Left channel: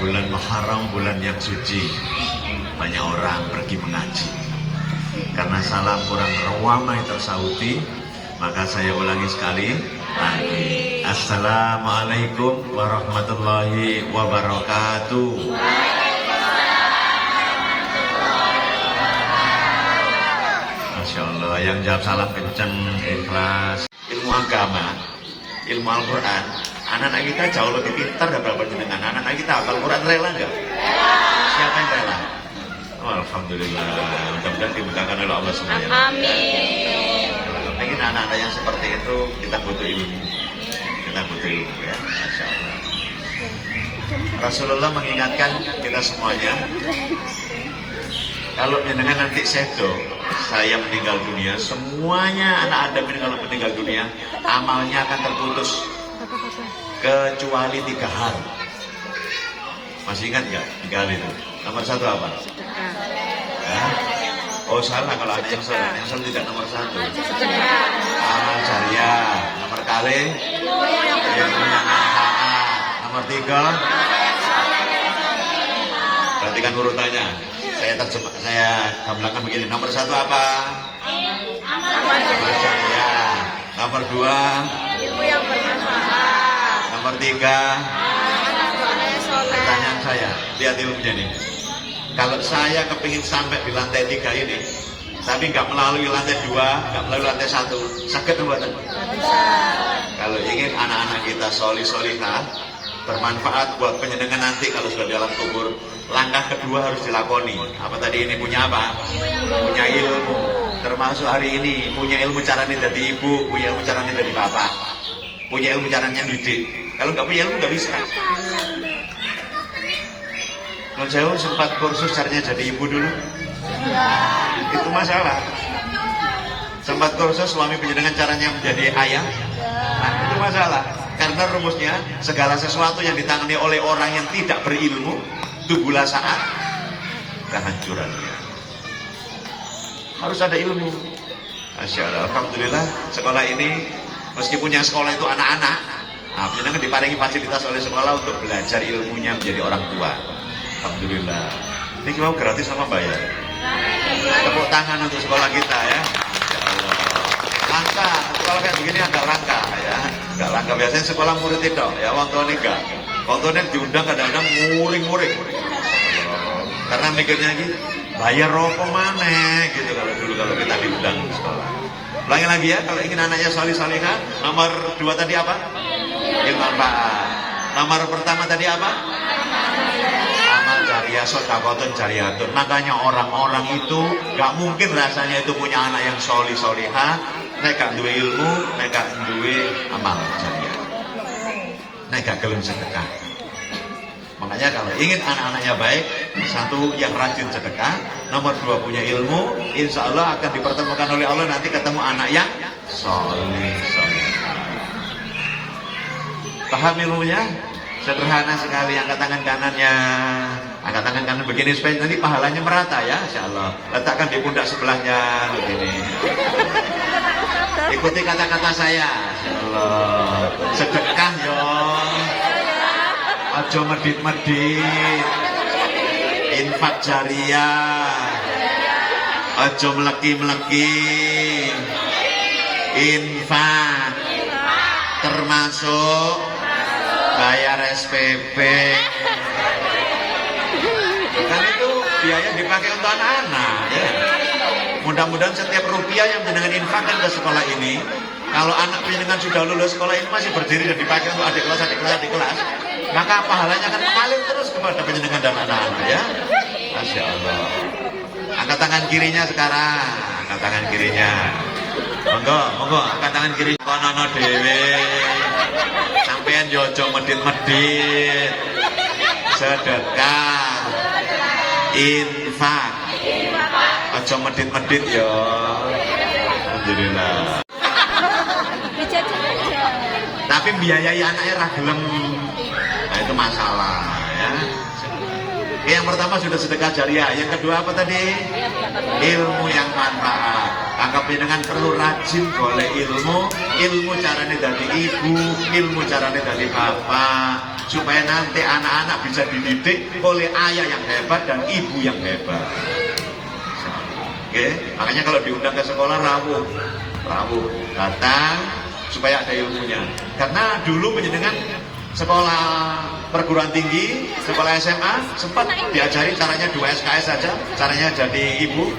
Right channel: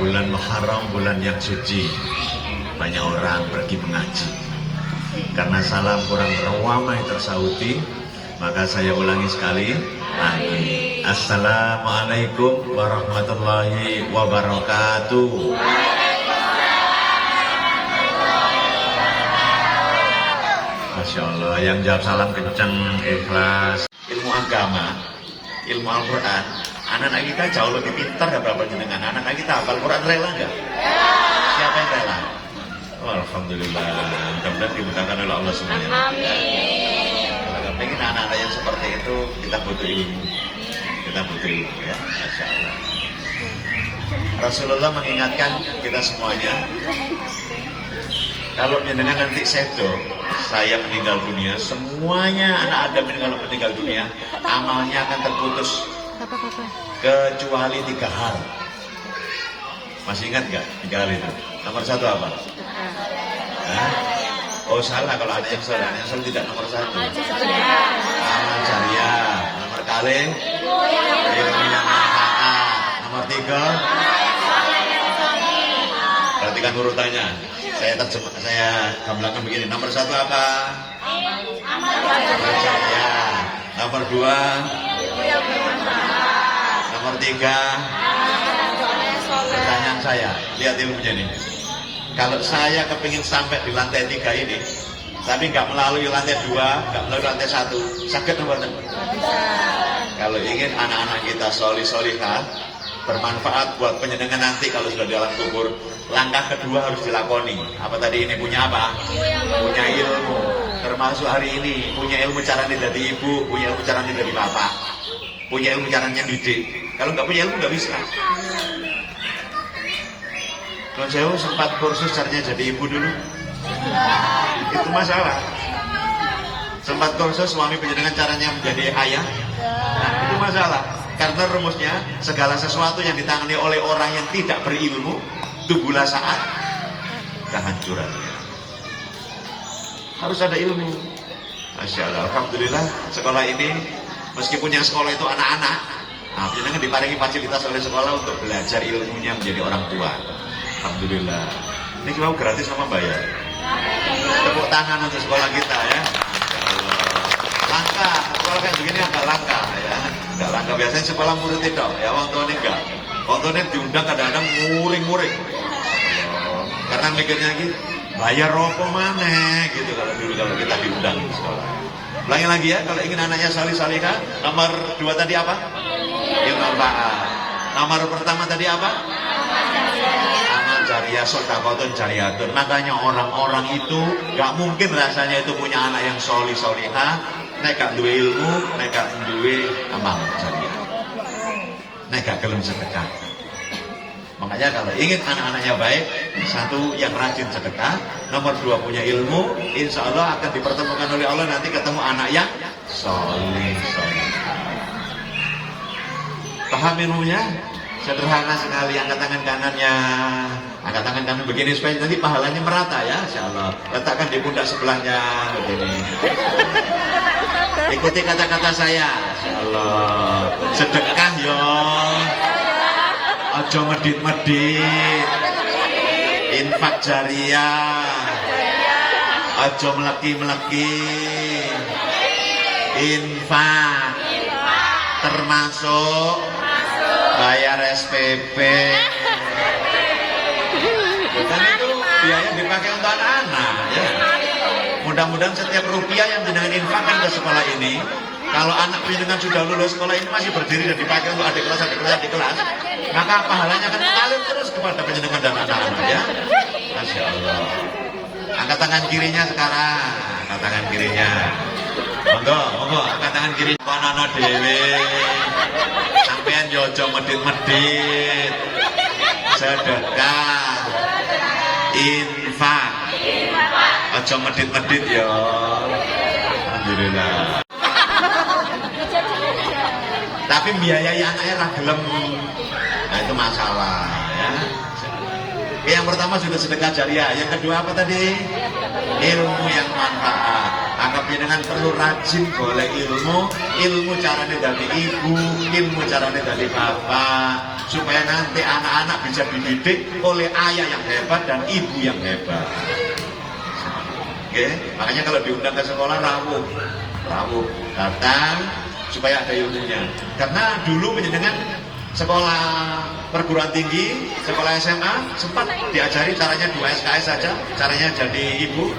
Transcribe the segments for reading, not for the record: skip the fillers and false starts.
bulan Muharram, bulan yang suci. Banyak orang pergi mengaji. Karena salam kurang ramai tersauti, maka saya ulangi sekali. Amin. Assalamualaikum warahmatullahi wabarakatuh. Masya Allah, yang jawab salam kenceng, ikhlas. Ilmu agama, ilmu Al-Quran, anak-anak kita jauh lebih pintar daripada dengan anak-anak kita. Al-Quran rela nggak? Siapa yang rela? Oh, alhamdulillah, mudah-mudahan dimudahkan oleh Allah semua. Amin. Kalau ingin anak-anak yang seperti itu, kita butuh ilmu. Kita butuh ilmu ya, Masya Allah. Rasulullah mengingatkan kita semuanya, kalau mendengar nanti saya meninggal dunia, semuanya anak Adam meninggal dunia, amalnya akan terputus kecuali 3 hal. Masih ingat nggak 3 hal itu? Nomor 1 apa? Hah? Oh salah, kalau ada yang salah tidak nomor 1. Amal jariah. Nomor kali yang manfaat. Nomor 3. Perhatikan urutannya. Saya gambarkan begini. Nomor 1 apa? Amal jariah. Nomor 2. Nomor 3. Pertanyaan saya, lihat ilmunya nih. Kalau saya kepingin sampai di lantai 3 ini, tapi nggak melalui lantai 2, nggak melalui lantai 1, sakit nggak? Kalau ingin anak-anak kita solih-solihah, bermanfaat buat penyenangan nanti kalau sudah di alam kubur, langkah kedua harus dilakoni. Apa tadi ini punya apa? Punya ilmu. Termasuk hari ini punya ilmu caranya jadi ibu, punya ilmu caranya jadi bapak, punya ilmu caranya didik. Kalau nggak punya ilmu nggak bisa. Kalau saya sempat kursus caranya jadi ibu dulu, itu masalah. Sempat kursus suami penjenengan caranya menjadi ayah, nah itu masalah. Karena rumusnya segala sesuatu yang ditangani oleh orang yang tidak berilmu, tunggulah saat kehancuran. Harus ada ilmu. Masya Allah, alhamdulillah sekolah ini meskipun yang sekolah itu anak-anak, penjenengan diparingi fasilitas oleh sekolah untuk belajar ilmunya menjadi orang tua. Alhamdulillah. Ini cuma gratis sama bayar. Tepuk tangan untuk sekolah kita ya. Ya Allah. Langka, sekolah kayak begini agak langka ya. Agak langka, biasanya sekolah murid itu ya, wonton enggak. Wontonnya diundang kadang-kadang muring-muring. Karena mikirnya gitu, bayar rokok mana gitu kalau kita diundang di sekolah. Ulangi lagi ya, kalau ingin anaknya solih-solihah, nomor 2 tadi apa? Ilmu manfaat. Nomor pertama tadi apa? Jariah, sodakotun jariyatun. Makanya orang-orang itu gak mungkin rasanya itu punya anak yang solih-solihah, nek gak duwe ilmu, nek gak duwe amal jariah, nek gak gelem sedekah. Makanya kalau ingin anak-anaknya baik, 1 yang rajin sedekah, nomor 2 punya ilmu, insya Allah akan dipertemukan oleh Allah nanti ketemu anak yang solih-solihah. Paham ilmunya? Sederhana sekali, angkat tangan kanannya, angkat tangan kanan begini supaya nanti pahalanya merata ya, insya Allah. Letakkan di pundak sebelahnya begini. Ikuti kata-kata saya, insya Allah. Sedekah yo, ojo medit-medit, infak jariah, ojo meleki-meleki, infak termasuk bayar SPP. Bukan itu biaya dipakai untuk anak-anak ya. Mudah-mudahan setiap rupiah yang jenengan infakkan ke sekolah ini, kalau anak jenengan sudah lulus sekolah ini masih berdiri dan dipakai untuk adik kelas, maka pahalanya akan mengalir terus kepada penjenengan dan anak-anak ya. Masya Allah. Angkat tangan kirinya sekarang, angkat tangan kirinya. Monggo, angkat tangan kiri. Konono dhewe. Sampean yo aja medit-medit. Sedekah. Infak. Aja medit-medit ya. Alhamdulillah. Tapi biayai anaknya ra gelem. Nah itu masalah ya. Yang pertama sudah sedekah jariah, yang kedua apa tadi? Ilmu yang manfaat. Kakak dengan perlu rajin golek ilmu caranya dari ibu, ilmu caranya dari bapak, supaya nanti anak-anak bisa dididik oleh ayah yang hebat dan ibu yang hebat. Oke, makanya kalau diundang ke sekolah rawuh datang supaya ada ilmunya. Karena dulu menjenengan sekolah perguruan tinggi, sekolah SMA sempat diajari caranya 2 SKS saja, caranya jadi ibu.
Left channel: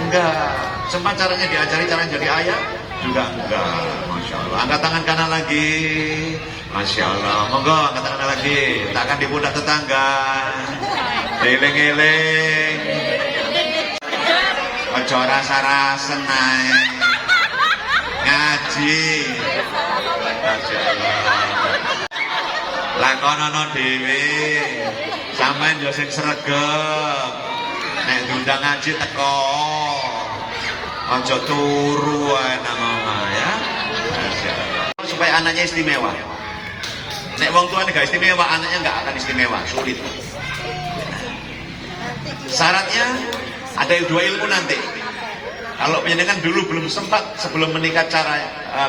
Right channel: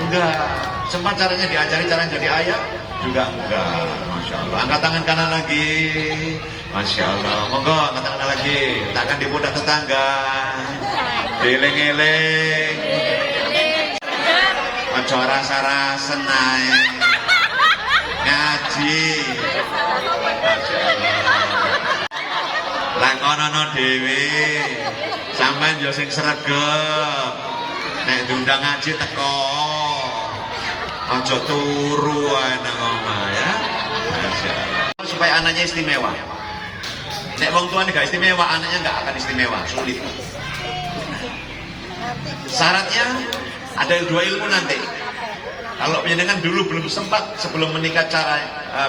Enggak, sempat caranya diajari caranya jadi ayah juga enggak. Masya Allah. Angkat tangan kanan lagi. Masya Allah. Monggo angkat tangan lagi. Letakkan di pundak tetangga. Eling-eling. Ojo rasa-rasa naik. Ngaji. Lakonono dhewe. Sampeyan yo sing sregep. Nek diundang ngaji teko. Aja turu ae nang omah ya. Supaya anaknya istimewa. Nek wong tuane gak istimewa, anaknya gak akan istimewa, sulit. Syaratnya ada 2 ilmu nanti. Kalau penjenengan dulu belum sempat sebelum menikah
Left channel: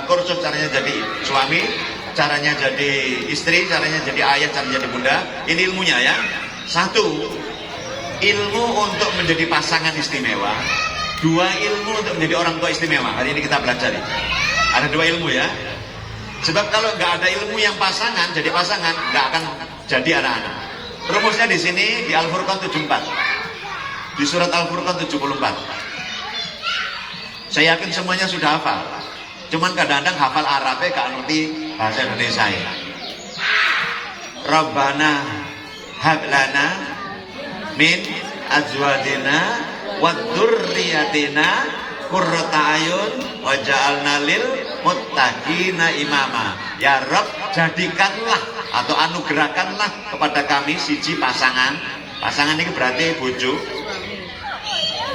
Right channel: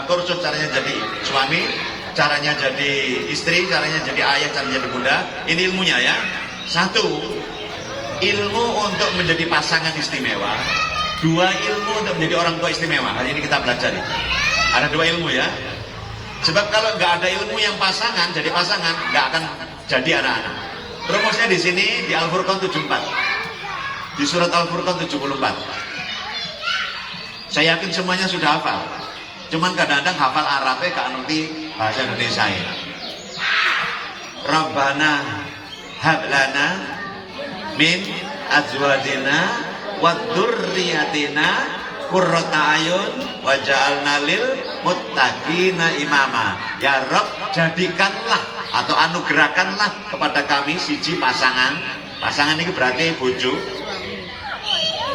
kursus caranya jadi suami, caranya jadi istri, caranya jadi ayah, caranya jadi bunda. Ini ilmunya ya. 1, ilmu untuk menjadi pasangan istimewa. 2, ilmu untuk menjadi orang tua istimewa. Hari ini kita belajar. Ada 2 ilmu ya. Sebab kalau nggak ada ilmu yang pasangan, jadi pasangan nggak akan jadi anak-anak. Rumusnya di sini di Al-Furqan 74, di surat Al-Furqan 74. Saya yakin semuanya sudah hafal. Cuman kadang-kadang hafal Arabnya nggak ngerti bahasa Indonesia ya. Rabbana hablana min azwajina wa dzurriyyatina qurrata ayun waj'alna lil muttaqina imama. Ya Rabb, jadikanlah atau anugerahkanlah kepada kami siji pasangan. Pasangan ini berarti bojo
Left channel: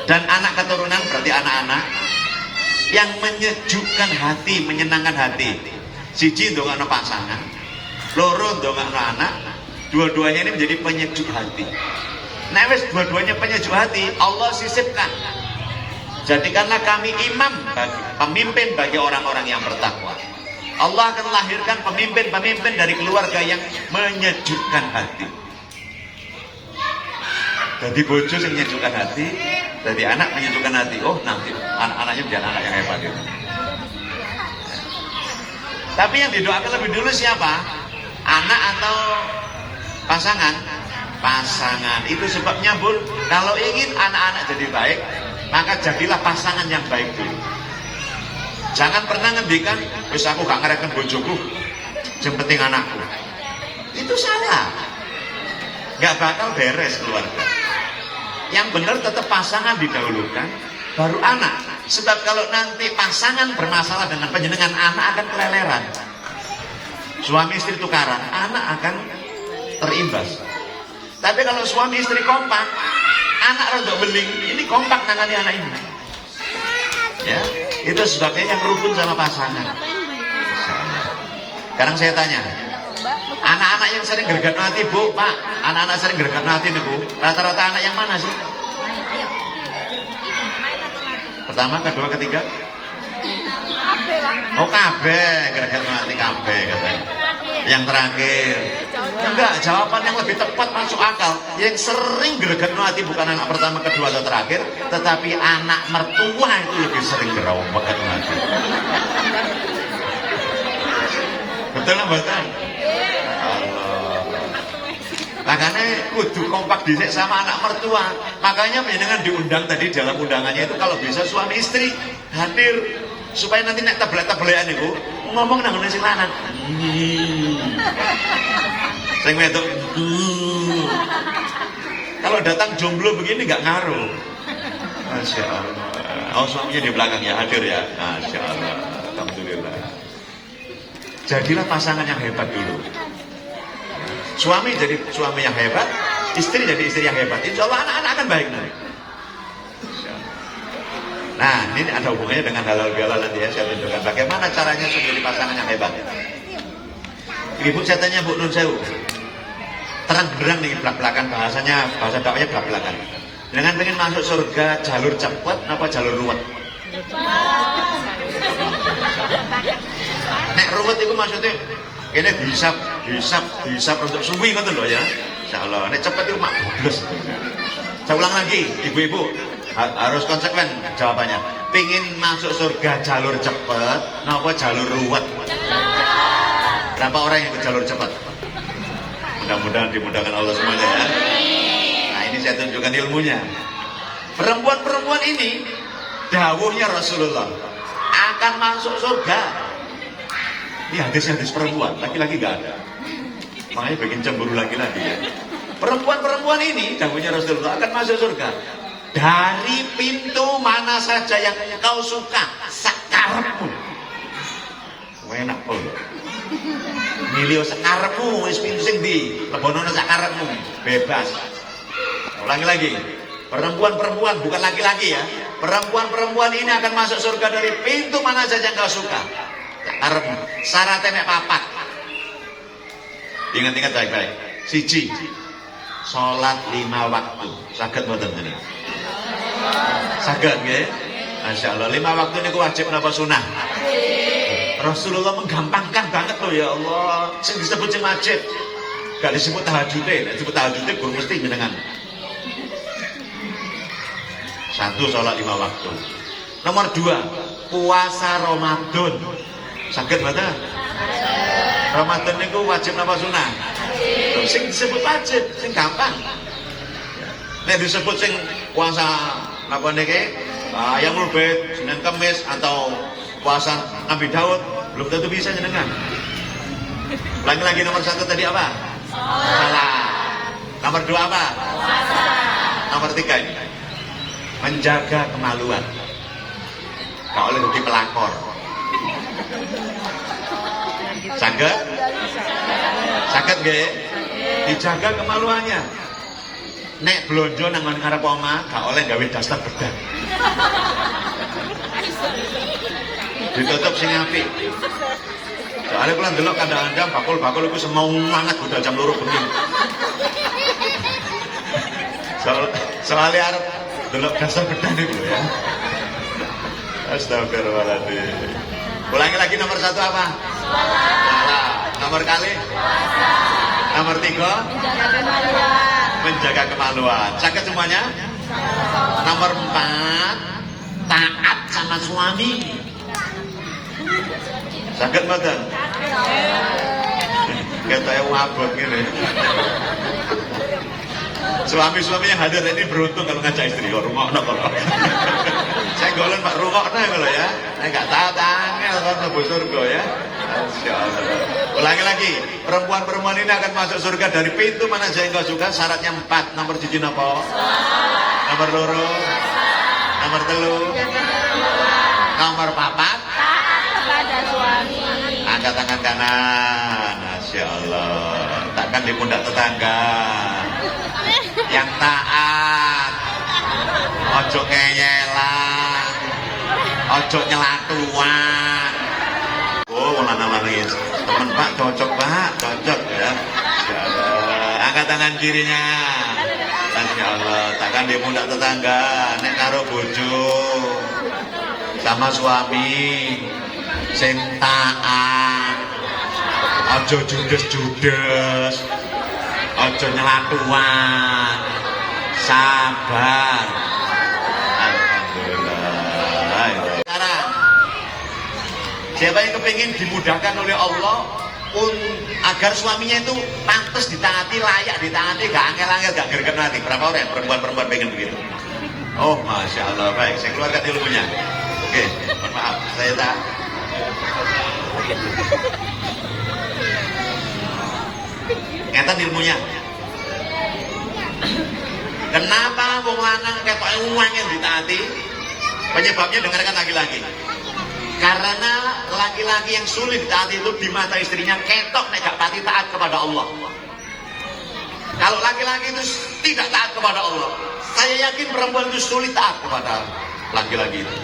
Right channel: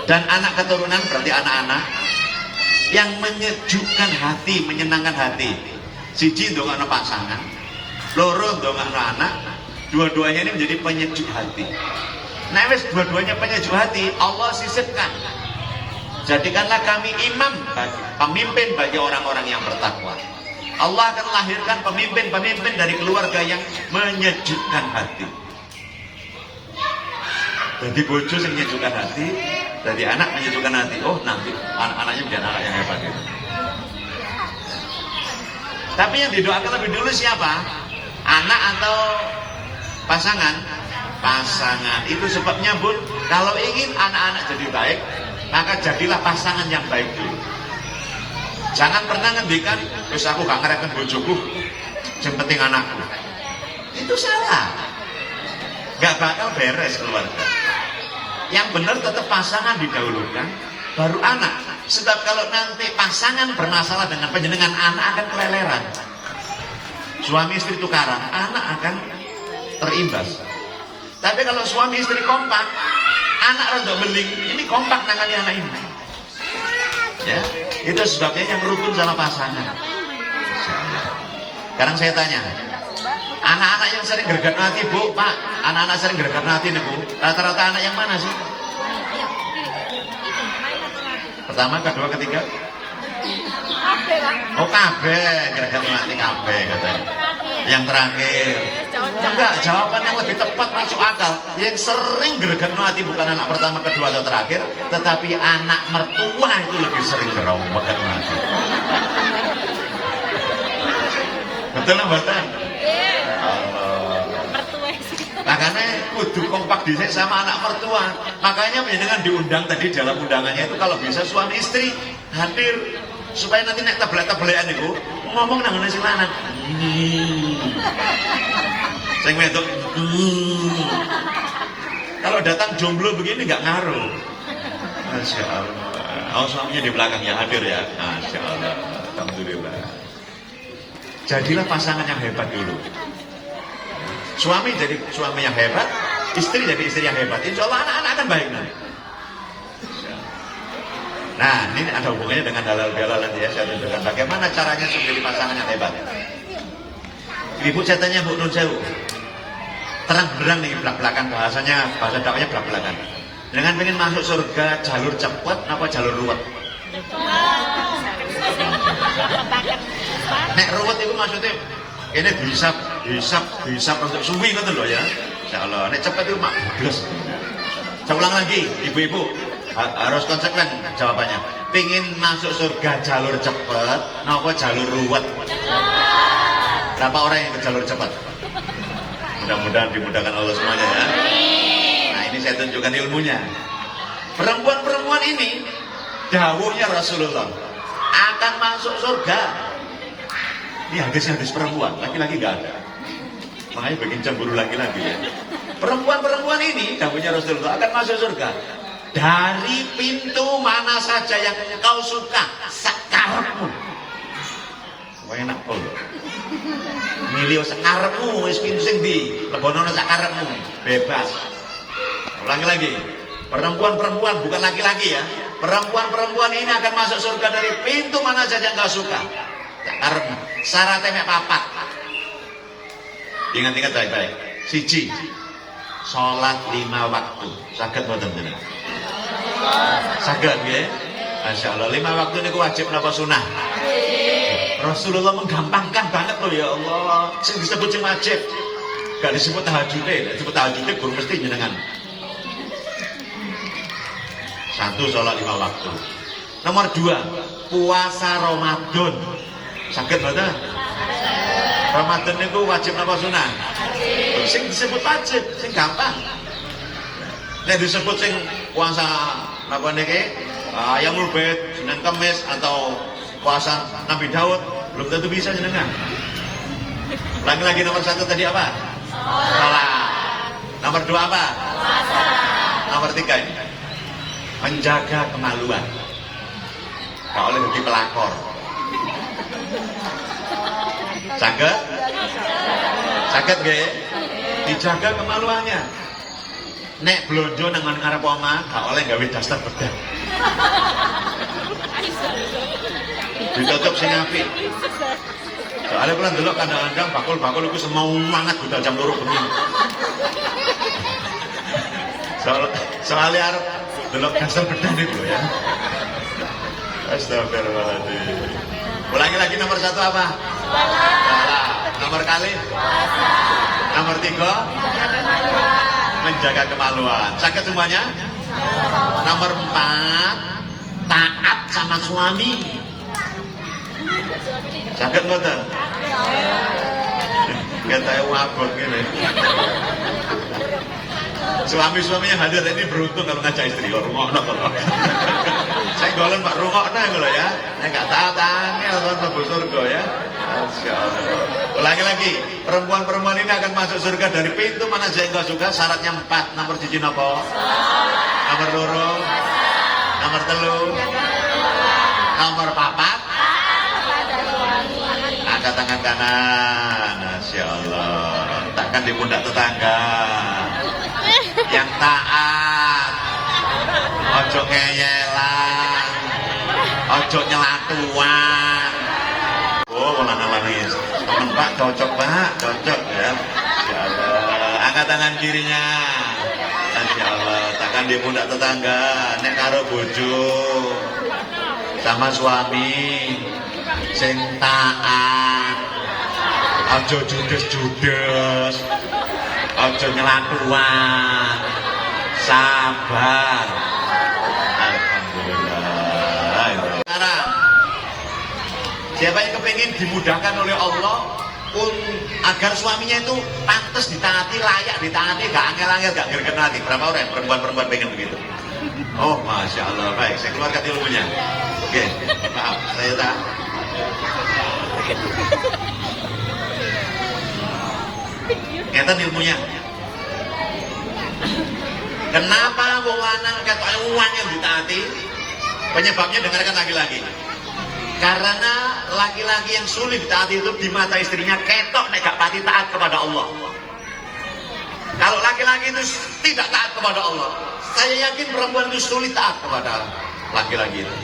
dan anak keturunan, berarti anak-anak yang menyejukkan hati, menyenangkan hati. Siji ndongakno pasangan, loro ndongakno anak, dua-duanya ini menjadi penyejuk hati. Nah wis dua-duanya penyejuk hati, Allah sisipkan. Jadikanlah kami imam, pemimpin bagi orang-orang yang bertakwa. Allah akan lahirkan pemimpin-pemimpin dari keluarga yang menyejukkan hati. Jadi bojo yang menyejukkan hati, jadi anak menyejukkan hati. Oh nanti anak-anaknya menjadi anak yang hebat itu. Tapi yang didoakan lebih dulu siapa? Anak atau pasangan? Pasangan. Itu sebabnya Bun, kalau ingin anak-anak jadi baik, maka jadilah pasangan yang baik dulu. Jangan pernah ngendikan, terus aku gak ngereken bojoku, yang penting anakku. Itu salah. Gak bakal beres keluarga. Yang benar tetap pasangan didahulukan, baru anak. Sebab kalau nanti pasangan bermasalah dengan panjenengan, anak akan keleleran. Suami istri tukaran, anak akan terimbas. Tapi kalau suami istri kompak, anak rontok beling, ini kompak nangani anak ini. Ya, itu sebabnya yang rukun sama pasangan. Sekarang saya tanya, anak-anak yang sering gergat hati, Bu, Pak, anak-anak sering gergat hati nih, Bu, rata-rata anak yang mana sih? Pertama, kedua, ketiga? Oh, kabeh, gergat hati kabeh. Yang terakhir. Enggak, jawaban yang lebih tepat masuk akal. Yang sering gerget hati bukan anak pertama, kedua, atau terakhir, tetapi anak mertua itu lebih sering gerget hati. Betul Mbak Tan? Makanya kudu kompak dhisik sama anak mertua. Makanya dengan diundang tadi dalam undangannya itu kalau bisa suami istri hadir supaya nanti nek tabelek-tabelekan itu ngomong nang sing lanang. Sing wedok. Kalau datang jomblo begini nggak ngaruh. Masya Allah. Oh suaminya di belakang ya hadir ya. Masya Allah. Alhamdulillah. Jadilah pasangan yang hebat dulu. Suami jadi suami yang hebat, istri jadi istri yang hebat. Insya Allah anak-anak akan baik nanti. Nah, ini ada hubungannya dengan halal-halal nanti ya. Saya tunjukkan bagaimana caranya menjadi pasangan yang hebat. Ibu saya tanya Bu Nur Jauh, terang berang nih belak-belakan bahasanya, bahasa dakwahnya belak-belakan. Dengan pengen masuk surga jalur cepat apa jalur ruwet? Nek ruwet itu maksudnya ini bisa untuk suwi ngoten lho ya. Insyaallah. Nek cepet itu mak bodos. Saya ulang lagi, ibu-ibu harus konsekuen jawabannya. Pingin masuk surga jalur cepet, napa jalur ruwet? Berapa orang yang ke jalur cepat? Mudah-mudahan dimudahkan Allah semuanya ya. Nah ini saya tunjukkan ilmunya. Perempuan-perempuan ini, dawuhnya Rasulullah akan masuk surga. Ini hadis-hadis perempuan, laki-laki gak ada. Makanya bikin cemburu laki-laki ya. Perempuan-perempuan ini, dawuhnya Rasulullah akan masuk surga dari pintu mana saja yang engkau suka, sekarepmu. Enak kok. Milih sekarepmu, wis pintu sing ndi? Lebono sakarepmu, bebas. Ulangi lagi. Perempuan-perempuan bukan laki-laki ya. Perempuan-perempuan ini akan masuk surga dari pintu mana saja yang kau suka. Sekarepmu. Syaratnya mek papat. Ingat-ingat baik-baik. Siji. Salat 5 waktu. Saged mboten menika? Saged nggih. Masyaallah 5 waktu niku wajib napa sunah? Rasulullah menggampangkan banget loh ya Allah. Sing disebut sing wajib. Gak disebut tahajud, disebut tahajud guru mesti jenengan. 1 sholat 5 waktu. Nomor 2 puasa Ramadan. Saged mboten? Ramadan niku wajib napa sunah? Sing disebut wajib, sing gampang. Nek disebut sing puasa napa niki? Yaumul Bid, Senin Kamis atau puasa Nabi Daud belum tentu bisa jenengan. Lagi-lagi nomor 1 tadi apa? Salat. Nomor 2 apa? Puasa. Nomor 3 ini menjaga kemaluan. Gak oleh rugi pelakor. Saged? Saged nggih? Dijaga kemaluannya. Nek blonjo nang ngarep omah gak oleh gawe daster bedah. Ditutup sing apik. Soalnya kula ndelok kadang-kadang bakul-bakul iku semau mangat udah jam 2 bengi. Soalnya arep delok daster bedah niku ya. Astagfirullahaladzim. Ulangi lagi nomor 1 apa? Salah. Nomor kali? Nomor 3? Menjaga kemaluan. Sakit semuanya? Nomor 4 taat sama suami. Sakit betul? Gak tahu abot gini. Suami-suami yang hadir ini beruntung kalau ngajak istri kok rungokno kalau. Saya golong Pak rungokno kalau ya. Enggak taat-taatnya orang mlebu surga ya. Masyaallah. Ulangi lagi, perempuan-perempuan ini akan masuk surga dari pintu mana saja yang suka. Syaratnya 4. Nomor 7 napa? Nomor 2. Nomor 3. Nomor 4. Angkat tangan kanan. Masyaallah. Takkan di pundak tetangga. Yang taat. Ojo ngeyelan. Ojo nyelatuan. Oh, lanang-lanang teman Pak, cocok Pak, cocok ya. Insyaallah. Angkat tangan kirinya. Insyaallah. Takkan di pundak tetangga. Nek karo bojo sama suami sing taat. Ojo judes-judes. Ojo nyelatuan. Sabar. Alhamdulillah. Sekarang siapa yang kepingin dimudahkan oleh Allah agar suaminya itu pantas ditaati, layak ditaati, gak angel-angel, gak gerget nanti. Berapa orang perempuan-perempuan pengen begitu? Oh, Masya Allah. Baik, saya keluarkan ilmunya. Oke, maaf, saya tak. Ngeten ilmunya. Kenapa wong lanang ketok uang yang ditaati? Penyebabnya dengarkan lagi-lagi. Karena laki-laki yang sulit taat itu di mata istrinya ketok nek gak pati taat kepada Allah. Kalau laki-laki itu tidak taat kepada Allah, saya yakin perempuan itu sulit taat kepada laki-laki itu.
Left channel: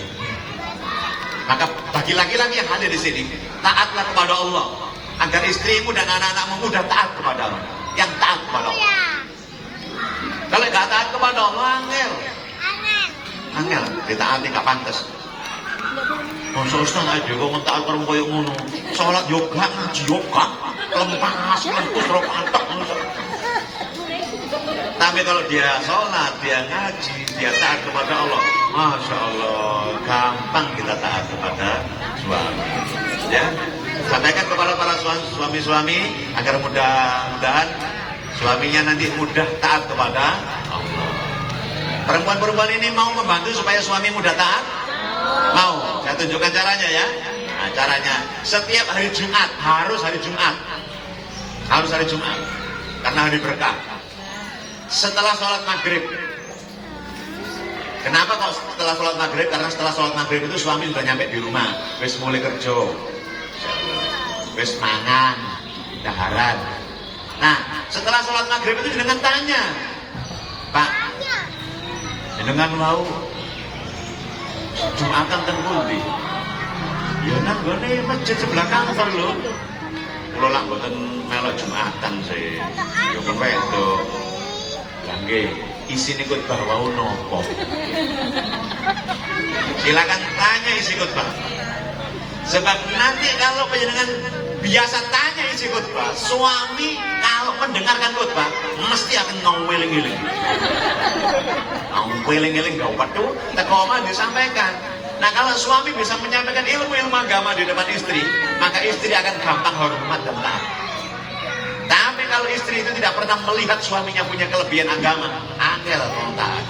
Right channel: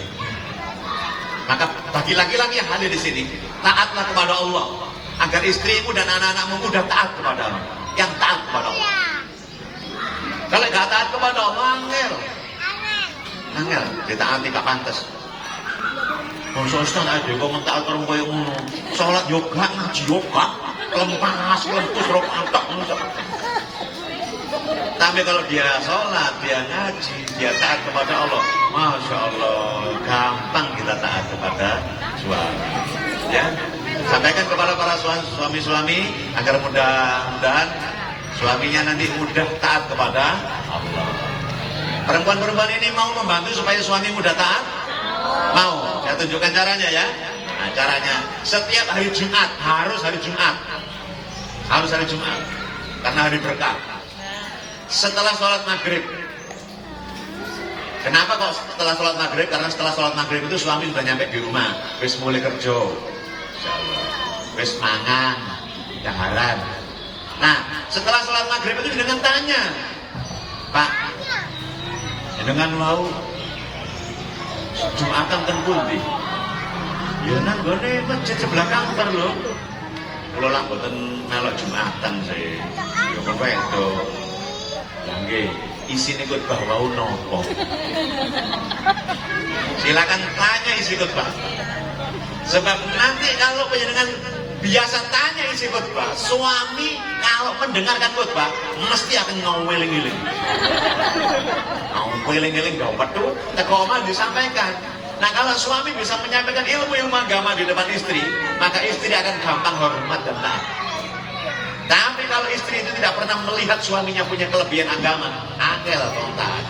Maka bagi laki-laki yang hadir di sini, taatlah kepada Allah agar istrimu dan anak-anakmu mudah taat kepada Allah. Yang taat kepada Allah. Kalau gak taat kepada Allah, angel. Ditaati gak pantas. Ustaz aja kok mentak karo koyo ngono. Salat yoga, ngaji yoga, lempas, lempus rokatok. Tapi kalau dia sholat, dia ngaji, dia taat kepada Allah, Masya Allah, gampang kita taat kepada suami. Ya, sampaikan kepada para suami-suami agar mudah-mudahan suaminya nanti mudah taat kepada Allah. Perempuan-perempuan ini mau membantu supaya suami mudah taat? Mau? Saya tunjukkan caranya ya. Nah, caranya setiap hari Jumat harus hari Jumat, karena hari berkah. Setelah sholat maghrib. Kenapa kok setelah sholat maghrib? Karena setelah sholat maghrib itu suami sudah nyampe di rumah, wis mulai kerja, wis mangan, daharan. Nah, setelah sholat maghrib itu dengan tanya, Pak, dengan mau Jumatan ten pundi? Ya nang gone masjid sebelah kantor lho. Kula lak mboten melok Jumatan sih. Ya kon wedok. Lah nggih, isine khotbah wau napa? Silakan tanya isi khotbah. Sebab nanti kalau panjenengan biasa tanya isi khotbah, suami kalau mendengarkan khotbah mesti akan ngeweling-eling. Ngeweling-eling gak petu, teko omah disampaikan. Nah, kalau suami bisa menyampaikan ilmu-ilmu agama di depan istri, maka istri akan gampang hormat dan taat. Tapi kalau istri itu tidak pernah melihat suaminya punya kelebihan agama, angel taat.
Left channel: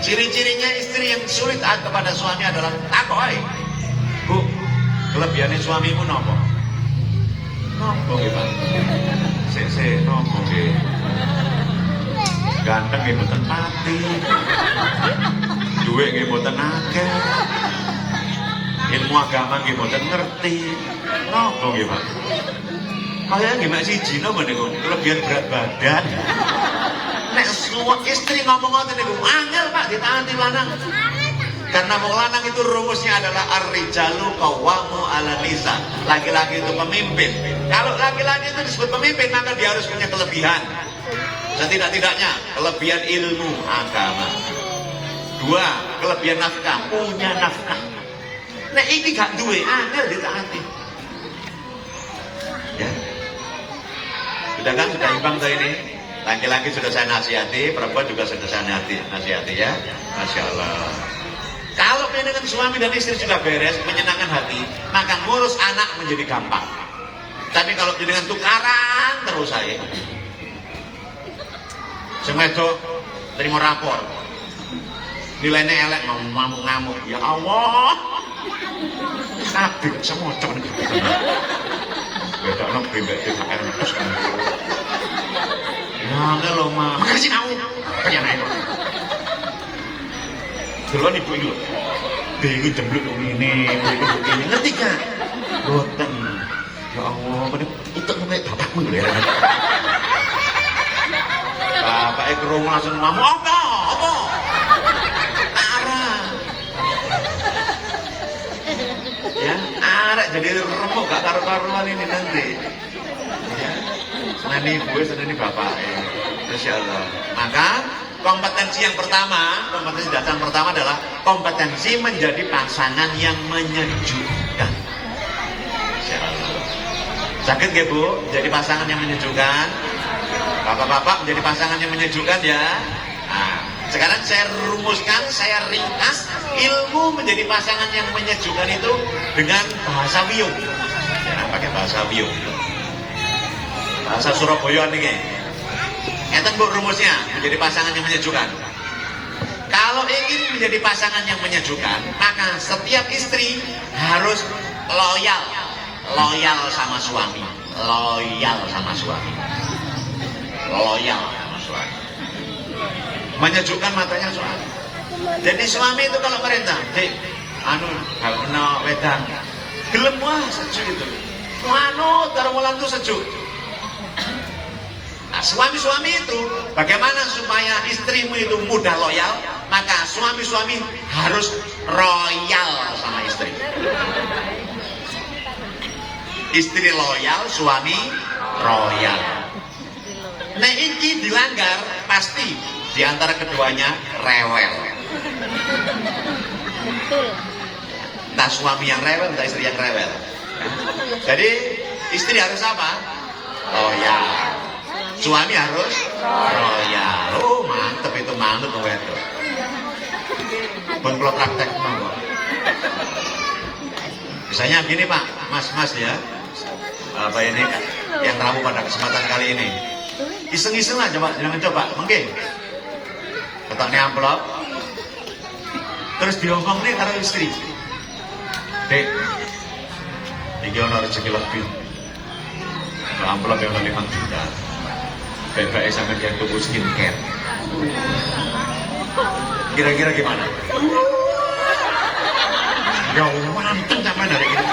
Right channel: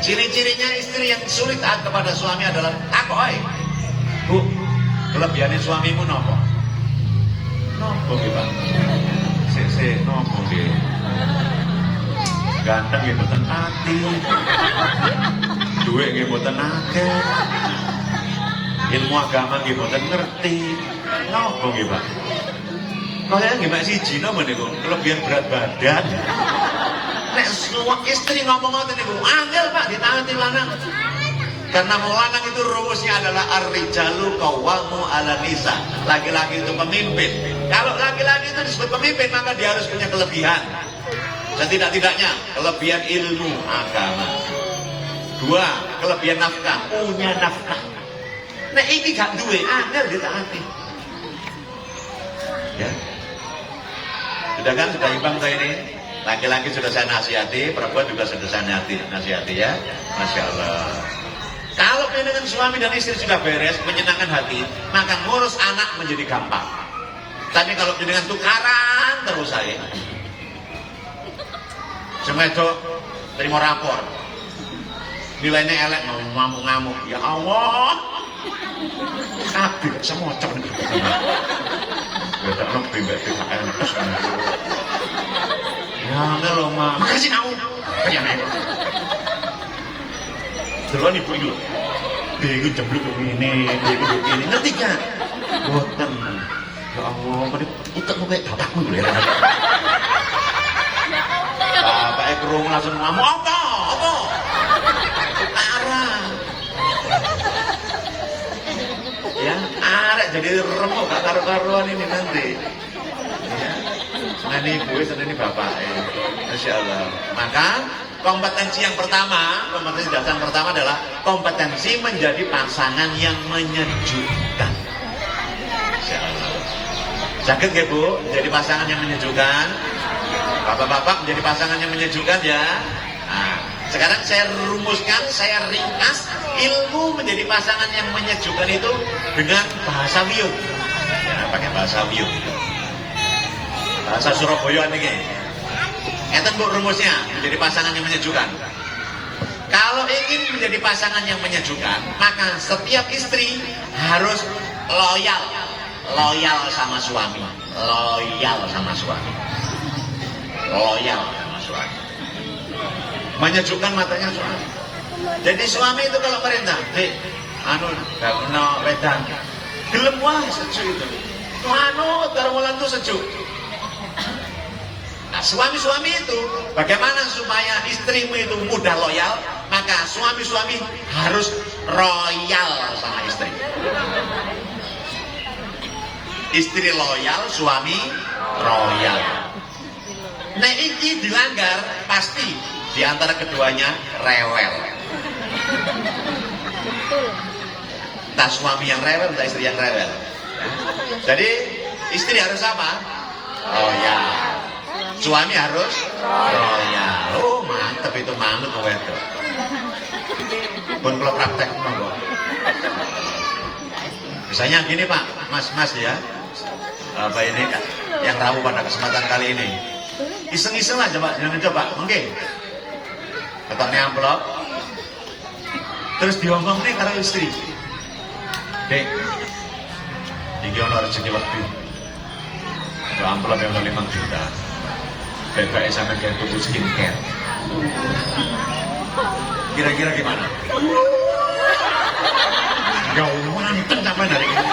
Ciri-cirinya istri yang sulit taat kepada suami adalah takoi. Bu, kelebihannya suamimu nopo? Nopo gitu. Sik nopo gitu. Ganteng nggih mboten mati. Duit nggih mboten akeh. Ilmu agama nggih mboten ngerti. Nopo nggih, Pak? Kalian nggih mek siji napa niku? Kelebihan berat badan. Nek semua istri ngomong ngoten niku, angel Pak ditaati lanang. Karena mau lanang itu rumusnya adalah ar-rijalu qawwamu 'ala nisa. Laki-laki itu pemimpin. Kalau laki-laki itu disebut pemimpin, maka dia harus punya kelebihan. Setidak-tidaknya kelebihan ilmu agama. 2, kelebihan nafkah, punya nafkah. Nek iki gak duwe, angel ditaati. Ya. Sudah kan, sudah imbang saya ini. Laki-laki sudah saya nasihati, perempuan juga sudah saya nasihati ya. Masya Allah. Kalau dengan suami dan istri sudah beres, menyenangkan hati, maka ngurus anak menjadi gampang. Tapi kalau dengan tukaran terus saya, semedok terima rapor, nilainya elek, mau ngamuk-ngamuk, ya Allah, kabeh semua cem. Beda lebih nggak THR terus kan. Ya enggak loh mah, makasih kamu. Duluan ibu itu, dia itu jembluk ini, ngerti kan? Boten, ya Allah, pada utak kayak bapakmu ya. Bapaknya kerungu langsung ngomong, apa? Arah. Ya, arek jadi remuk gak karu-karuan ini nanti. Ya, senani ibu, senani bapak. Masya Allah. Maka kompetensi yang pertama, kompetensi dasar pertama adalah kompetensi menjadi pasangan yang menyejukkan. Sakit gak Bu? Jadi pasangan yang menyejukkan. Bapak-bapak menjadi pasangan yang menyejukkan ya. Nah, sekarang saya rumuskan, saya ringkas ilmu menjadi pasangan yang menyejukkan itu dengan bahasa Wiyung. Ya, pakai bahasa Wiyung. Bahasa Surabaya ini. Itu Bu rumusnya, menjadi pasangan yang menyejukkan. Kalau ingin menjadi pasangan yang menyejukkan, maka setiap istri harus loyal sama suami. Loyal sama suami. Menyejukkan matanya suami. Jadi suami itu kalau perintah, kalau wedan, gelem wah sejuk itu. Termulan itu sejuk. Nah, suami-suami itu bagaimana supaya istrimu itu mudah loyal, maka suami-suami harus royal sama istri. Istri loyal, suami royal. Nah, ini dilanggar pasti di antara keduanya rewel. Entah suami yang rewel, entah istri yang rewel. Jadi istri harus apa? Royal. Suami harus royal. Oh mantep itu manut kowe itu. Pun kalau praktek monggo. Misalnya gini Pak, Mas ya. Apa ini yang rabu pada kesempatan kali ini? Iseng-iseng lah coba, mungkin. Ketoknya amplop. Terus diomong nih karo istri. Dek, iki ono rezeki lebih. Kalau amplop yang 5 juta. Baik-baik sampai jadi tubuh skincare. Kira-kira gimana? Ya manteng sampai dari ini.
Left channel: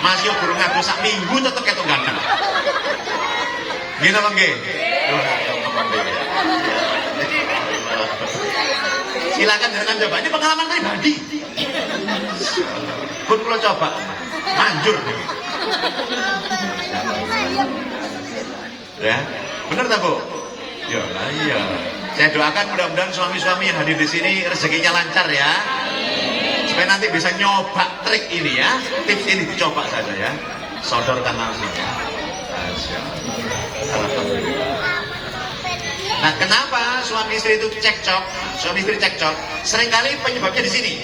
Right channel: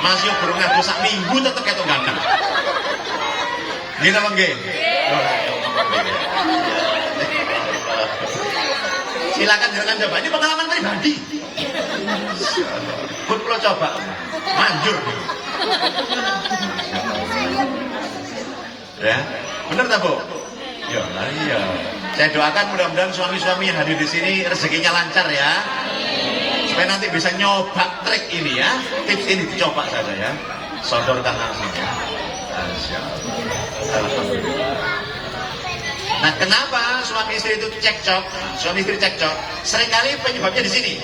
Masih burung aku sak minggu tetep ketok ganteng. Gini apa nggih? Silakan coba. Ini pengalaman pribadi. Pun kalau coba, manjur. Ya, benar tak Bu? Ya, iya. Saya doakan mudah-mudahan suami-suami yang hadir di sini rezekinya lancar ya. Supaya nanti bisa nyoba trik ini ya. Tips ini dicoba saja ya. Sodorkan langsung ya. Alhamdulillah. Nah, kenapa suami istri itu cekcok? Suami istri cekcok. Seringkali penyebabnya di sini.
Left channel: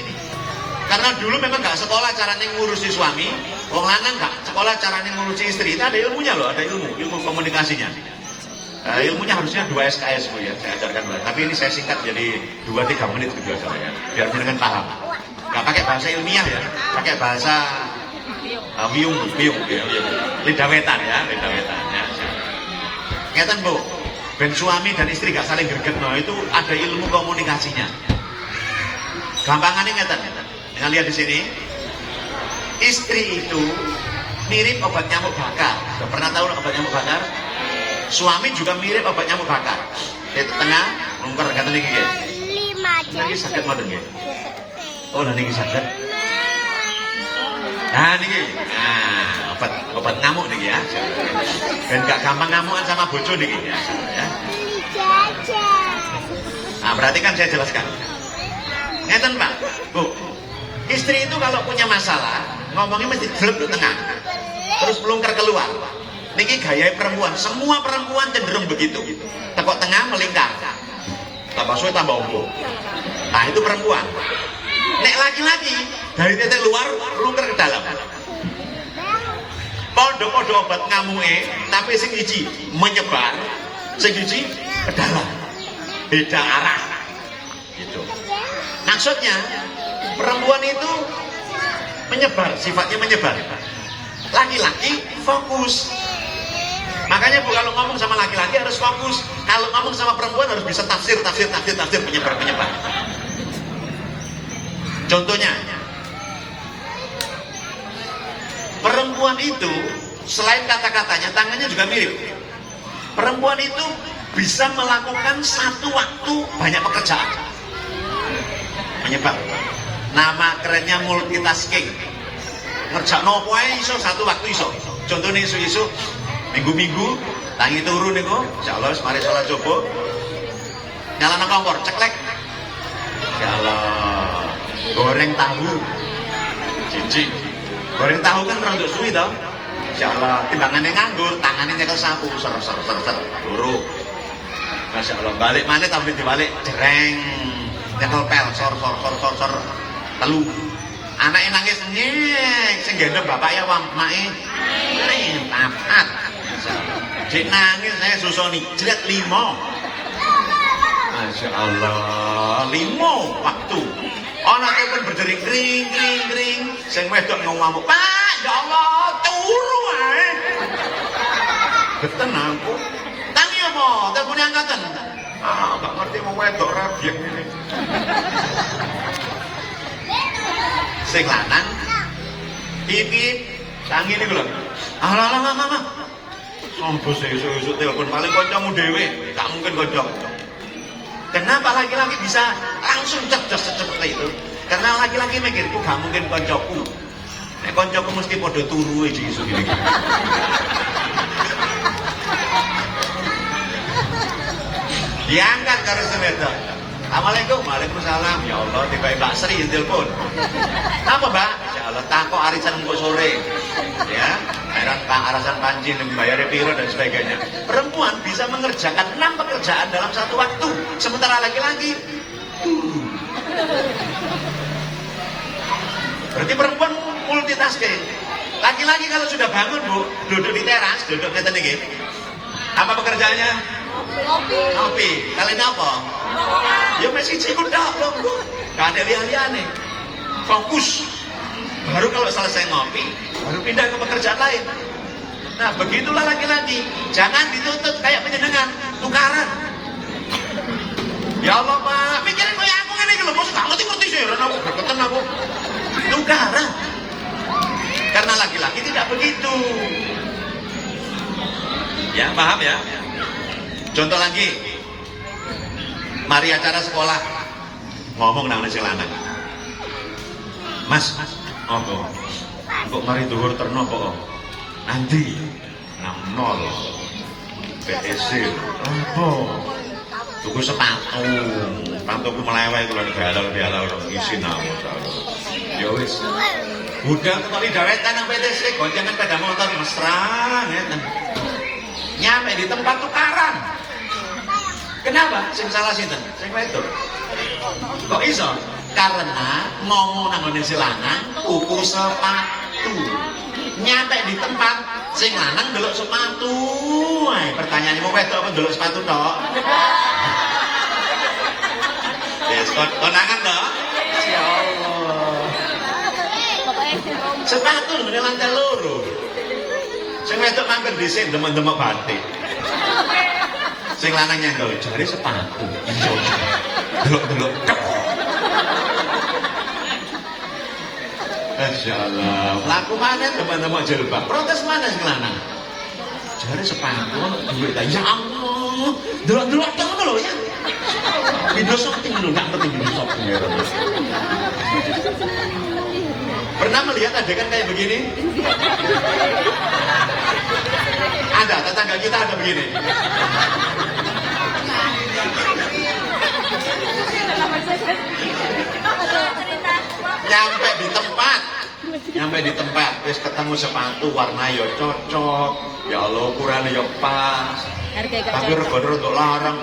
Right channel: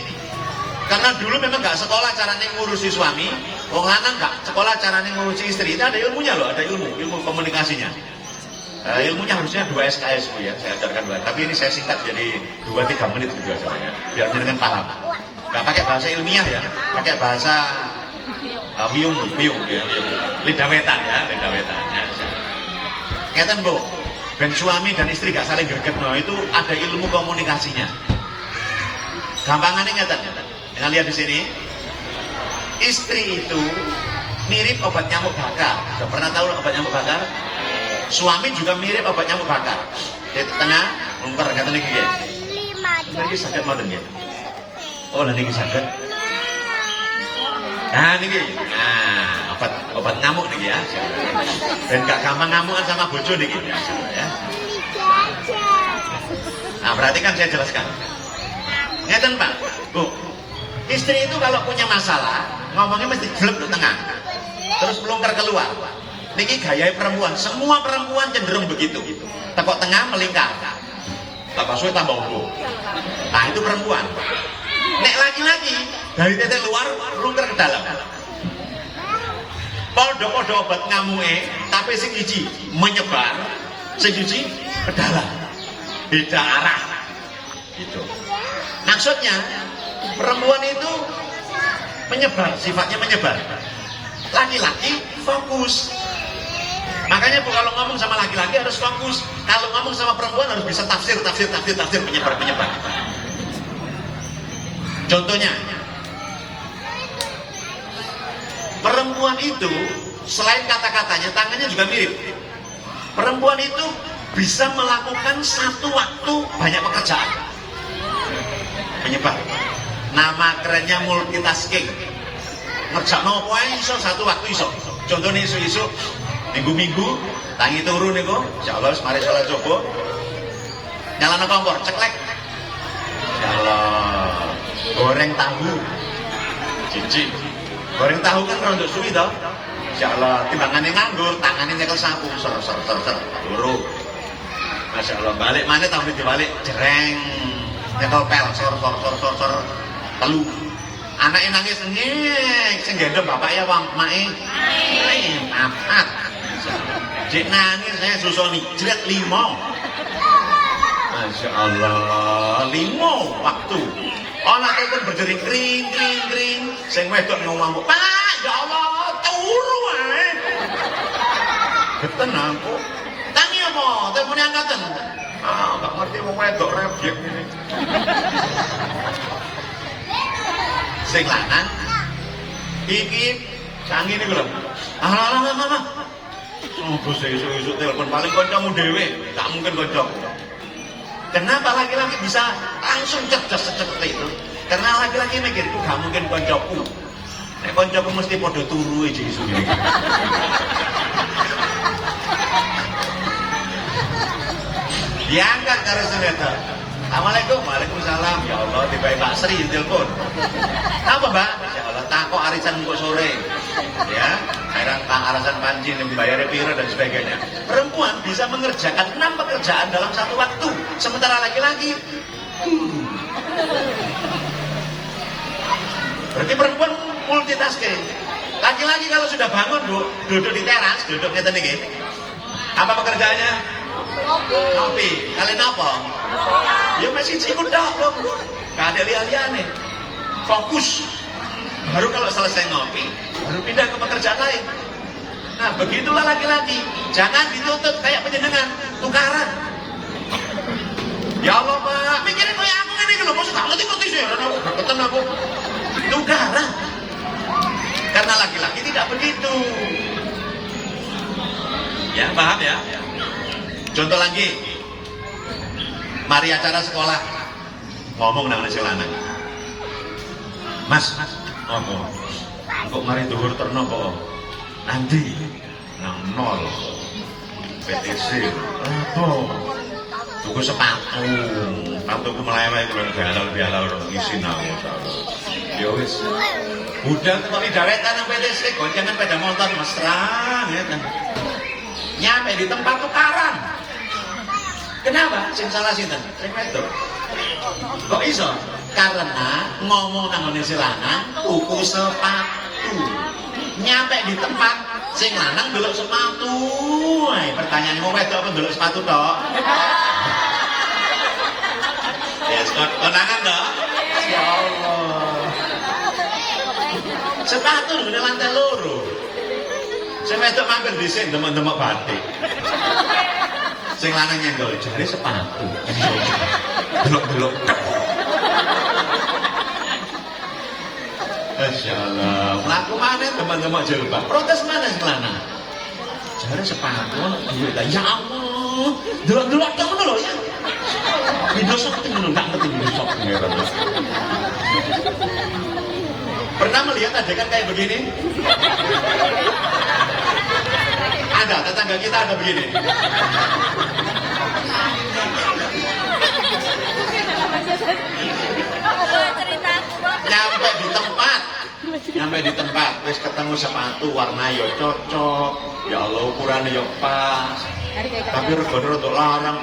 Karena dulu memang nggak sekolah caranya ngurusi suami, wong lanang nggak sekolah caranya ngurusi istri. Itu ada ilmunya loh, ada ilmu komunikasinya. Ilmunya harusnya 2 SKS Bu ya, saya ajarkan banget. Tapi ini saya singkat jadi 2-3 menit juga saya, biar dengan paham. Nggak pakai bahasa ilmiah ya, pakai bahasa biung ya, lidah wetan ya, lidah wetan ya. Ngeten Bu, dan suami dan istri gak saling greget, no, itu ada ilmu komunikasinya. Gampangannya ngeten. Kita lihat di sini, istri itu mirip obat nyamuk bakar. Sudah pernah tahu obat nyamuk bakar? Suami juga mirip obat nyamuk bakar. Di tengah, mungkar kata lagi. Ini sakit mana nih? Oh, nanti sakit. Nah, ini, obat nyamuk nih ya. Dan gak gampang ngamukan sama bojo nih ya. Nah, berarti kan saya jelaskan. Ngeten Pak, Bu. Istri itu kalau punya masalah, ngomongnya mesti blek di tengah. Terus melungker keluar. Niki gaya perempuan, semua perempuan cenderung begitu. Tepok tengah melingkar. Tambah suwe tambah umbo. Nah, itu perempuan. Nek laki-laki dari titik luar melungker ke dalam. Podo-podo obat ngamuke, tapi sing siji menyebar, sing siji ke dalam. Beda arah. Gitu. Maksudnya perempuan itu menyebar, sifatnya menyebar. Laki-laki fokus. Makanya Bu kalau ngomong sama laki-laki harus fokus. Kalau ngomong sama perempuan harus bisa tafsir penyebar. Contohnya, perempuan itu selain kata-katanya, tangannya juga mirip. Perempuan itu bisa melakukan satu waktu banyak pekerjaan. Menyebar. Nama kerennya multitasking. Ngerjakno wae iso satu waktu iso. Contohnya isu-isu minggu-minggu tangi turu niku, insyaallah mari salat coba. Nyalano kompor, ceklek. Insyaallah. Goreng tahu. Cici. Goreng tahu kan rada suwi to. Insyaallah timbangane nganggur, tangane nyekel sapu ser. Turu. Masyaallah balik maneh tahu dibalik jreng. Nyekel pel sor. Telu. Anake nangis nyek, sing gendong bapak ya wong make. Papat. Jek nangis saya susoni jlet 5. Masyaallah, 5 waktu. Anake pun berdiri kring. Sing wedok ngomong, "Pak, ya Allah, turu ae." Geten aku. Tangi apa? Telepon angkatan. Gak ngerti wong wedok rabyek ini. Sing lanang iki sangi niku lho. Alah. Sampun sesuk-esuk telepon paling kancamu dhewe, gak mungkin kanca. Kenapa laki-laki bisa langsung cerdas secepat itu? Karena laki-laki mikir, gak mungkin kancaku. Nek kancaku mesti padha turu iki isu iki. Diangkat karo wedok. Assalamualaikum, waalaikumsalam. Ya Allah, tiba-tiba Mbak Sri telepon. Apa Mbak? Ya Allah, takut arisan kok sore. Ya, heran alasan pancing, bayar piro dan sebagainya. Perempuan bisa mengerjakan 6 pekerjaan dalam satu waktu, sementara laki-laki. Berarti perempuan multitasking. Laki-laki kalau sudah bangun Bu, duduk di teras, duduk di atas ini. Apa pekerjaannya? Ngopi. Kalian apa? Ya masih cikut dah, gak ada lihat-lihatnya. Fokus. Baru kalau selesai ngopi, baru pindah ke pekerjaan lain. Nah, begitulah laki-laki. Jangan ditutup kayak penjenengan, tukaran. Ya Allah Pak, mikirin kayak aku ini loh, maksud tak ngerti sih, aku berpeten aku. Tukaran. Karena laki-laki tidak begitu. Ya, paham ya? Contoh lagi, mari acara sekolah, ngomong nang si lanang. Mas, apa? Kok mari dhuwur terno kok? Andi, nang nol, PTC, apa? Tuku sepatu, sepatu melewai kalau galau isi nama, ya wis. Udah kali dawetan nang PTC, goncengan sepeda motor mesra, ya kan? Nyampe di tempat tukaran. Kenapa? Sing salah sinten? Sing wedok. Kok iso? Karena ngomong nang ngene si lanang tuku sepatu. Nyampe di tempat sing lanang ndelok sepatu. Pertanyaanmu wedok apa ndelok sepatu tok? Ya, konangan loh. Ya Allah. Sepatu di lantai loro. Sing wedok mangkel dhisik demek-demek batik. Sing lanang nyenggol jare sepatu. Delok-delok. Masyaallah. Mlaku mana teman-teman jilbab. Protes mana sing lanang? Jare sepatu duit. Ya Allah. Delok-delok tok ngono lho. Video shopping ngono enggak ngerti video shopping ya. Pernah melihat adegan kayak begini? Ada, tetangga kita ada begini. Nyampe di tempat, wis ketemu sepatu warna yo cocok, ya Allah ukurannya yo pas. Tapi regane untuk larang.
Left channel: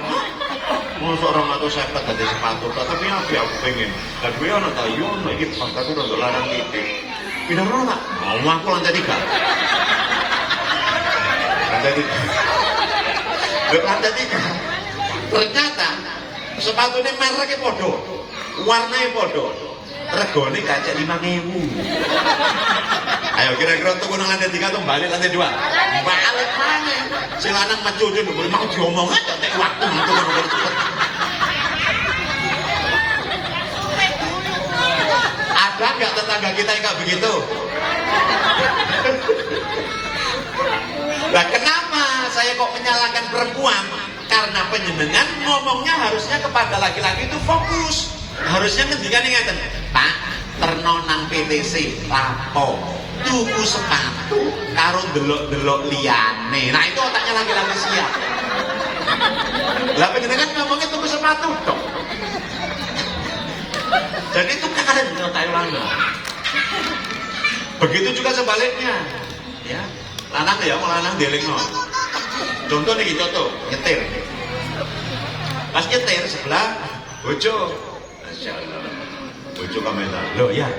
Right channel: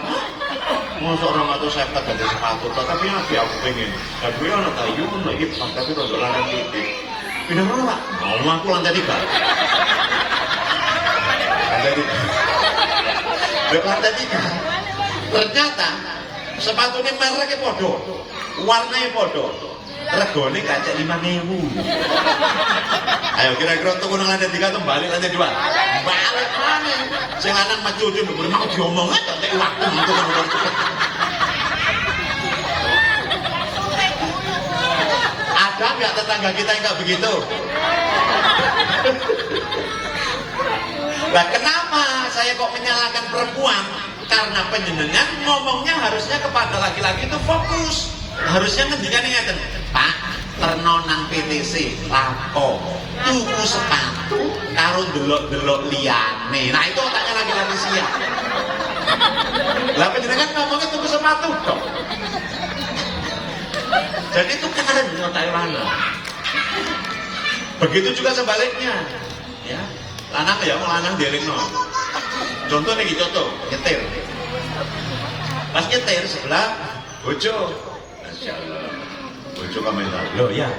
Mosok 250 dari sepatu, tapi aku pengen. Dan gue ana tayu lagi sampai itu untuk larang titik. Pindah rono Pak. Mau aku lantai 3. Lantai 3. Ternyata sepatunya mereknya podo, warnanya podo, regone gak cek 5.000. Ayo kira-kira untuk nang lantai 3 tuh balik lantai 2. Balik mana? Sing lanang maju dulu, mau diomong aja cek waktu gitu kan. Ada nggak tetangga kita yang nggak begitu? Nah, kenapa saya kok menyalahkan perempuan? Karena penjenengan ngomongnya harusnya kepada laki-laki itu fokus. Harusnya ngendikan ngeten, Pak, terno nang PTC lapo. Tuku sepatu karo delok-delok liyane. Nah, itu otaknya laki-laki siap. Lah penjenengan ngomongnya tuku sepatu dong. Dan itu kalian di otak mana? Begitu juga sebaliknya. Ya. Lanang ya lanang dielingno. Contoh nih contoh, nyetir. Pas nyetir sebelah bojo. Masyaallah. Bojo kamera. Loh ya.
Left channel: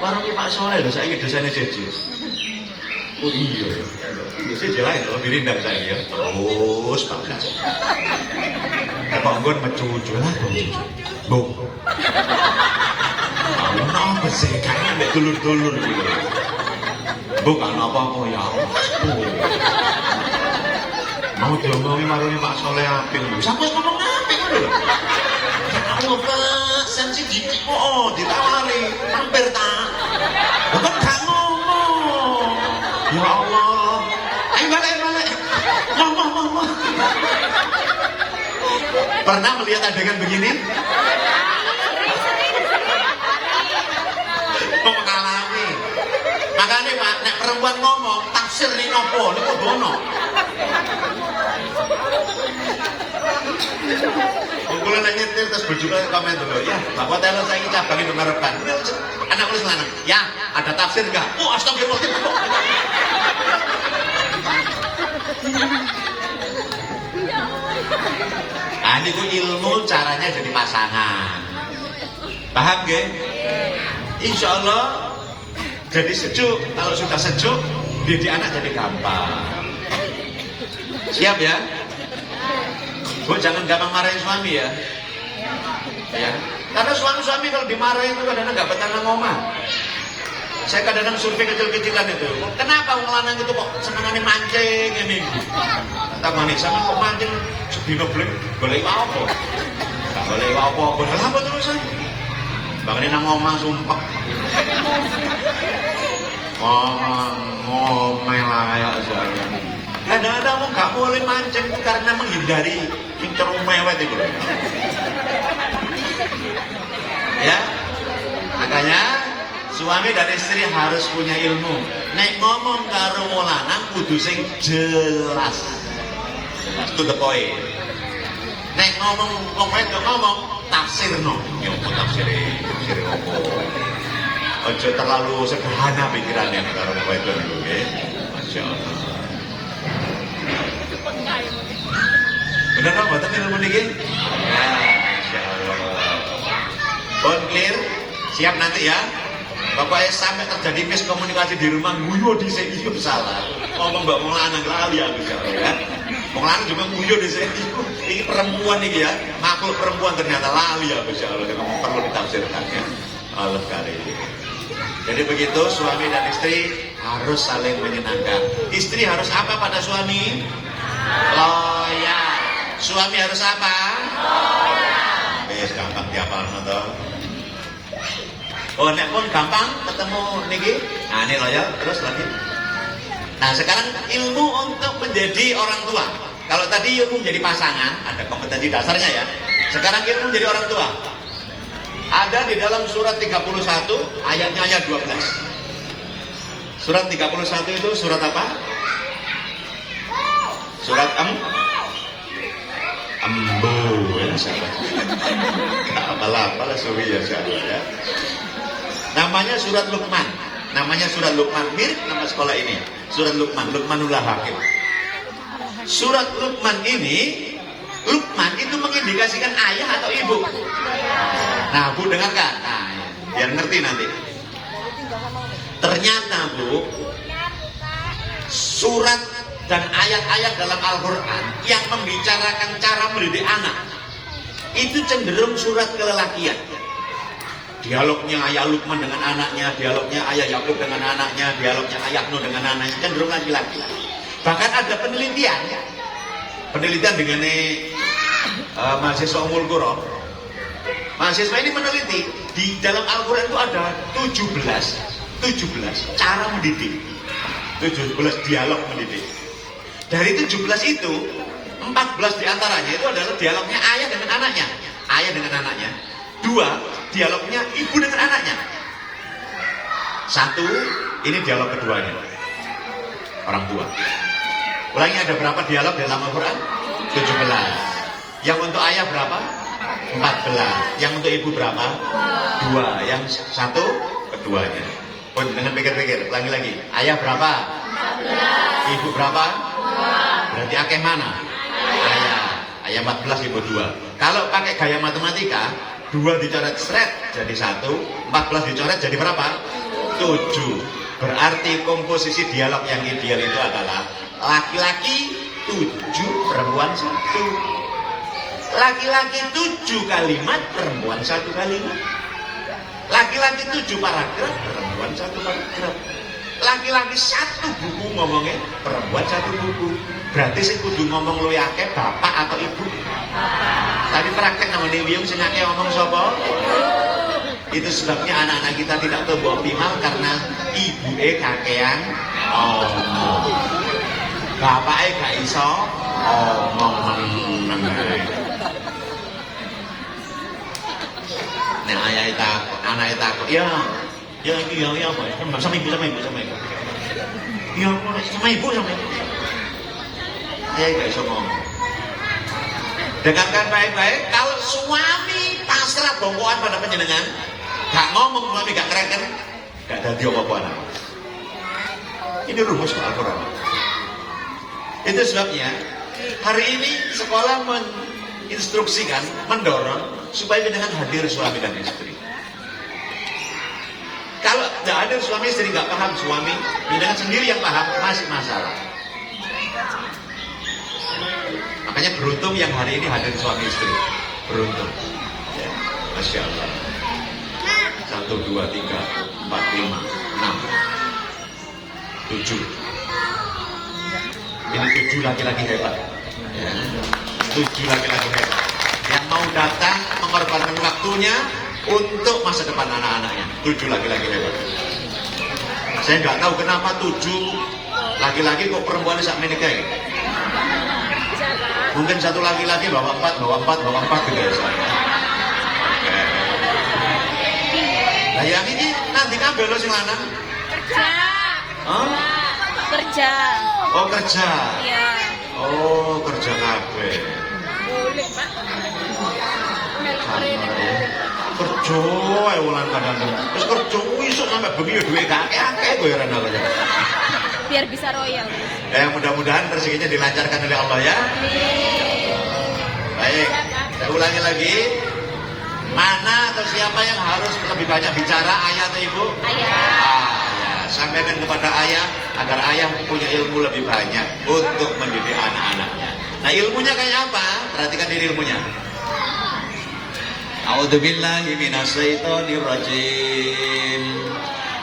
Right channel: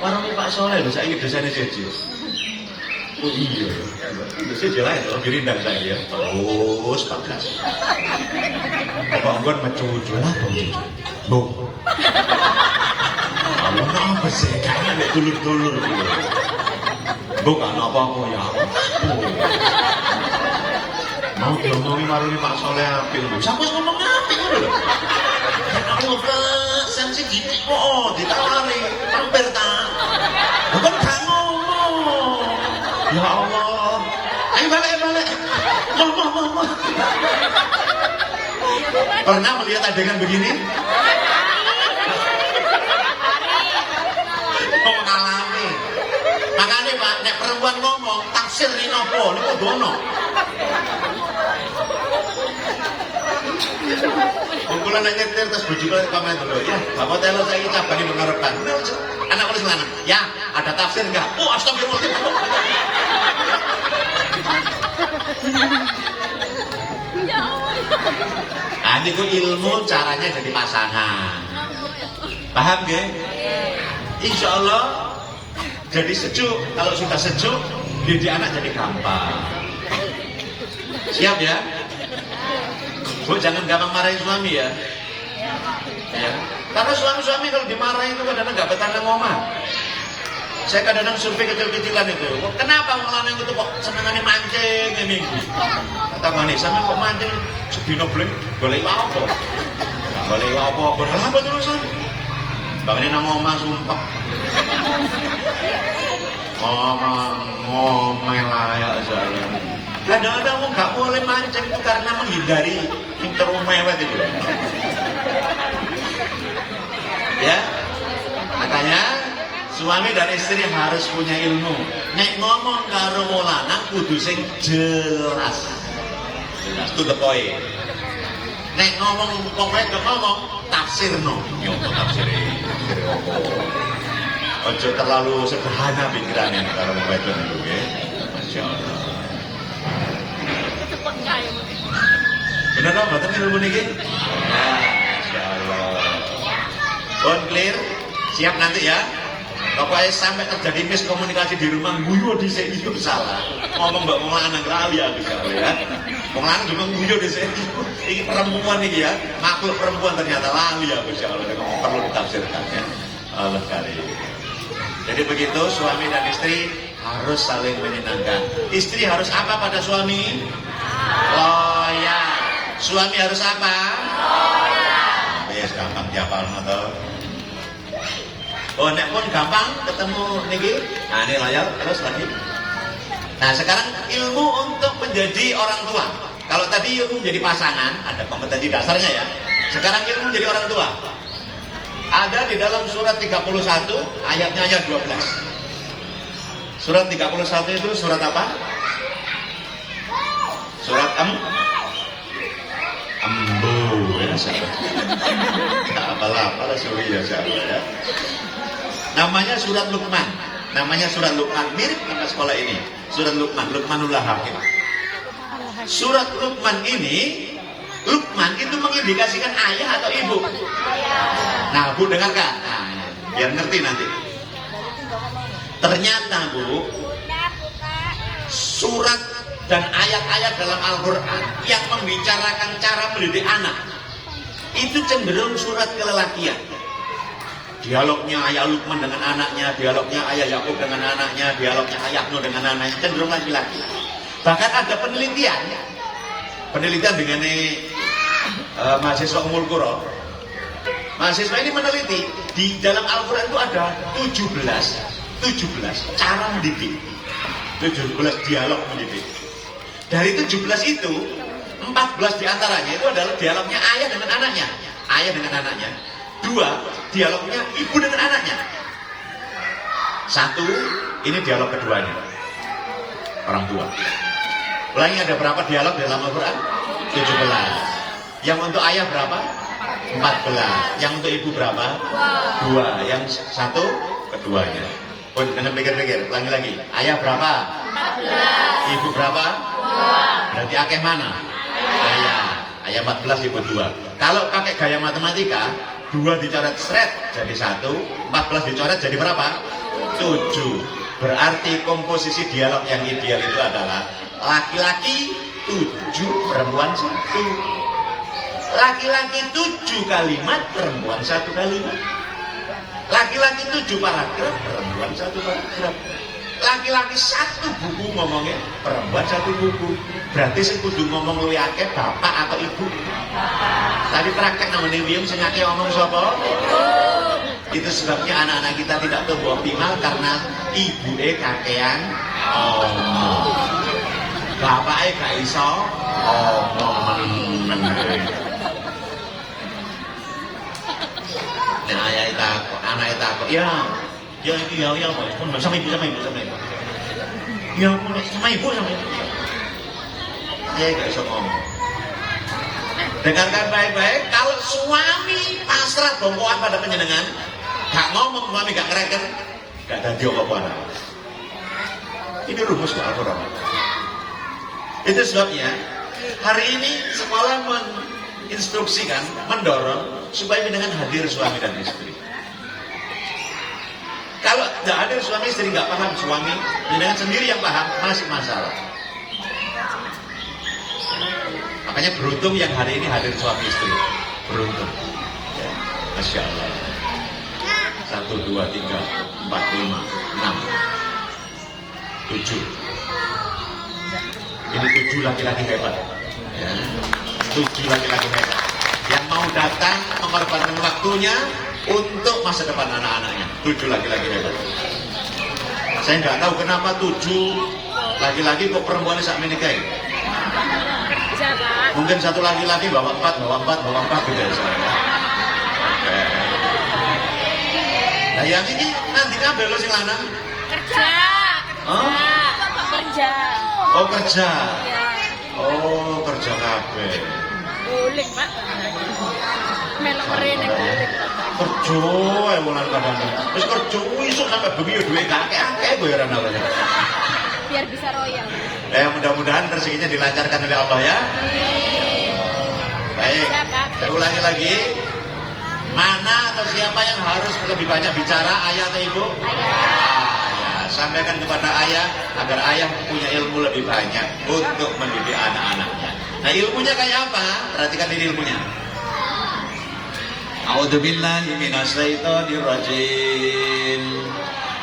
Warung Pak Soleh lho saiki dosane Jeje. Oh iya. Dosane jelas lho dirindang saya ya. Terus bagus. Apa nggon mecucu lah bojo. Bu. Allah apa sih kan dulur-dulur gitu. Bukan apa-apa ya. Mau diomongin marun Pak Soleh apil. Siapa yang ngomong apil lho? Allah sensitif. Oh, ditawari. Hampir tak. Bukan tak ngomong. Ya Allah. Ayo balik. Ngomong. Pernah melihat adegan begini? Mengalami. Makanya Pak, nek perempuan ngomong, tafsir ini nopo, ini kodono. Kula nek nyetir terus bojo kula komen dulu, ya, Bapak telo saiki cabang itu ngarepan. Anak kula lanang, ya, ada tafsir enggak? Oh, astagfirullah. Ini ku ilmu caranya jadi pasangan. Paham gak? Insya Allah jadi sejuk. Kalau sudah sejuk, didik anak jadi gampang. Siap ya? Bu, jangan gampang marahin suami ya. Ya. Karena suami-suami kalau dimarahin itu kadang-kadang nggak betah ngomong. Saya kadang-kadang survei kecil-kecilan itu. Kenapa orang lanang itu kok senangannya mancing ini? Kata manis, sama kok mancing sedino beli boleh apa? Boleh apa? Apa terusan? Bangunin nang ngomong sumpah. Ngomong layak saya. Kadang-kadang mau nggak boleh mancing karena menghindari interumewet itu. Ya, makanya suami dan istri harus punya ilmu. Nek ngomong karo wong lanang kudu sing jelas. Jelas to the point. Nek ngomong wong wedok ngomong tafsirno. Yo tafsire opo. Ojo terlalu sederhana pikirannya karo wong wedok nggih. Masyaallah. Bener apa mboten ilmu niki? Masyaallah. Bon clear? Siap nanti ya? Pokoknya sampai terjadi miskomunikasi di rumah, guyo di sini itu salah. Ngomong mbak lanang lali aku salah ya. Lanang juga guyo di sini. Ini perempuan nih ya, makhluk perempuan ternyata lali aku salah. Ngomong perlu ditafsirkan ya. Allah sekali. Jadi begitu suami dan istri harus saling menyenangkan. Istri harus apa pada suami? Loyal. Suami harus apa? Loyal. Ya gampang dihafal atau? Oh, nek pun gampang ketemu niki. Nah, ini layar terus lagi. Nah, sekarang ilmu untuk menjadi orang tua. Kalau tadi ilmu menjadi pasangan, ada kompetensi dasarnya ya. Sekarang ilmu menjadi orang tua. Ada di dalam surat 31, ayatnya ayat 12. Surat 31 itu surat apa? Surat Ambo ya, sahabat. Apalah sorry ya saya ya. Namanya surat Luqman. Namanya surat Luqman, mirip nama sekolah ini. Surat Luqman, Luqmanullah Hakim. Surat Luqman ini, Luqman itu mengindikasikan ayah atau ibu. Nah, Bu dengarkan. Nah, biar ngerti nanti. Ternyata, Bu, surat dan ayat-ayat dalam Al-Quran yang membicarakan cara mendidik anak itu cenderung surat kelelakian. Dialognya ayah Luqman dengan anaknya, dialognya ayah Yakub dengan anaknya, dialognya ayah Nuh dengan anaknya cenderung laki-laki. Bahkan ada penelitian dengan mahasiswa Ummul Qura. Mahasiswa ini meneliti di dalam Al-Quran itu ada 17 cara mendidik, 17 dialog mendidik. Dari 17 itu 14 diantaranya itu adalah dialognya ayah dengan anaknya, ayah dengan anaknya. 2 dialognya ibu dengan anaknya. 1 ini dialog keduanya, orang tua. Ulangi, ada berapa dialog dalam Al-Quran? 17. Yang untuk ayah berapa? 14. Yang untuk ibu berapa? 2. Yang 1 keduanya. Oh, dengan pikir-pikir, ulangi lagi. Ayah berapa? 14. Ibu berapa? 2. Berarti akeh mana? Ayah 14, ibu 2. Kalau pakai gaya matematika, 2 dicoret seret jadi 1, 14 dicoret jadi berapa? 7. Berarti komposisi dialog yang ideal itu adalah laki-laki 7, perempuan 1. Laki-laki 7 kalimat, perempuan 1 kalimat. Laki-laki 7 paragraf, perempuan 1 paragraf. Laki-laki 1 buku ngomongnya, perempuan 1 buku. Berarti sing kudu ngomong luwih akeh bapak atau ibu? Tapi praktek namanya Wiyung sing akeh ngomong sapa? Itu sebabnya anak-anak kita tidak tumbuh optimal karena ibuke kakean omong. Bapake gak iso omong meneng. Nek anake takok, ya iki ya apa? Sama ibu. Ya sama ibu. Ya gak iso ngomong. Dengarkan baik-baik, kalau suami pasrah bongkoan pada penjenengan, gak ngomong suami gak ngereken, gak ada jawaban. Ini rumus Al-Quran. Itu sebabnya hari ini sekolah menginstruksikan, mendorong supaya dengan hadir suami dan istri. Kalau tidak hadir suami istri nggak paham suami, dengan sendiri yang paham masih masalah. Makanya beruntung yang hari ini hadir suami istri, beruntung. Ya, Masya Allah. 1, 2, 3, 4, 5, 6, 7. Ini 7 laki-laki hebat. Ya. 7 laki-laki hebat yang mau datang mengorbankan waktunya untuk masa depan anak-anaknya. 7 laki-laki hebat. Saya nggak tahu kenapa 7 laki-laki kok perempuan sak menikah. Mungkin satu laki-laki bawa 4 gitu ya. Nah yang ini nanti kabeh lo sing lanang. Kerja. Oh? Kerja. Oh kerja. Iya. Oh kerja kabeh. Boleh, Pak. Melkeren Kerja ae wong lanang kadang. Wis kerja isuk sampe bengi duwe gak akeh bayaran apa. biar bisa royal. Ya mudah-mudahan rezekinya dilancarkan oleh Allah ya. Baik, saya ulangi lagi. Mana atau siapa yang harus lebih banyak bicara, ayah atau ibu? Ayah. Sampaikan kepada ayah agar ayah punya ilmu lebih banyak untuk mendidik anak-anaknya. Nah ilmunya kayak apa? Perhatikan ini ilmunya. A'udzubillahi minasyaitonir rajim.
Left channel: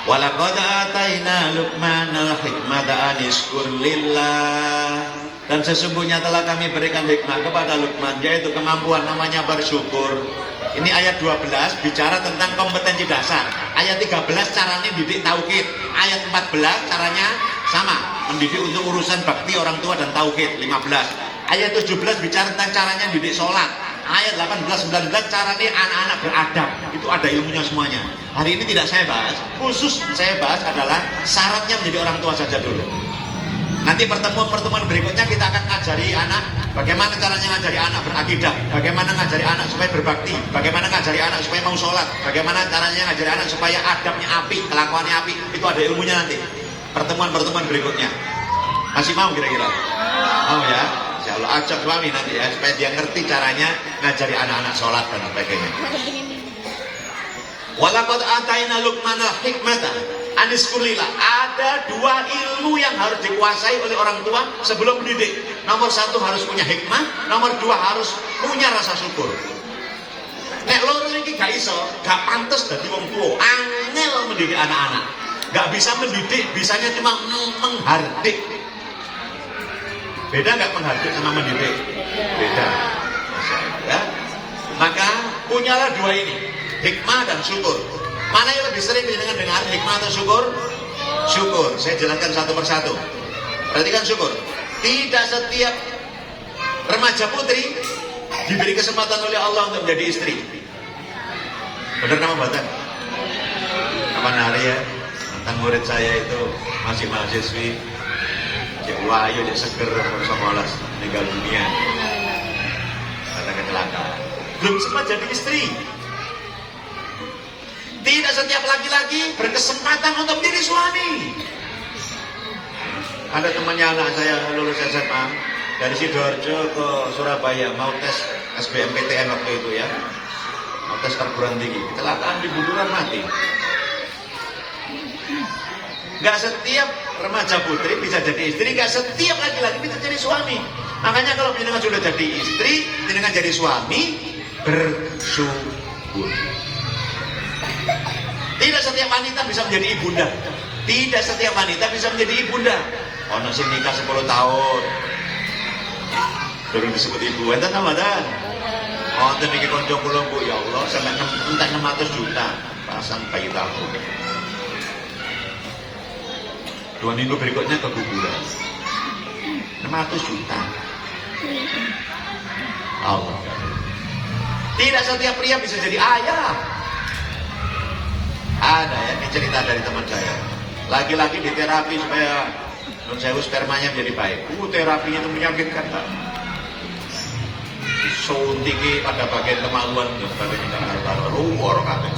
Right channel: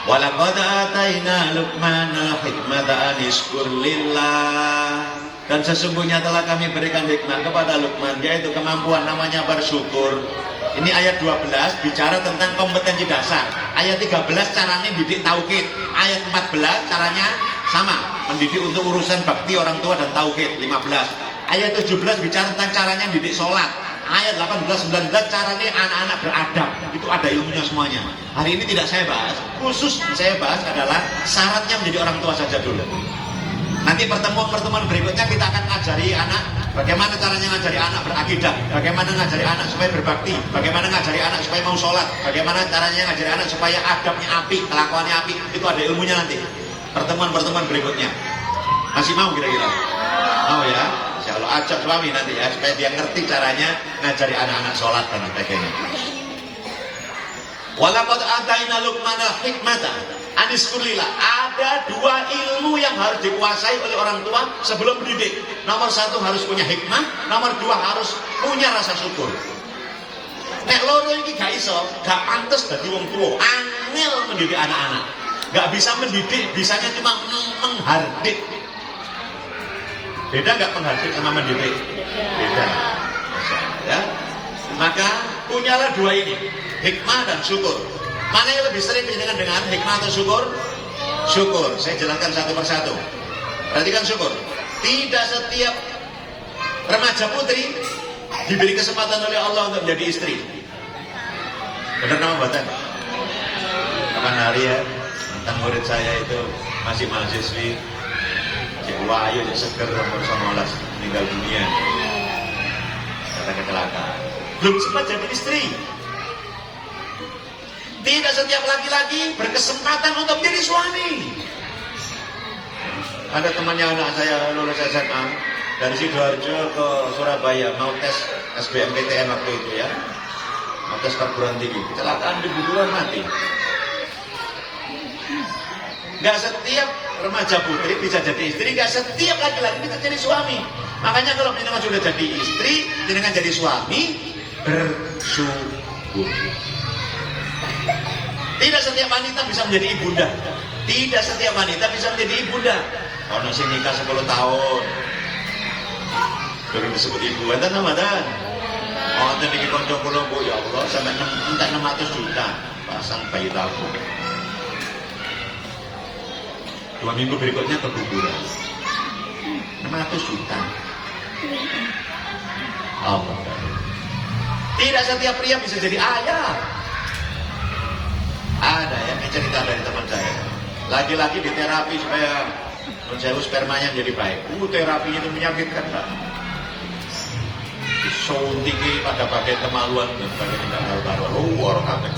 Walaqad ataina Luqmanal hikmata anishkur lillah. Dan sesungguhnya telah kami berikan hikmah kepada Luqman, yaitu kemampuan namanya bersyukur. Ini ayat 12 bicara tentang kompetensi dasar. Ayat 13 caranya didik tauhid. Ayat 14 caranya sama, mendidik untuk urusan bakti orang tua dan tauhid. 15. Ayat 17 bicara tentang caranya didik sholat. Ayat 18, 19 caranya anak-anak beradab. Itu ada ilmunya semuanya. Hari ini tidak saya bahas. Khusus saya bahas adalah syaratnya menjadi orang tua saja dulu. Nanti pertemuan-pertemuan berikutnya kita akan ngajari anak bagaimana caranya ngajari anak berakidah, bagaimana ngajari anak supaya berbakti, bagaimana ngajari anak supaya mau sholat, bagaimana caranya ngajari anak supaya adabnya api, kelakuannya api. Itu ada ilmunya nanti. Pertemuan-pertemuan berikutnya. Masih mau kira-kira? Mau ya? Insya Allah ajak suami nanti ya supaya dia ngerti caranya ngajari anak-anak sholat dan sebagainya. Walaqad ataina Luqmanal hikmata aniskurillah. Ada dua ilmu yang harus dikuasai oleh orang tua sebelum mendidik. Nomor satu harus punya hikmah, nomor dua harus punya rasa syukur. Nek loro ini gak iso, gak pantas dadi wong tua. Angel mendidik anak-anak. Gak bisa mendidik, bisanya cuma menghardik. Beda gak menghardik sama mendidik? Beda. Ya. Maka punyalah dua ini, hikmah dan syukur. Mana yang lebih sering dengan hikmah atau syukur? Syukur. Saya jelaskan satu persatu. Perhatikan syukur. Tidak setiap remaja putri diberi kesempatan oleh Allah untuk menjadi istri. Benar nama Batan? Kapan hari ya? Mantan murid saya itu masih mahasiswi. Cik Wahyu, Cik Seger, nomor 19 meninggal dunia. Kata kecelakaan. Belum sempat jadi istri. Tidak setiap laki-laki berkesempatan untuk menjadi suami. Ada temannya anak saya lulus SMA dari Sidoarjo ke Surabaya mau tes SBMPTN waktu itu ya, mau tes perguruan tinggi, kecelakaan di Buduran mati. Gak setiap remaja putri bisa jadi istri, gak setiap laki-laki bisa jadi suami. Makanya kalau kita sudah jadi istri, dengan jadi suami, bersyukur. Tidak setiap wanita bisa menjadi ibunda. Tidak setiap wanita bisa menjadi ibunda. Ono sing nikah 10 tahun. Durung disebut ibu. Enten apa dan? Oh, enten iki kanca kula Bu, ya Allah, sampai entek 600 juta pasang bayi tabung. 2 minggu berikutnya keguguran. 600 juta. Oh, benar. Tidak setiap pria bisa jadi ayah. Ada ya, ini cerita dari teman saya. Laki-laki diterapi supaya menjauh spermanya menjadi baik. Terapinya itu menyakitkan. suntingi pada bagian kemaluan kalau tidak taruh luar kata.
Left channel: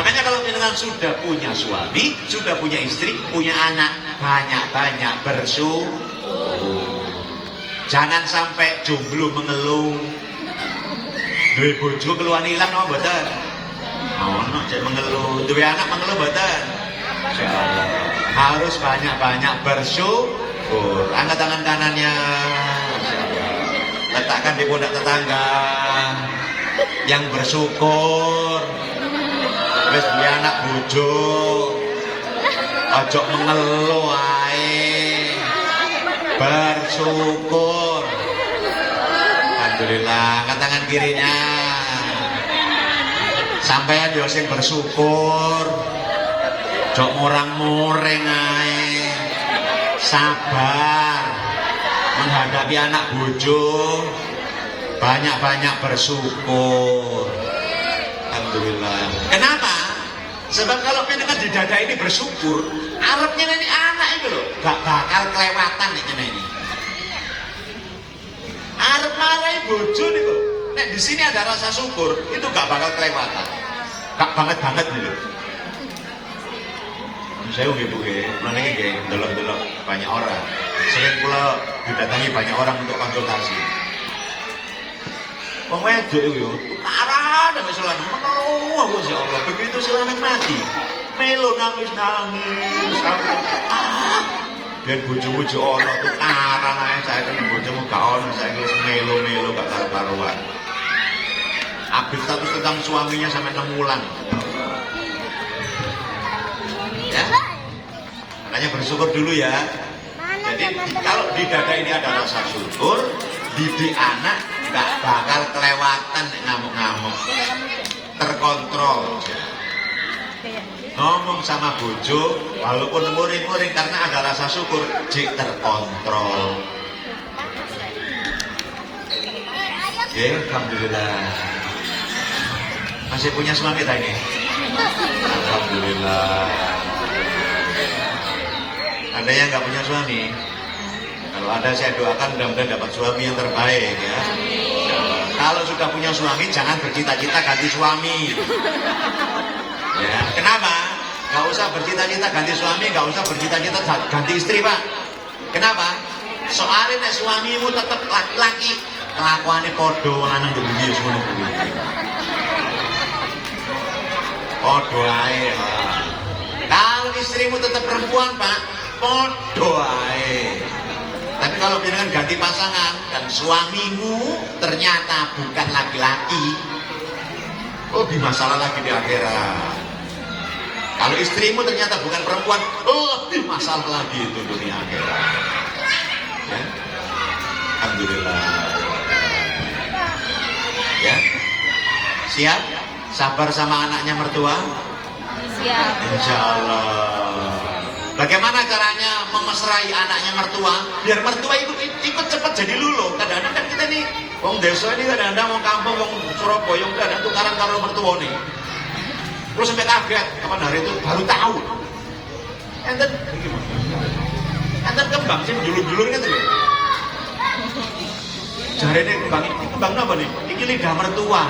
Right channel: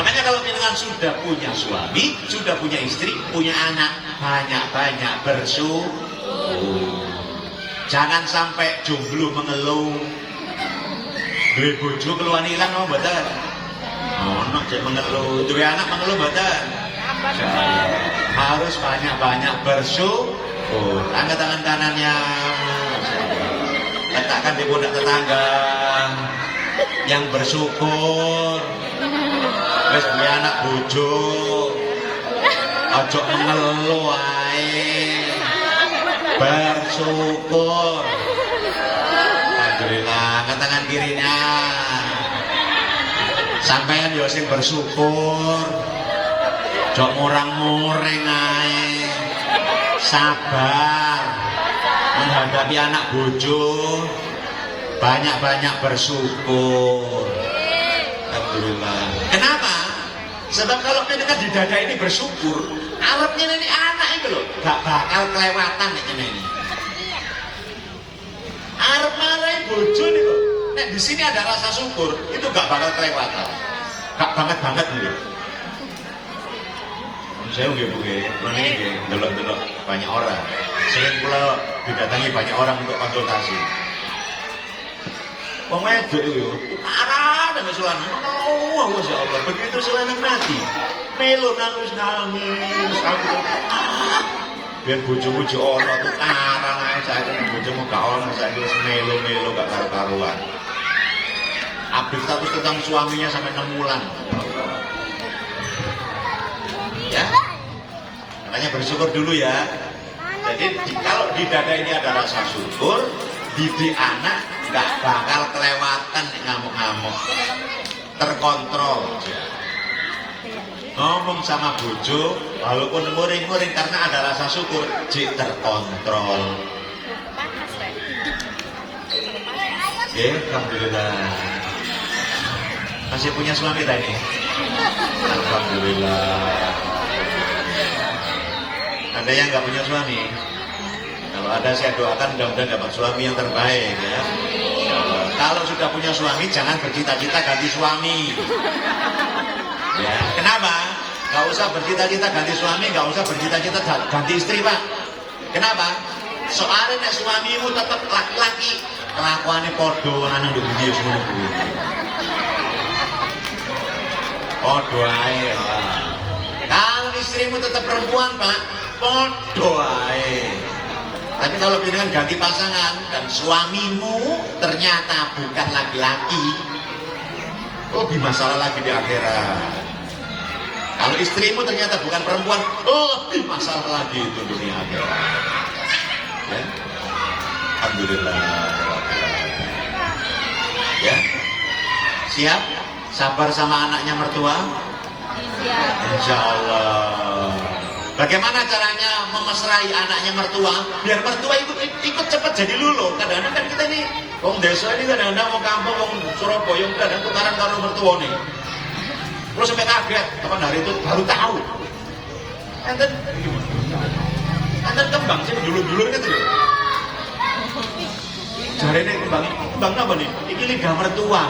Makanya kalau kita sudah punya suami, sudah punya istri, punya anak, banyak-banyak bersyukur. Jangan sampai jomblo mengeluh. Duwe bojo keluhan ilang kok mboten. Ono cek mengeluh, duwe anak mengeluh mboten. Harus banyak-banyak bersyukur. Angkat tangan kanannya. Letakkan di pundak tetangga. Yang bersyukur. Wis duwe anak bojo. Ojo mengeluh wae. Bersyukur. Alhamdulillah, angkat tangan kirinya. Sampeyan yo sing bersyukur. Jok murang-muring ae. Sabar menghadapi anak bojo. Banyak-banyak bersyukur. Alhamdulillah. Kenapa? Sebab kalau kita di dada ini bersyukur, arepnya ini anak itu loh, gak bakal kelewatan ini. Arep marai bojo niku. Nek di sini ada rasa syukur, itu gak bakal kelewatan. Gak banget nih loh. Saya nggih Bu nggih, meniki nggih delok-delok banyak orang. Sering kula didatangi banyak orang untuk konsultasi. Wong wedok iku parah dengan selana. Oh, ya Allah, begitu selana mati. Melo nangis. Biar bojo-bojo ono tukaran ae saiki bojomu gak ono saiki wis melo gak karu-karuan. Update status tentang suaminya sampai 6 bulan. Ya. Makanya bersyukur dulu ya. Jadi kalau di dada ini ada rasa syukur, didik anak gak bakal kelewatan ngamuk-ngamuk. Terkontrol. Ngomong sama bojo, walaupun muring-muring karena ada rasa syukur, jik terkontrol. Ya, alhamdulillah. Masih punya suami tadi? Alhamdulillah. Ada yang nggak punya suami? Kalau ada saya doakan mudah-mudahan dapat suami yang terbaik ya. Kalau sudah punya suami jangan bercita-cita ganti suami. Ya, kenapa? Gak usah bercita-cita ganti suami, gak usah bercita-cita ganti istri Pak. Kenapa? Soalnya nek suamimu tetap laki-laki, kelakuannya podo lanang begini semua kuwi. Podo ae. Kalau istrimu tetap perempuan Pak, podo ae. Tapi kalau dengan ganti pasangan dan suamimu ternyata bukan laki-laki, oh di masalah lagi di akhirat. Kalau istrimu ternyata bukan perempuan, oh di masalah lagi itu dunia akhirat. Ya. Alhamdulillah. Ya, siap? Sabar sama anaknya mertua? Siap. Insya Allah. Bagaimana caranya memesrai anaknya mertua? Biar mertua ikut cepat jadi luluh. Kadang-kadang kan kita nih, wong desa ini kadang-kadang wong kampung, wong Surabaya, kadang tukaran karo mertua nih. Terus sampai kaget, kapan hari itu baru tahu. Enten kembang sih dulu-dulu gitu loh. Jari ini kembang apa nih? Ini lidah mertua.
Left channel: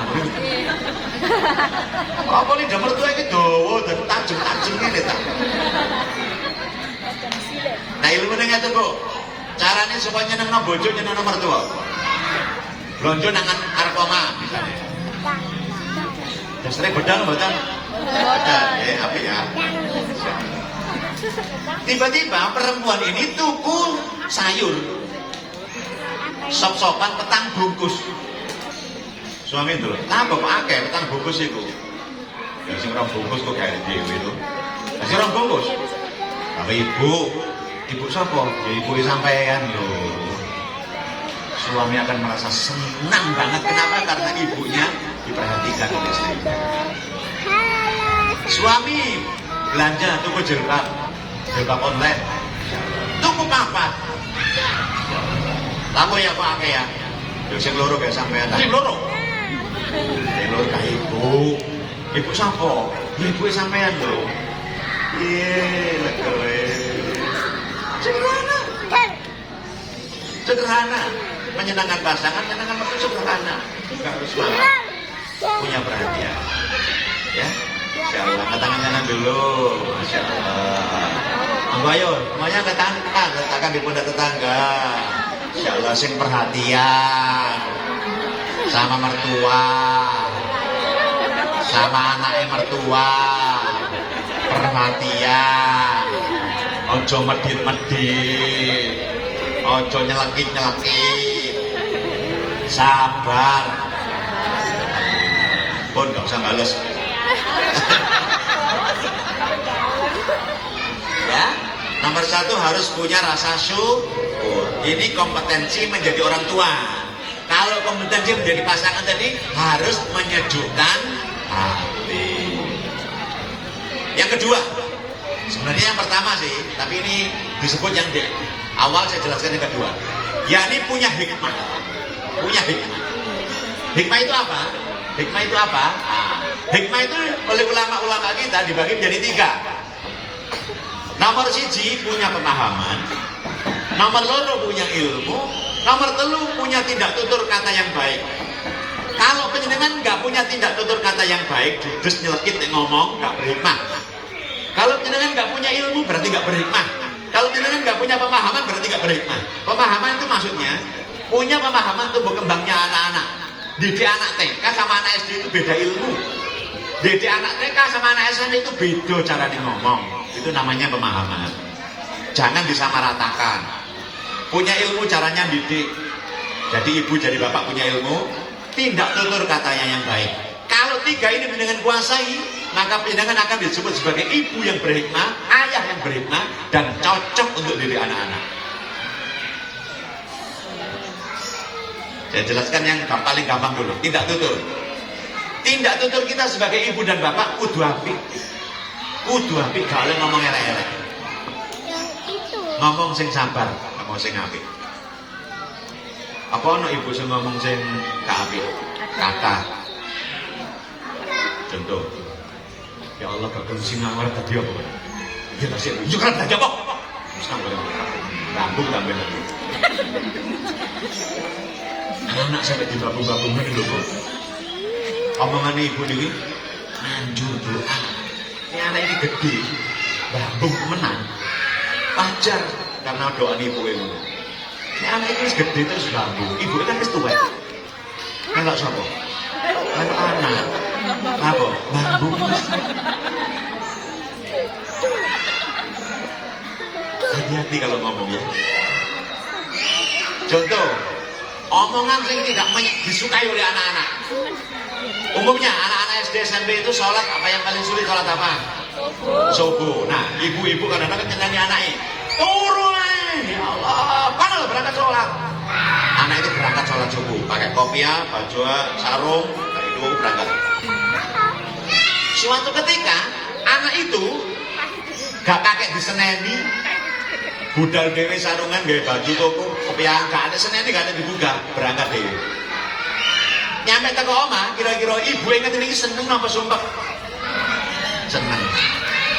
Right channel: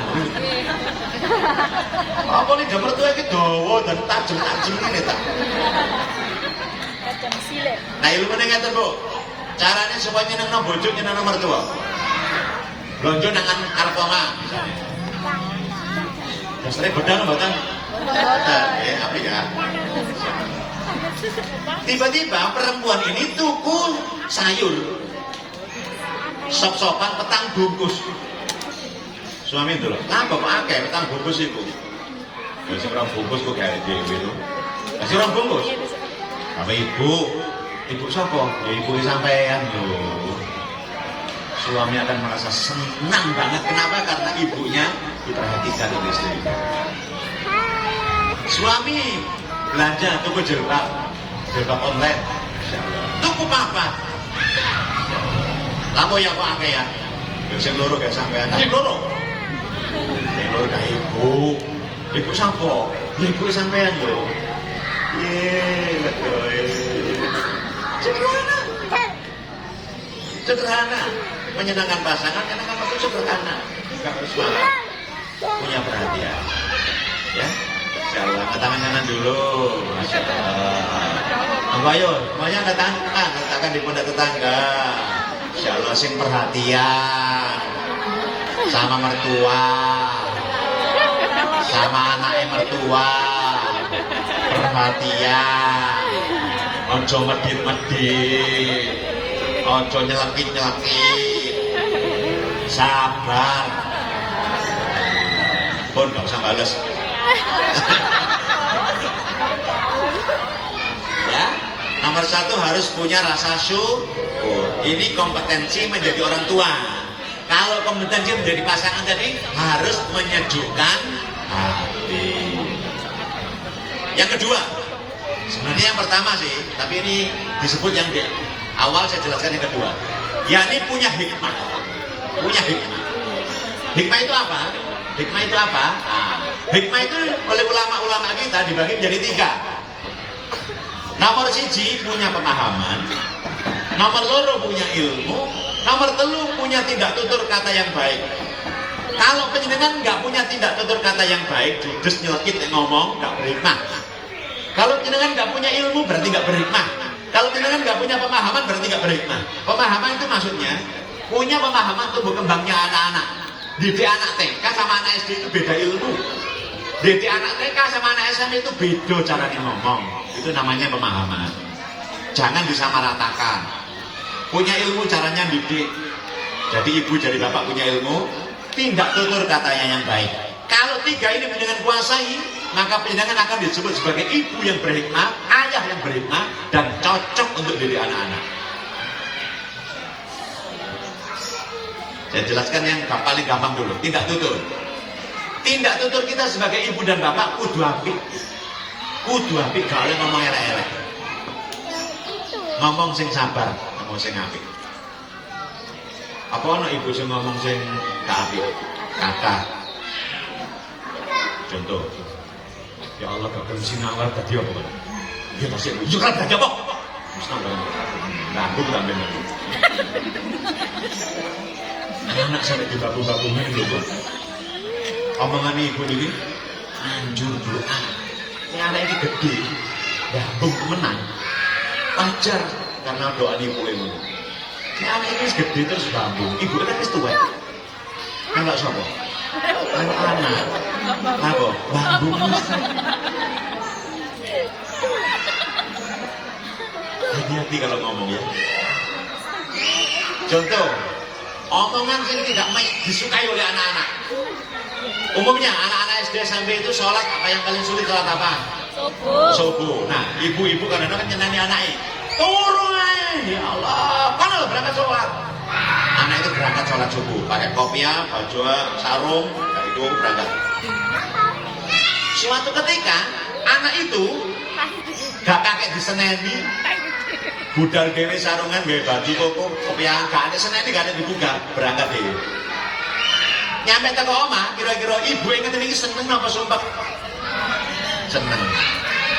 Apa lidah mertua ini dawa dan tajam-tajam ini tak? Nah ilmu ini ngeten Bu, caranya supaya nyeneng bojo nyeneng mertua. Blonjo nangan arep oma misalnya. Dasarnya bedang mboten? Bedang, apa ya? Tiba-tiba perempuan ini tuku sayur. Sop-sopan petang bungkus. Suami itu loh, nah kok akeh petang bungkus itu. Lah sing ora bungkus kok gawe dhewe lho. Lah sing ora bungkus. Apa ibu? Ibu sapa? Ya ibu sampean lho. Suami akan merasa senang banget. Kenapa? Karena ibunya diperhatikan oleh istri. Suami belanja tuku jilbab online. Tuku papat. Lamu ya Pak Ake ya. Sing loro gak sampean. Sing loro. Sing loro kah ibu. Ibu sapa? Ibu sampean lho. Sederhana. menyenangkan pasangan, menyenangkan mertua sederhana, nggak harus mahal, punya perhatian. Ya, insyaallah tangan-tangan dulu, masya Allah. Ayo, semuanya katakan di pundak tetangga. Insyaallah sing perhatian sama mertua, sama anaknya mertua, perhatian. Ojo medit-medit, ojo nyelekit-nyelekit, sabar. Pun gak usah bales. Ya, nomor 1 harus punya rasa syukur. Ini kompetensi menjadi orang tua. Kalau kompetensi menjadi pasangan tadi harus menyejukkan hati. Yang kedua, sebenarnya yang pertama sih, tapi ini disebut yang di awal, saya jelaskan yang kedua. Yakni punya hikmah. Punya hikmah. Hikmah itu apa? Hikmah itu apa? Hikmah itu oleh ulama-ulama kita dibagi menjadi 3. Nomor 1 punya pemahaman, nomor 2 punya ilmu, nomor 3 punya tindak tutur kata yang baik. Kalau penjenengan nggak punya tindak tutur kata yang baik, judes nyelekit ngomong, nggak berhikmah. Kalau penjenengan nggak punya ilmu berarti nggak berhikmah. Kalau penjenengan nggak punya pemahaman berarti nggak berhikmah. Pemahaman itu maksudnya punya pemahaman tumbuh kembangnya anak-anak. Didik anak TK sama anak SD itu beda ilmu. Didik anak TK sama anak SMP itu beda cara ngomong. Itu namanya pemahaman. Jangan disamaratakan. Punya ilmu caranya didik. Jadi ibu jadi bapak punya ilmu, tindak tutur katanya yang baik. Kalau 3 ini dengan kuasai, maka penjenengan akan disebut sebagai ibu yang berhikmah, ayah yang berhikmah, dan cocok untuk diri anak-anak. Saya jelaskan yang paling gampang dulu, tindak tutur. Tindak tutur kita sebagai ibu dan bapak kudu apik. Kudu apik, gak boleh ngomong elek-elek. Ngomong sing sabar, ngomong sing apik. Apa ana ibu sing ngomong sing gak apik? Kakak. Contoh, ya Allah gak sinawar tadi apa? Ya nasib, ya kan tadi apa? Sinawar. Rambut sampai nanti. Anak sampai di babu-babunya itu kok. Omongan ibu ini anjur doa. Ini anak ini gede, bambung menang. Ajar karena doa ibu ini. Ini anak ini gede terus bambung. Ibu kan itu tua. Enggak siapa? Anak. Apa? Bambung. Hati-hati kalau ngomong ya. Contoh, omongan yang tidak disukai oleh anak-anak. Umumnya anak-anak SD SMP itu sholat apa yang paling sulit, sholat apa? Subuh. Nah, ibu-ibu kadang-kadang nyenani anaknya. Turun, ya Allah, mana lo berangkat sholat? Anak itu berangkat sholat subuh, pakai kopiah, baju, sarung, dari itu berangkat. Suatu ketika anak itu gak pakai diseneni, budal gawe sarungan, gawe baju koko, kopiah, gak ada seneni, gak ada dibuka, berangkat dewe. Nyampe teko omah, kira-kira ibu inget ini seneng apa sumpah? Seneng.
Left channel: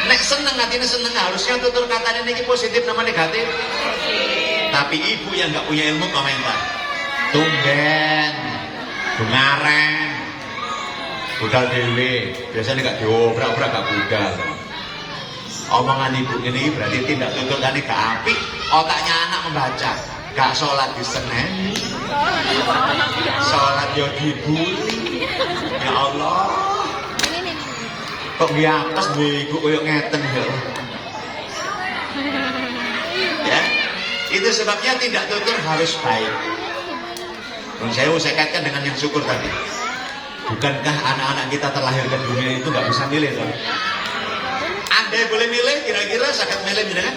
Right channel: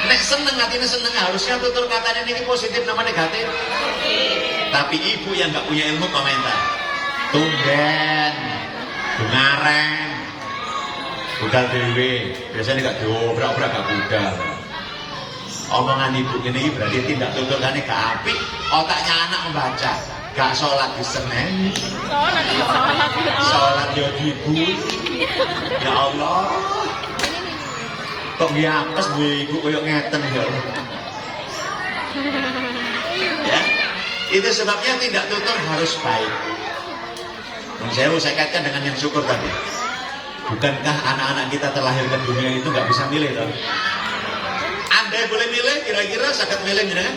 Nek seneng, hatinya seneng, harusnya tutur katanya ini positif sama negatif. Tapi ibu yang gak punya ilmu komentar. Tumben, dengareng, budal dewe, biasanya gak diobrak-obrak, gak budal. Omongan ibu ini berarti tindak tutur kan gak apik, otaknya anak membaca. Gak sholat di Senin, sholat yo dibuli. Ya Allah, kok biakas bu ibu koyok ngeten ya. Ya, itu sebabnya tindak tutur harus baik. Dan saya kaitkan dengan yang syukur tadi. Bukankah anak-anak kita terlahir ke dunia itu gak bisa milih kan? Anda boleh milih, kira-kira sangat milih kan?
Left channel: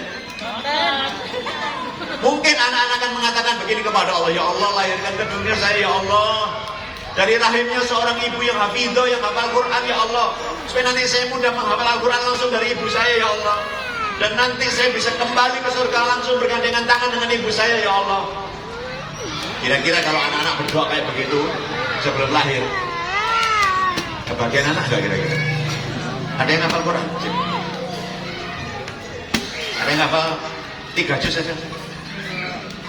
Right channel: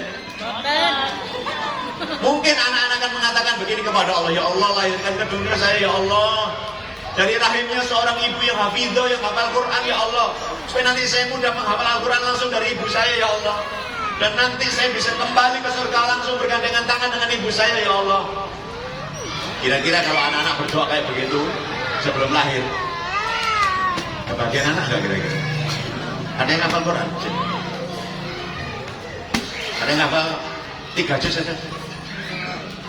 Mungkin anak-anak akan mengatakan begini kepada Allah, ya Allah lahirkan ke dunia saya ya Allah. Dari rahimnya seorang ibu yang hafidho, yang hafal Quran ya Allah. Supaya nanti saya mudah menghafal Al-Quran langsung dari ibu saya ya Allah. Dan nanti saya bisa kembali ke surga langsung bergandengan tangan dengan ibu saya ya Allah. Kira-kira kalau anak-anak berdoa kayak begitu sebelum lahir, kebagian anak enggak kira-kira? Ada yang hafal Quran? Ada yang hafal 3 juz saja?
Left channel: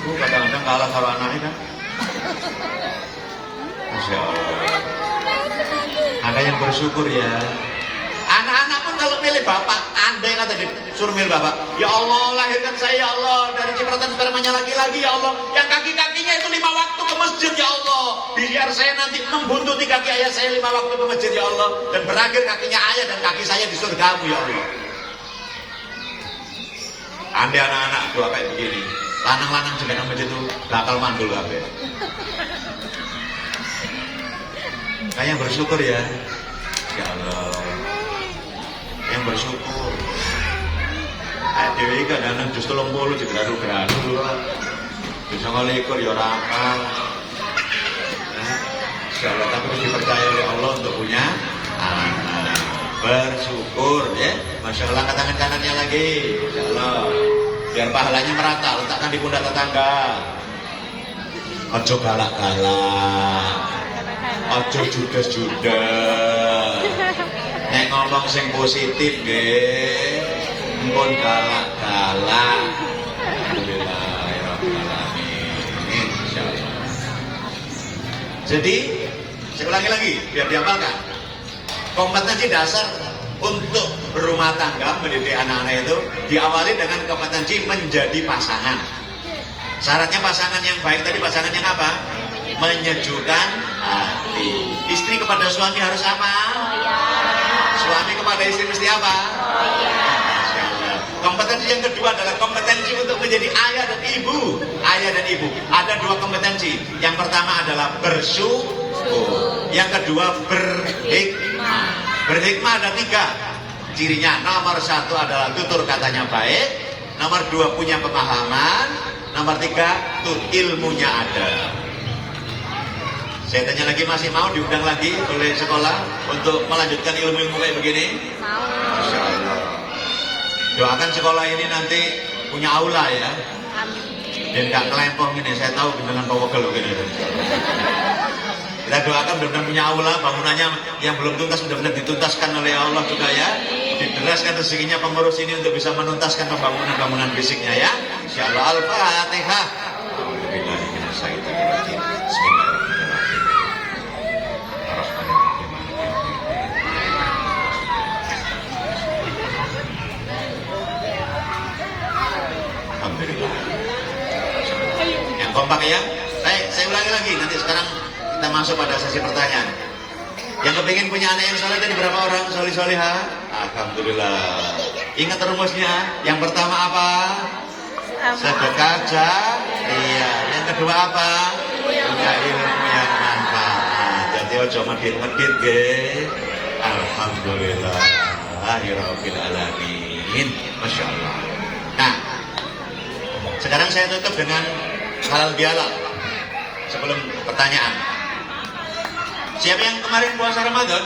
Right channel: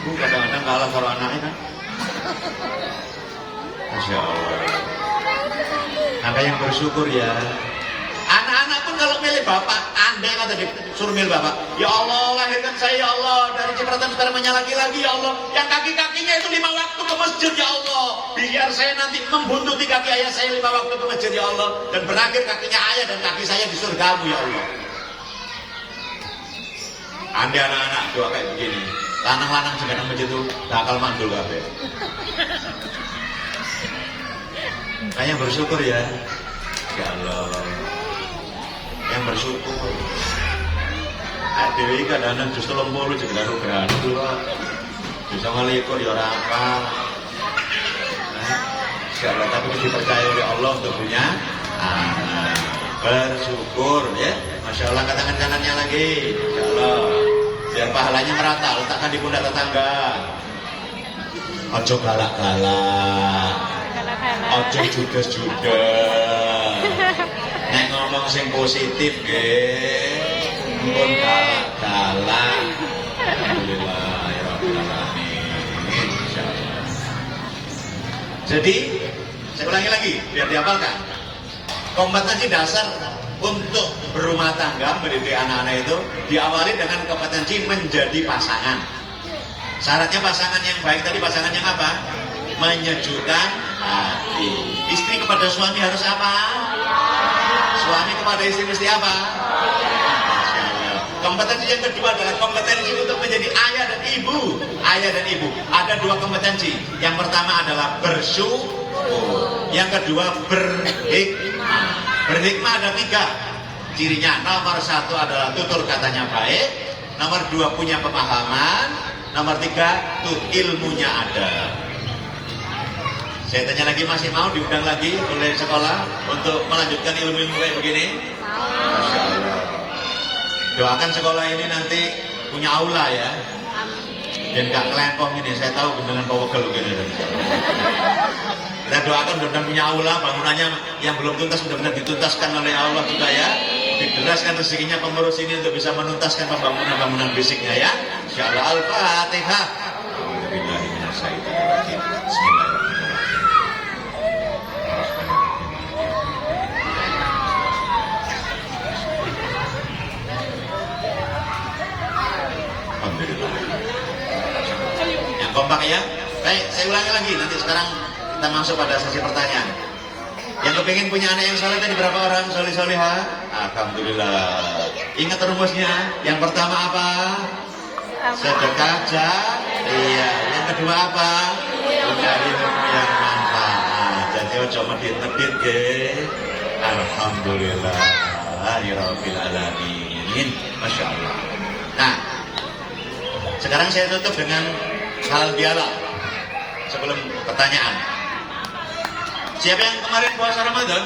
Kadang-kadang kalah kalau anaknya kan. Masya Allah. Maka yang bersyukur ya. Anak-anak pun kalau milih bapak, andai kata disuruh milih bapak, ya Allah lahirkan saya ya Allah dari cipratan spermanya laki-laki ya Allah, yang kaki-kakinya itu 5 waktu ke masjid ya Allah, biar saya nanti membuntuti kaki ayah saya 5 waktu ke masjid ya Allah, dan berakhir kakinya ayah dan kaki saya di surgamu ya Allah. Andai anak-anak doa kayak begini, lanang-lanang juga nang masjid itu bakal mandul kabeh. Nah yang bersyukur ya, ya Allah. Yang bersyukur. Dewi kadang-kadang justru lempur juga geranu loh. Bisa ngelikur ya orang apa. Segala tapi dipercaya oleh Allah untuk punya anak. Bersyukur ya. Masya Allah, tangan kanannya lagi. Masya Allah. Biar pahalanya merata, letakkan di pundak tetangga. Ojo galak-galak. Ojo judes-judes. Nek ngomong sing positif nggih, mumpun galak-galak. Alhamdulillahirabbil alamin. Insyaallah. Jadi, saya ulangi lagi biar dihafalkan. Kompetensi dasar untuk berumah tangga, mendidik anak-anak itu diawali dengan kompetensi menjadi pasangan. Syaratnya pasangan yang baik tadi, pasangan yang apa? Menyejukkan hati. Istri kepada suami harus apa? Suami kepada istri mesti apa? Kompetensi yang kedua adalah kompetensi untuk menjadi ayah dan ibu. Ayah dan ibu. Ada 2 kompetensi. Yang pertama adalah bersyukur. Yang kedua berhikmah. Berhikmah ada 3 cirinya. Nomor 1 adalah tutur katanya baik. Nomor 2 punya pemahaman. Nomor 3 tuh ilmunya ada. Saya tanya lagi, masih mau diundang lagi oleh sekolah untuk melanjutkan ilmu-ilmu kayak begini? Masya Allah. Doakan sekolah ini nanti punya aula ya. Dan gak ngelempong ini, saya tahu dengan pokok gini. Kita doakan benar-benar punya aula, bangunannya yang belum tuntas benar-benar dituntaskan oleh Allah juga ya. Dideraskan rezekinya pengurus ini untuk bisa menuntaskan pembangunan-bangunan fisiknya ya. Insyaallah. Al-Fatihah. Alhamdulillah. Yang kompak ya. Baik, saya ulangi lagi. Nanti sekarang kita masuk pada sesi pertanyaan. Yang kepingin punya anak yang soleh tadi berapa orang? Soleh-soleha? Alhamdulillah. Ingat rumusnya. Yang pertama apa? Sedekah iya. Yang kedua apa? Punya ilmu yang manfaat. Jadi ojo medit-medit deh. Alhamdulillah. Rabbil alamin. Masya Allah. Nah, sekarang saya tutup dengan halal bihalal sebelum pertanyaan. Siapa yang kemarin puasa Ramadan?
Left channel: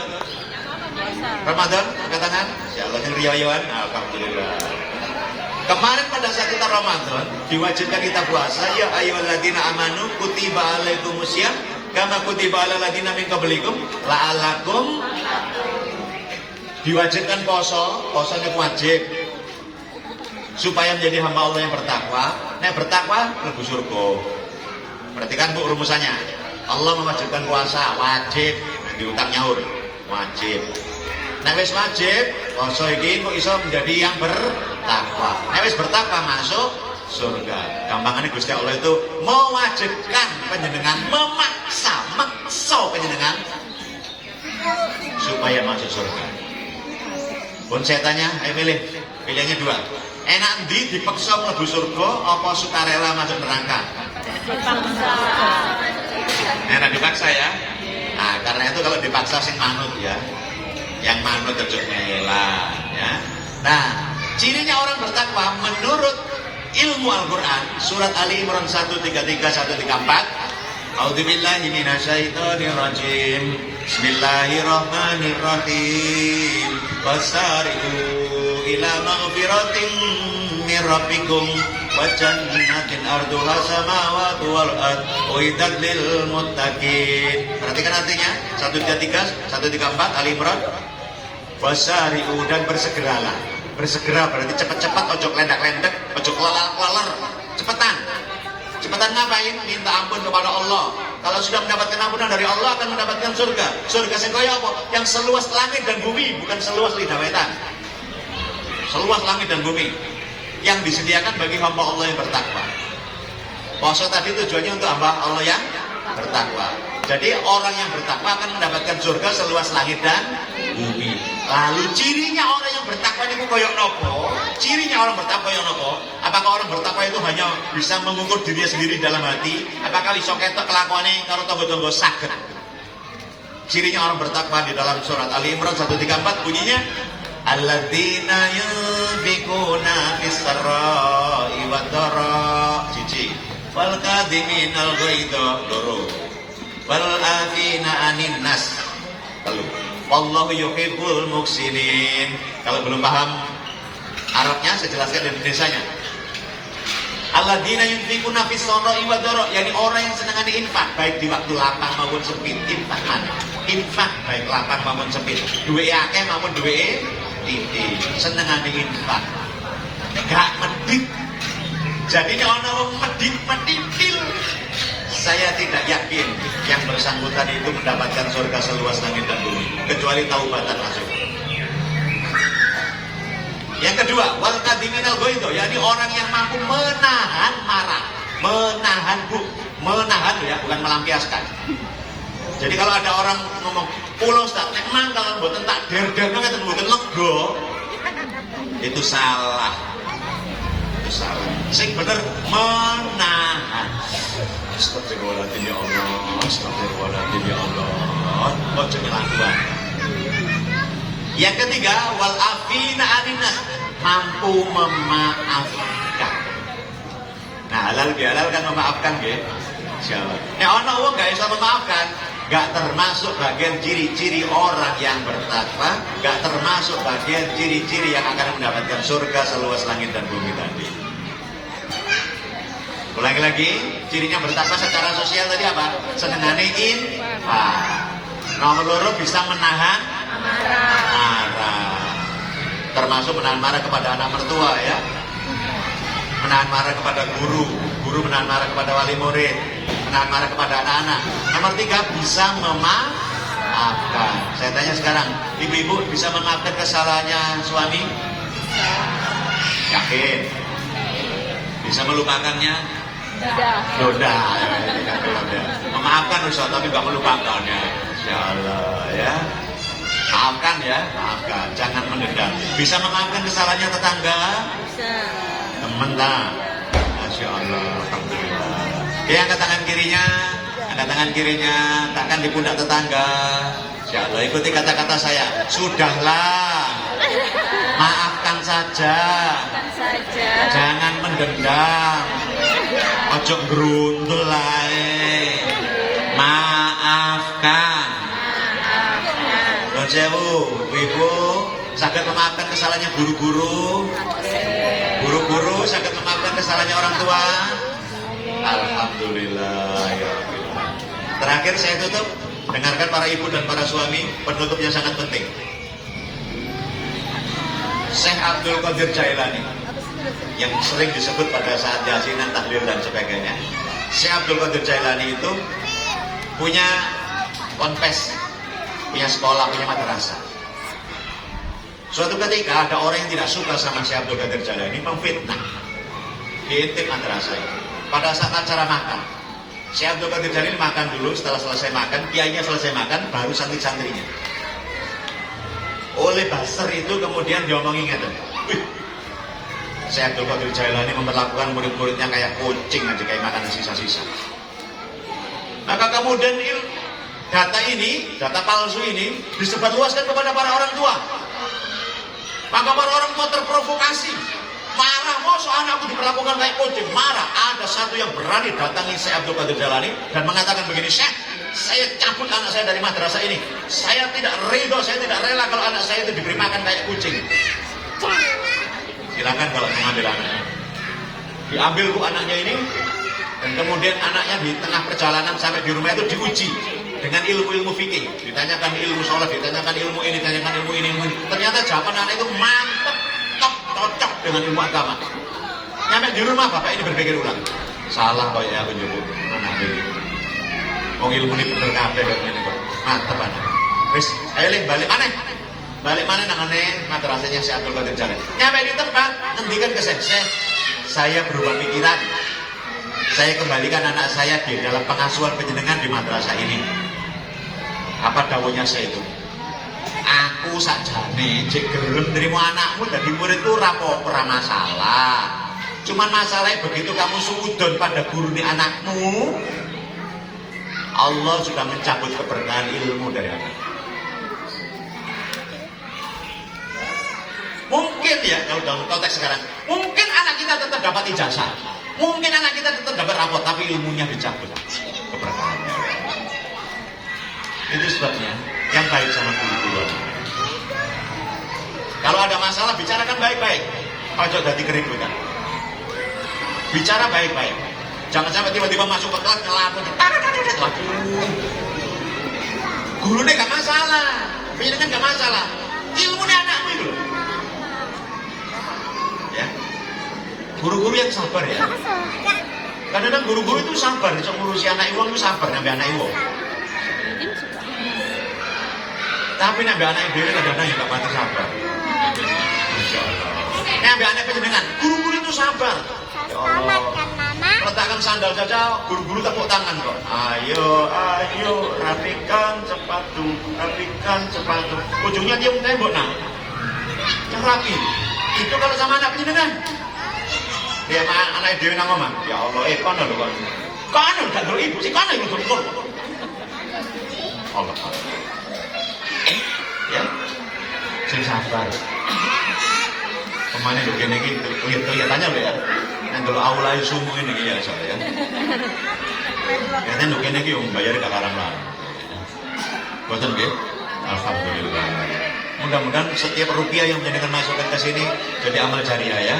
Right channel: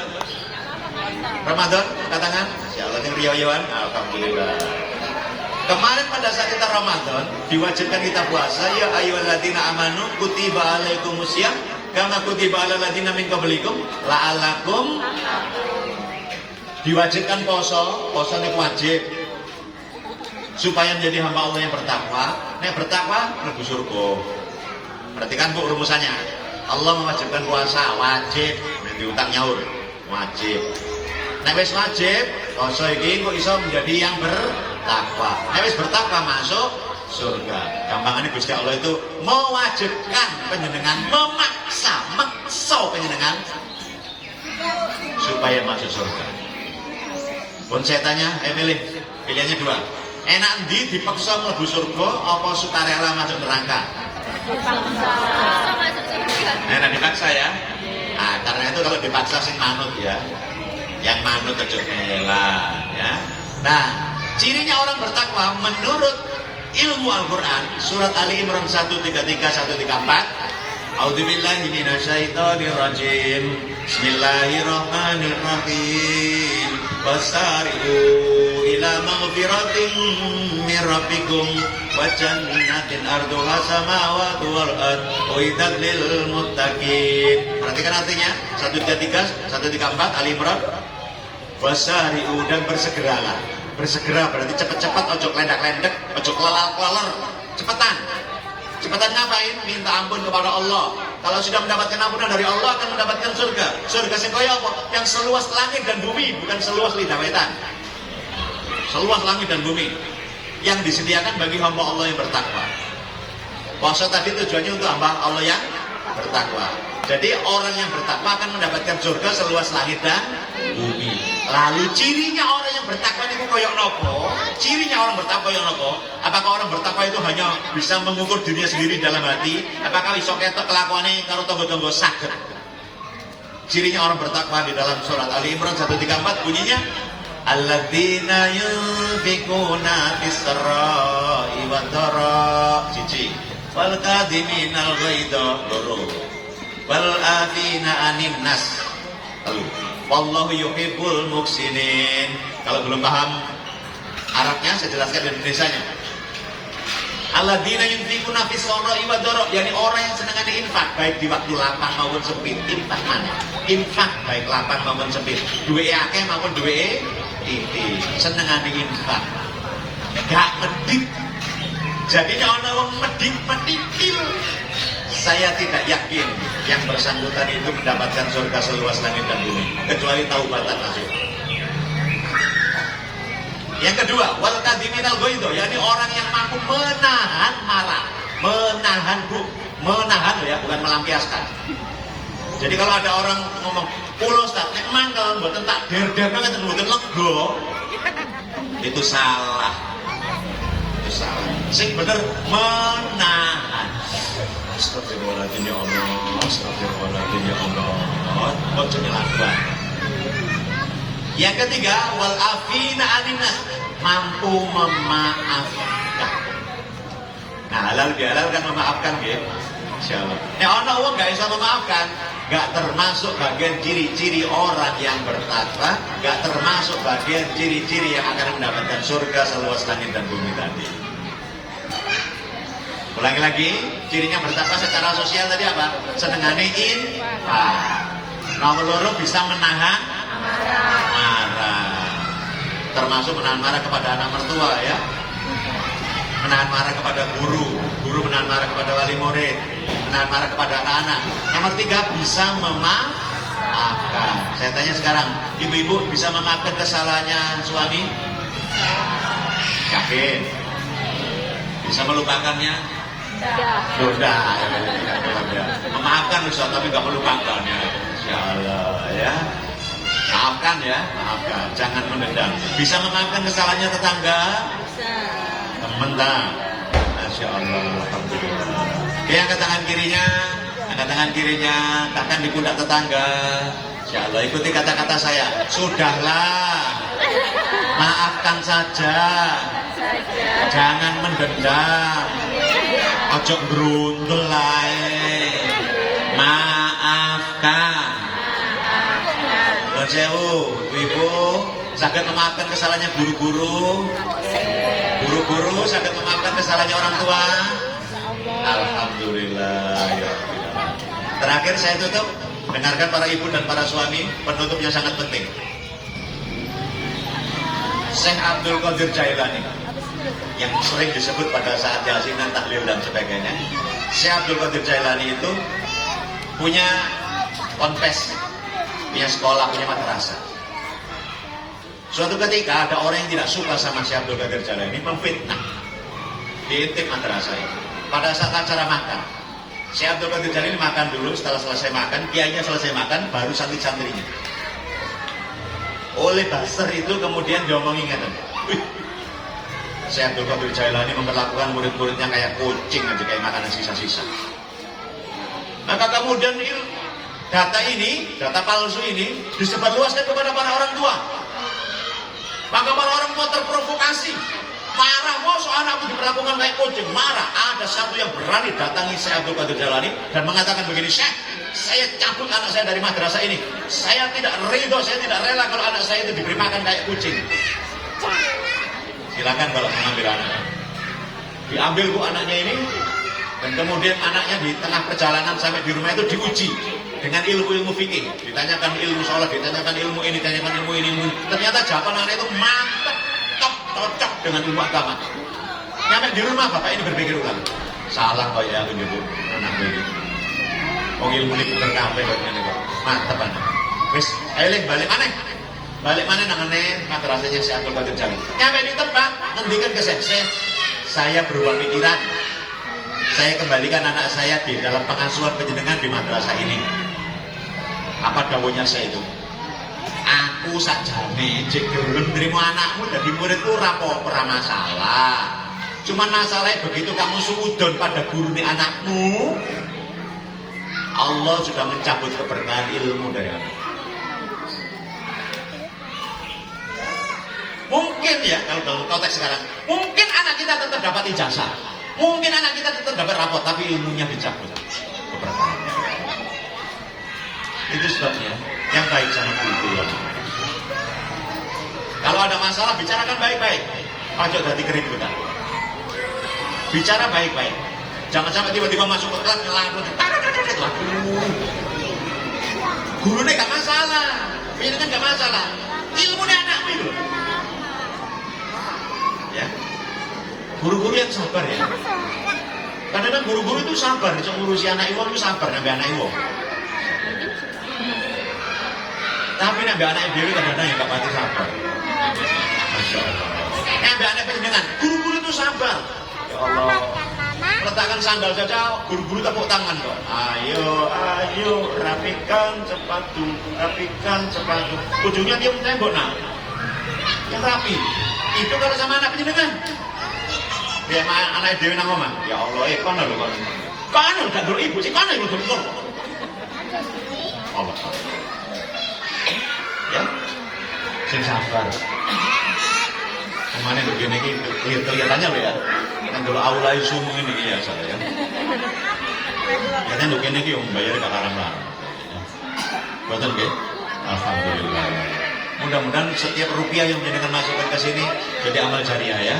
Ramadan, angkat tangan. Insyaallah yang riyawan. Alhamdulillah. Kemarin pada saat kita Ramadan diwajibkan kita puasa. Ya ayyuhalladzina amanu kutiba alaikumusiyam kama kutiba alal ladzina min qablikum la'allakum. Diwajibkan puasanya wajib supaya menjadi hamba Allah yang bertakwa. Nek bertakwa mlebu surga. Perhatikan Bu rumusannya. Allah mewajibkan puasa wajib, diutang nyaur wajib. Nek wis wajib, puasa iki kok iso menjadi yang bertakwa. Nek wis bertakwa masuk surga. Gampangane Gusti Allah itu mewajibkan panjenengan, maksa panjenengan supaya masuk surga. Pun saya tanya, ayo pilih. Pilihannya 2. Enak ndi dipaksa mlebu surga apa sukarela masuk neraka? Enak dipaksa ya. Nah, karena itu kalau dipaksa sing manut ya. Yang manut ojo mela ya. Nah, cirinya orang bertakwa menurut ilmu Al-Qur'an surat Ali Imran 133 134. A'udzubillahi minasyaitonir rajim. Bismillahirrahmanirrahim. Wasari'u ila maghfiratin min rabbikum wa jannatin arduha samawati wal ard uiddat lil muttaqin. Perhatikan artinya 133 134 Ali Imran. Wasari'u dan bersegeralah. Bersegera berarti cepat-cepat, ojo lendak-lendak, ojo kelelal-keleler, cepetan. Cepetan ngapain? Minta ampun kepada Allah. Kalau sudah mendapatkan ampunan dari Allah akan mendapatkan surga. Surga sing kaya apa? Yang seluas langit dan bumi, bukan seluas lidah wetan. Seluas langit dan bumi yang disediakan bagi hamba Allah yang bertakwa. Puasa tadi tujuannya untuk hamba Allah yang bertakwa. Jadi orang yang bertakwa akan mendapatkan surga seluas langit dan bumi. Lalu cirinya orang yang bertakwa itu koyok nopo? Cirinya orang bertakwa yang nopo? Apakah orang bertakwa itu hanya bisa mengukur dirinya sendiri dalam hati? Apakah iso ketok kelakuannya karo tonggo-tonggo saged? Cirinya orang bertakwa di dalam surat Ali Imran 134 bunyinya alladzina yunfiquna fis-sarra'i wad-dharra cici wal kadhiminal ghaidha loro wal afina 'anin nas telu wallahu yuhibbul muhsinin. Kalau belum paham Arabnya saya jelaskan di Indonesianya. Alladzina yunfiquna fis-sarra'i wad-dharra, yakni orang yang senengane infak baik di waktu lapang maupun sempit. Infak mana? Infak baik lapang maupun sempit. Duwe akeh maupun duwe titik. Senengane infak. Gak medit. Jadi kalau orang medit-meditil, saya tidak yakin yang bersangkutan itu mendapatkan surga seluas langit dan bumi, kecuali taubatan masuk. Yang kedua, wal kadhiminal ghaidha, yakni orang yang mampu menahan marah, menahan ya, bukan melampiaskan. Jadi kalau ada orang ngomong, "Pulau Ustaz, nek mangkel mboten tak der-derno ngeten mboten lega." Itu salah. Itu salah. Sing bener menahan. Astagfirullahaladzim ya Allah, astagfirullahaladzim ya Allah. Ojo ngelakuan. Yang ketiga, wal afina 'anin nas, mampu memaafkan. Nah, halal bihalal kan memaafkan nggih. Insyaallah. Nek ana wong gak iso memaafkan, gak termasuk bagian ciri-ciri orang yang bertakwa, gak termasuk bagian ciri-ciri yang akan mendapatkan surga seluas langit dan bumi tadi. Ulangi lagi, cirinya bertakwa secara sosial tadi apa? Senengane infak. Nomor loro bisa menahan marah. Termasuk menahan marah kepada anak mertua ya. Menahan marah kepada guru, guru menahan marah kepada wali murid, menahan marah kepada anak-anak. Nomor tiga, bisa memaafkan. Saya tanya sekarang, ibu-ibu bisa memaafkan kesalahannya suami? Yakin? Bisa melupakannya? Sudah, memaafkan Ustaz, tapi nggak melupakan ya. Insyaallah ya. Maafkan ya, maafkan, jangan mendendam. Bisa memaafkan kesalahannya tetangga? Bisa. Teman lah. Masya Allah, alhamdulillah. Dia angkat tangan kirinya, angkat tangan kirinya, takkan di pundak tetangga. Insya Allah, ikuti kata-kata saya. Sudahlah, maafkan saja. Jangan mendendam. Ojo grundel lae. Maafkan. Sewu, ibu saged memaafkan kesalahannya guru-guru. Guru-guru saged memaafkan kesalahannya orang tua. Alhamdulillah. Terakhir saya tutup, dengarkan para ibu dan para suami, penutup yang sangat penting. Syekh Abdul Qadir Jailani yang sering disebut pada saat yasinan, tahlil dan sebagainya. Syekh Abdul Qadir Jailani itu punya ponpes, punya sekolah, punya madrasah. Suatu ketika ada orang yang tidak suka sama Syekh Abdul Qadir Jailani, memfitnah, diintip madrasah itu. Pada saat acara makan, Syekh Abdul Qadir Jailani makan dulu. Setelah selesai makan, kiainya selesai makan, baru santri-santrinya. Oleh buzzer itu kemudian diomongin ngeten, Syekh Abdul Qadir Jailani memperlakukan murid-muridnya kayak kucing aja, kayak makanan sisa-sisa. Maka kemudian data palsu ini disebarluaskan kepada para orang tua. Maka para orang tua terprovokasi, marah, mosok anakku diperlakukan kayak kucing, marah. Ada satu yang berani datangi Syekh Abdul Qadir Jailani dan mengatakan begini, Syekh, saya cabut anak saya dari madrasah ini. Saya tidak ridho, saya tidak rela kalau anak saya itu diberi makan kayak kucing. Silakan kalau mengambil anaknya. Diambil bu anaknya ini, dan kemudian anaknya di tengah perjalanan sampai di rumah itu diuji dengan ilmu-ilmu fikih. Ditanyakan ilmu sholat, ditanyakan ilmu ini, ditanyakan ilmu ini. Ternyata jawaban anak itu mantap, top, cocok dengan ilmu agama. Nyampe di rumah bapak ini berpikir ulang. Salah kok ya aku nyebut anak ini. Wong ilmu ini bener kabeh kok ngene kok. Mantep anak. Wis, ayo Lin balik mana? Balik mana nangane madrasahnya si Abdul Qadir Jalil. Nyampe di tempat, ngendikan ke saya berubah pikiran. Saya kembalikan anak saya di dalam pengasuhan penjenengan di madrasah ini. Apa dawuhnya saya itu? Aku sakjane cek gelem nrimo anakmu dadi muridku ora masalah. Cuman masalahnya begitu kamu suudon pada gurune anakmu, Allah sudah mencabut keberkahan ilmu dari kamu. Mungkin ya, kalau dalam konteks sekarang, mungkin anak kita tetap dapat ijazah, mungkin anak kita tetap dapat rapot, tapi ilmunya dicabut keberkahannya. Itu sebabnya yang baik sama guru. Kalau ada masalah, bicarakan baik-baik. Ojo dadi keributan. Bicara baik-baik. Jangan sampai tiba-tiba masuk ke kelas ngelamun. Gurunya gak masalah, pendidikan gak masalah. Ilmunya anakmu itu. Ya. Guru-guru yang sabar ya. Kadang-kadang guru-guru itu sabar, bisa ngurusi anak ibu itu sabar, ngambil anak ibu. Tapi ngambil anak ibu kadang-kadang yang gak pati sabar. Masya Allah. Ngambil anak pendidikan, guru-guru itu sabar. Ya Allah. Letakkan sandal saja, guru-guru tepuk tangan kok. Ayo, rapikan sepatu, rapikan sepatu. Ujungnya dia tembok nak. Yang rapi. Itu kalau sama anak pendidikan. Dia sama anak dewi nang omah. Ya Allah, kono lho kono. Kono gak ndur ibu sih kono ibu kono. Allah. Ya. Sing sabar. Kemana lho kene iki kelihatannya lho ya. Nang dulu aula sumu ini ya saya. Ya lho kene iki yo bayar Pak Karam. Boten nggih. Alhamdulillah. Mudah-mudahan setiap rupiah yang penjenengan masukkan ke sini jadi amal jariah ya.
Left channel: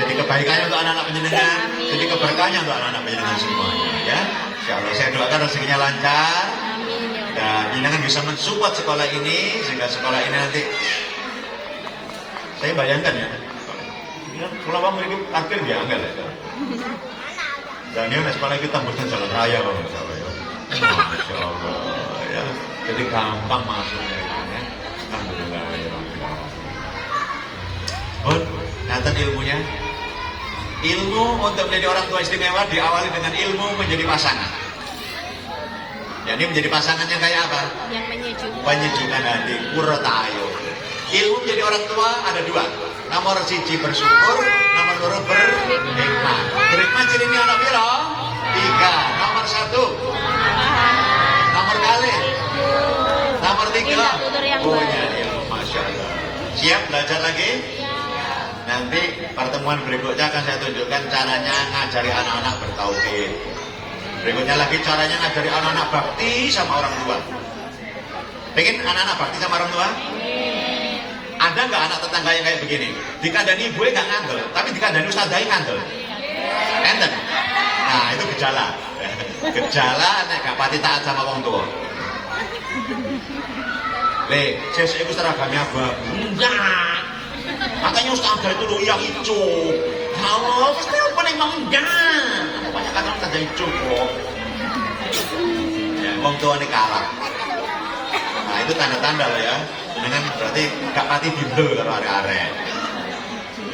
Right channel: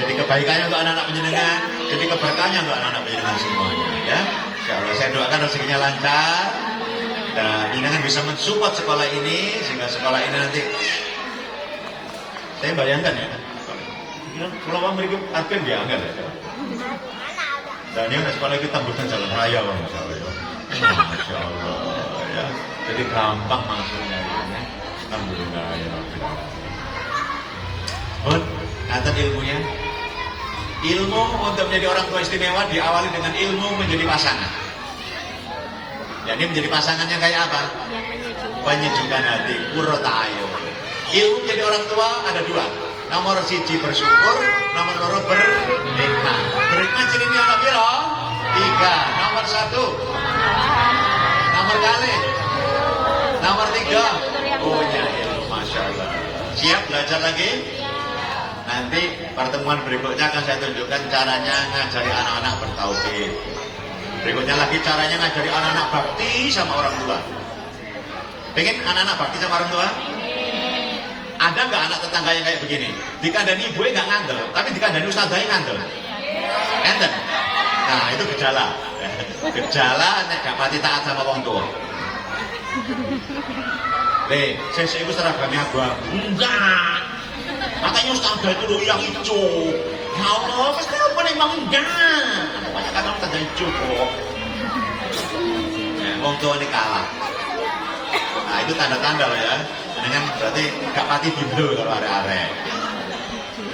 Jadi kebaikannya untuk anak-anak penjenengan, jadi keberkahannya untuk anak-anak penjenengan semua ya. Insyaallah saya doakan rezekinya lancar dan penjenengan bisa mensupport sekolah ini sehingga sekolah ini nanti saya bayangkan ya. Kalau Pak memiliki parkir dia enggak ya. Dan ini sekolah kita bukan jalan raya Masya Allah ya. Masya Allah ya. Jadi gampang masuknya ya. Alhamdulillah ya Allah. Kata ilmunya, ilmu untuk menjadi orang tua istimewa diawali dengan ilmu menjadi pasangan. Jadi menjadi pasangannya kayak apa? Penyejukkan hati, qurrata ayun. Ilmu menjadi orang tua ada dua. Nomor siji bersyukur, nomor loro berhikmah. Berhikmah cirinya ana piro? 3. Nomor 1. Nomor kali. Nomor 3. Punya ilmu, Masya Allah. Siap belajar lagi? Nanti pertemuan berikutnya akan saya tunjukkan caranya ngajari anak-anak bertauhid. Berikutnya lagi caranya ngajari anak-anak bakti sama orang tua. Pengen anak-anak bakti sama orang tua? Ada nggak anak tetangga yang kayak begini? Dikandani gue nggak ngandel, tapi dikandani ustadznya ngandel. Enten. Nah itu gejala. Gejala nek gak pati taat sama orang tua. Saya itu seragamnya abang. Enggak. Makanya ustadzah itu loh yang hijau. Ya Allah, pasti apa nih mau enggak? Pokoknya kata ustadzah hijau kok. Orang tua ini kalah. Nah itu tanda-tanda loh ya. Ini berarti gak pati bimbel kalau arek-arek.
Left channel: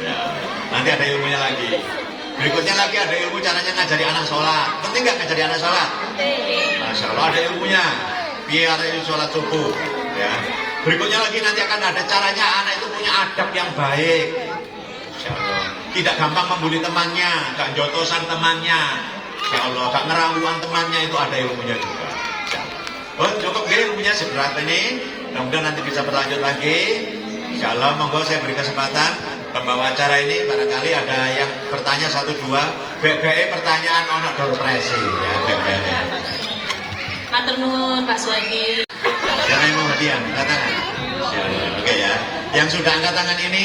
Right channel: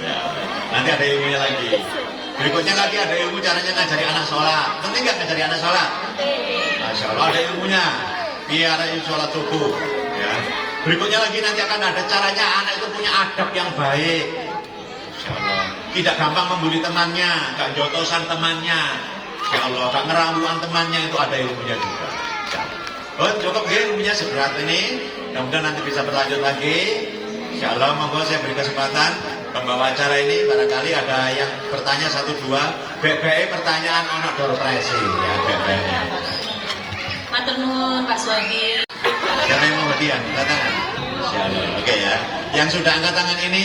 Ya. Nanti ada ilmunya lagi. Berikutnya lagi ada ilmu caranya ngajari anak sholat. Penting gak ngajari anak sholat? Masya Allah ada ilmunya. Biar ada sholat subuh. Ya. Berikutnya lagi nanti akan ada caranya anak itu punya adab yang baik. Masya Allah. Tidak gampang membuli temannya, gak jotosan temannya. Masya Allah, gak ngeramuan temannya, itu ada ilmunya juga. Oh, cukup ya ilmunya seberat ini. Mudah-mudahan nanti bisa berlanjut lagi. Insya Allah, monggo saya beri kesempatan pembawa acara ini. Barangkali ada yang bertanya 1-2. GBE pertanyaan ono door presi ya GBE. Matur nuwun Pak Suwagi. Dan yang kemudian angkat tangan. Oke ya. Yang sudah angkat tangan ini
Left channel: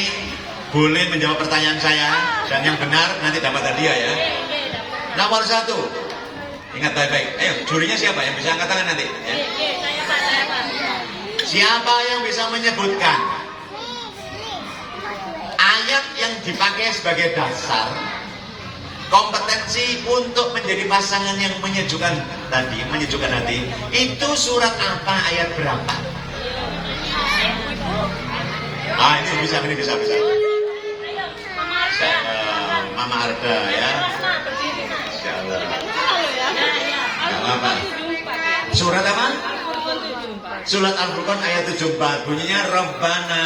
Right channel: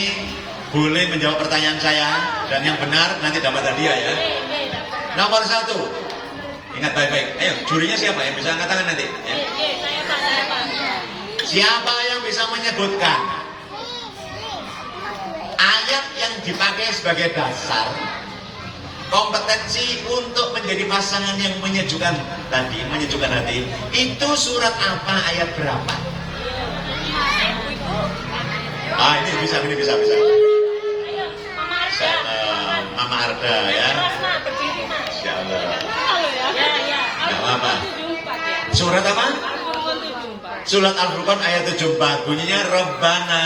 boleh menjawab pertanyaan saya dan yang benar nanti dapat hadiah ya. Nomor 1. Ingat baik-baik. Ayo, jurinya siapa yang bisa angkat tangan nanti? Ya. Saya Pak. Siapa yang bisa menyebutkan ayat yang dipakai sebagai dasar kompetensi untuk menjadi pasangan yang menyejukkan tadi, menyejukkan hati. Itu surat apa, ayat berapa? Ini bisa. Mama Arda ya. Insyaallah. Gak apa. Surat apa? Surat Al-Furqan ayat 74. Bunyinya Rabbana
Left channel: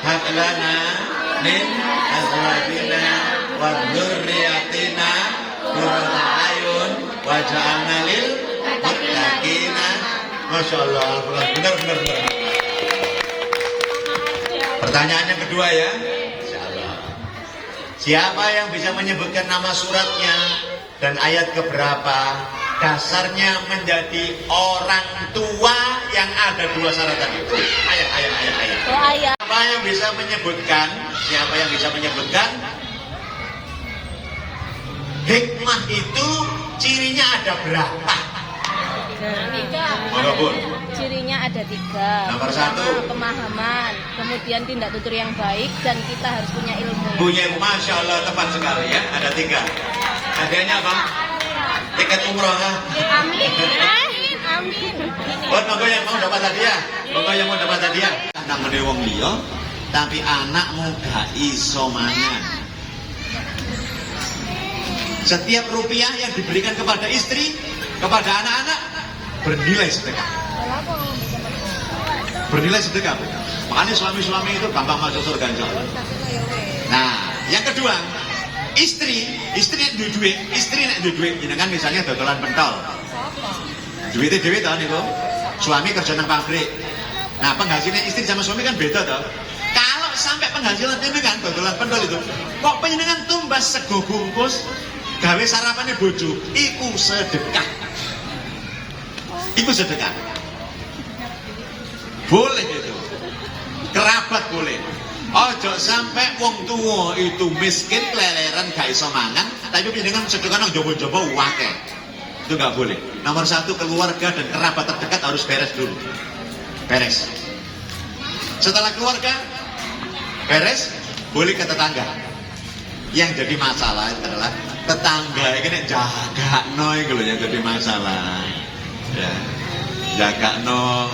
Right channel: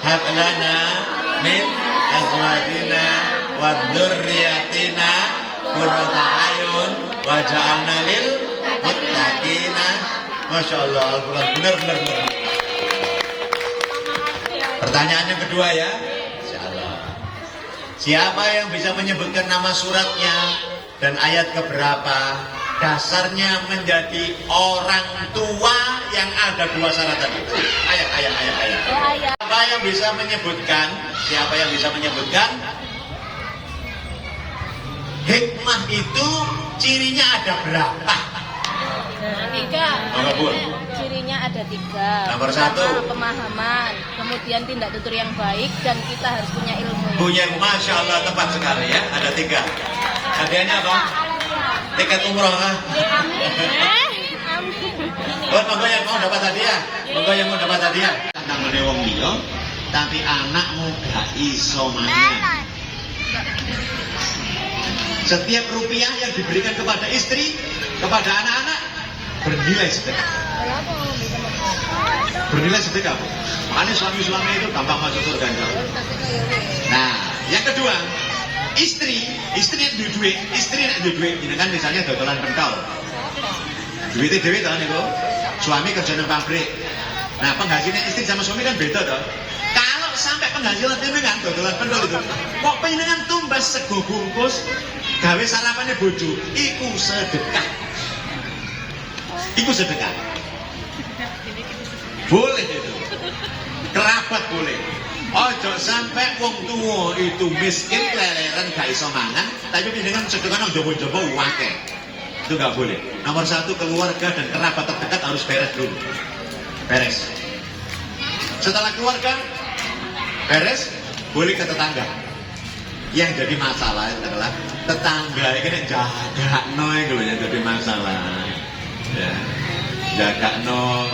hab lana min azwajina wa dzurriyyatina qurrata a'yun waj'alna lil muttaqina. Masyaallah, Al-Furqan benar. Pertanyaan yang kedua ya. Siapa yang bisa menyebutkan nama suratnya dan ayat keberapa? Dasarnya menjadi orang tua yang ada dua syarat tadi. Ayat. Siapa yang bisa menyebutkan? Hikmah itu cirinya ada berapa? Cirinya ada 3. Nomor Pertama, 1. pemahaman, kemudian tindak tutur yang baik, dan kita harus punya ilmu. Masya Allah, tepat sekali ya. Ada 3. Hadiahnya apa? Tiket umroh. Monggo yang mau dapat hadiah. Tentang menewong liya, tapi anakmu gak iso mangan. Setiap rupiah yang diberikan kepada istri, kepada anak-anak, bernilai sedekah. Makanya suami-suami itu gampang masuk surga. Nah, yang kedua, istri yang duwe duit, jenengan misalnya dodolan pentol. Duitnya dhewe to niku. Suami kerja nang pabrik. Nah, penghasilan istri sama suami kan beda toh. Kalau sampai penghasilan jenengan dodolan pentol itu, kok panjenengan tumbas sego bungkus gawe sarapannya bojo, iku sedekah. Boleh itu. Kerabat boleh. Ojo sampai wong tua itu miskin keleleran gak iso mangan, tapi jenengan sedekah nang jaba-jaba akeh. Itu gak boleh. Nomor 1, keluarga dan kerabat terdekat harus beres dulu. Setelah keluarga beres, boleh ke tetangga. Yang jadi masalah adalah tetangga ini jagakno iki lho yang jadi masalah. Ya. Jagakno.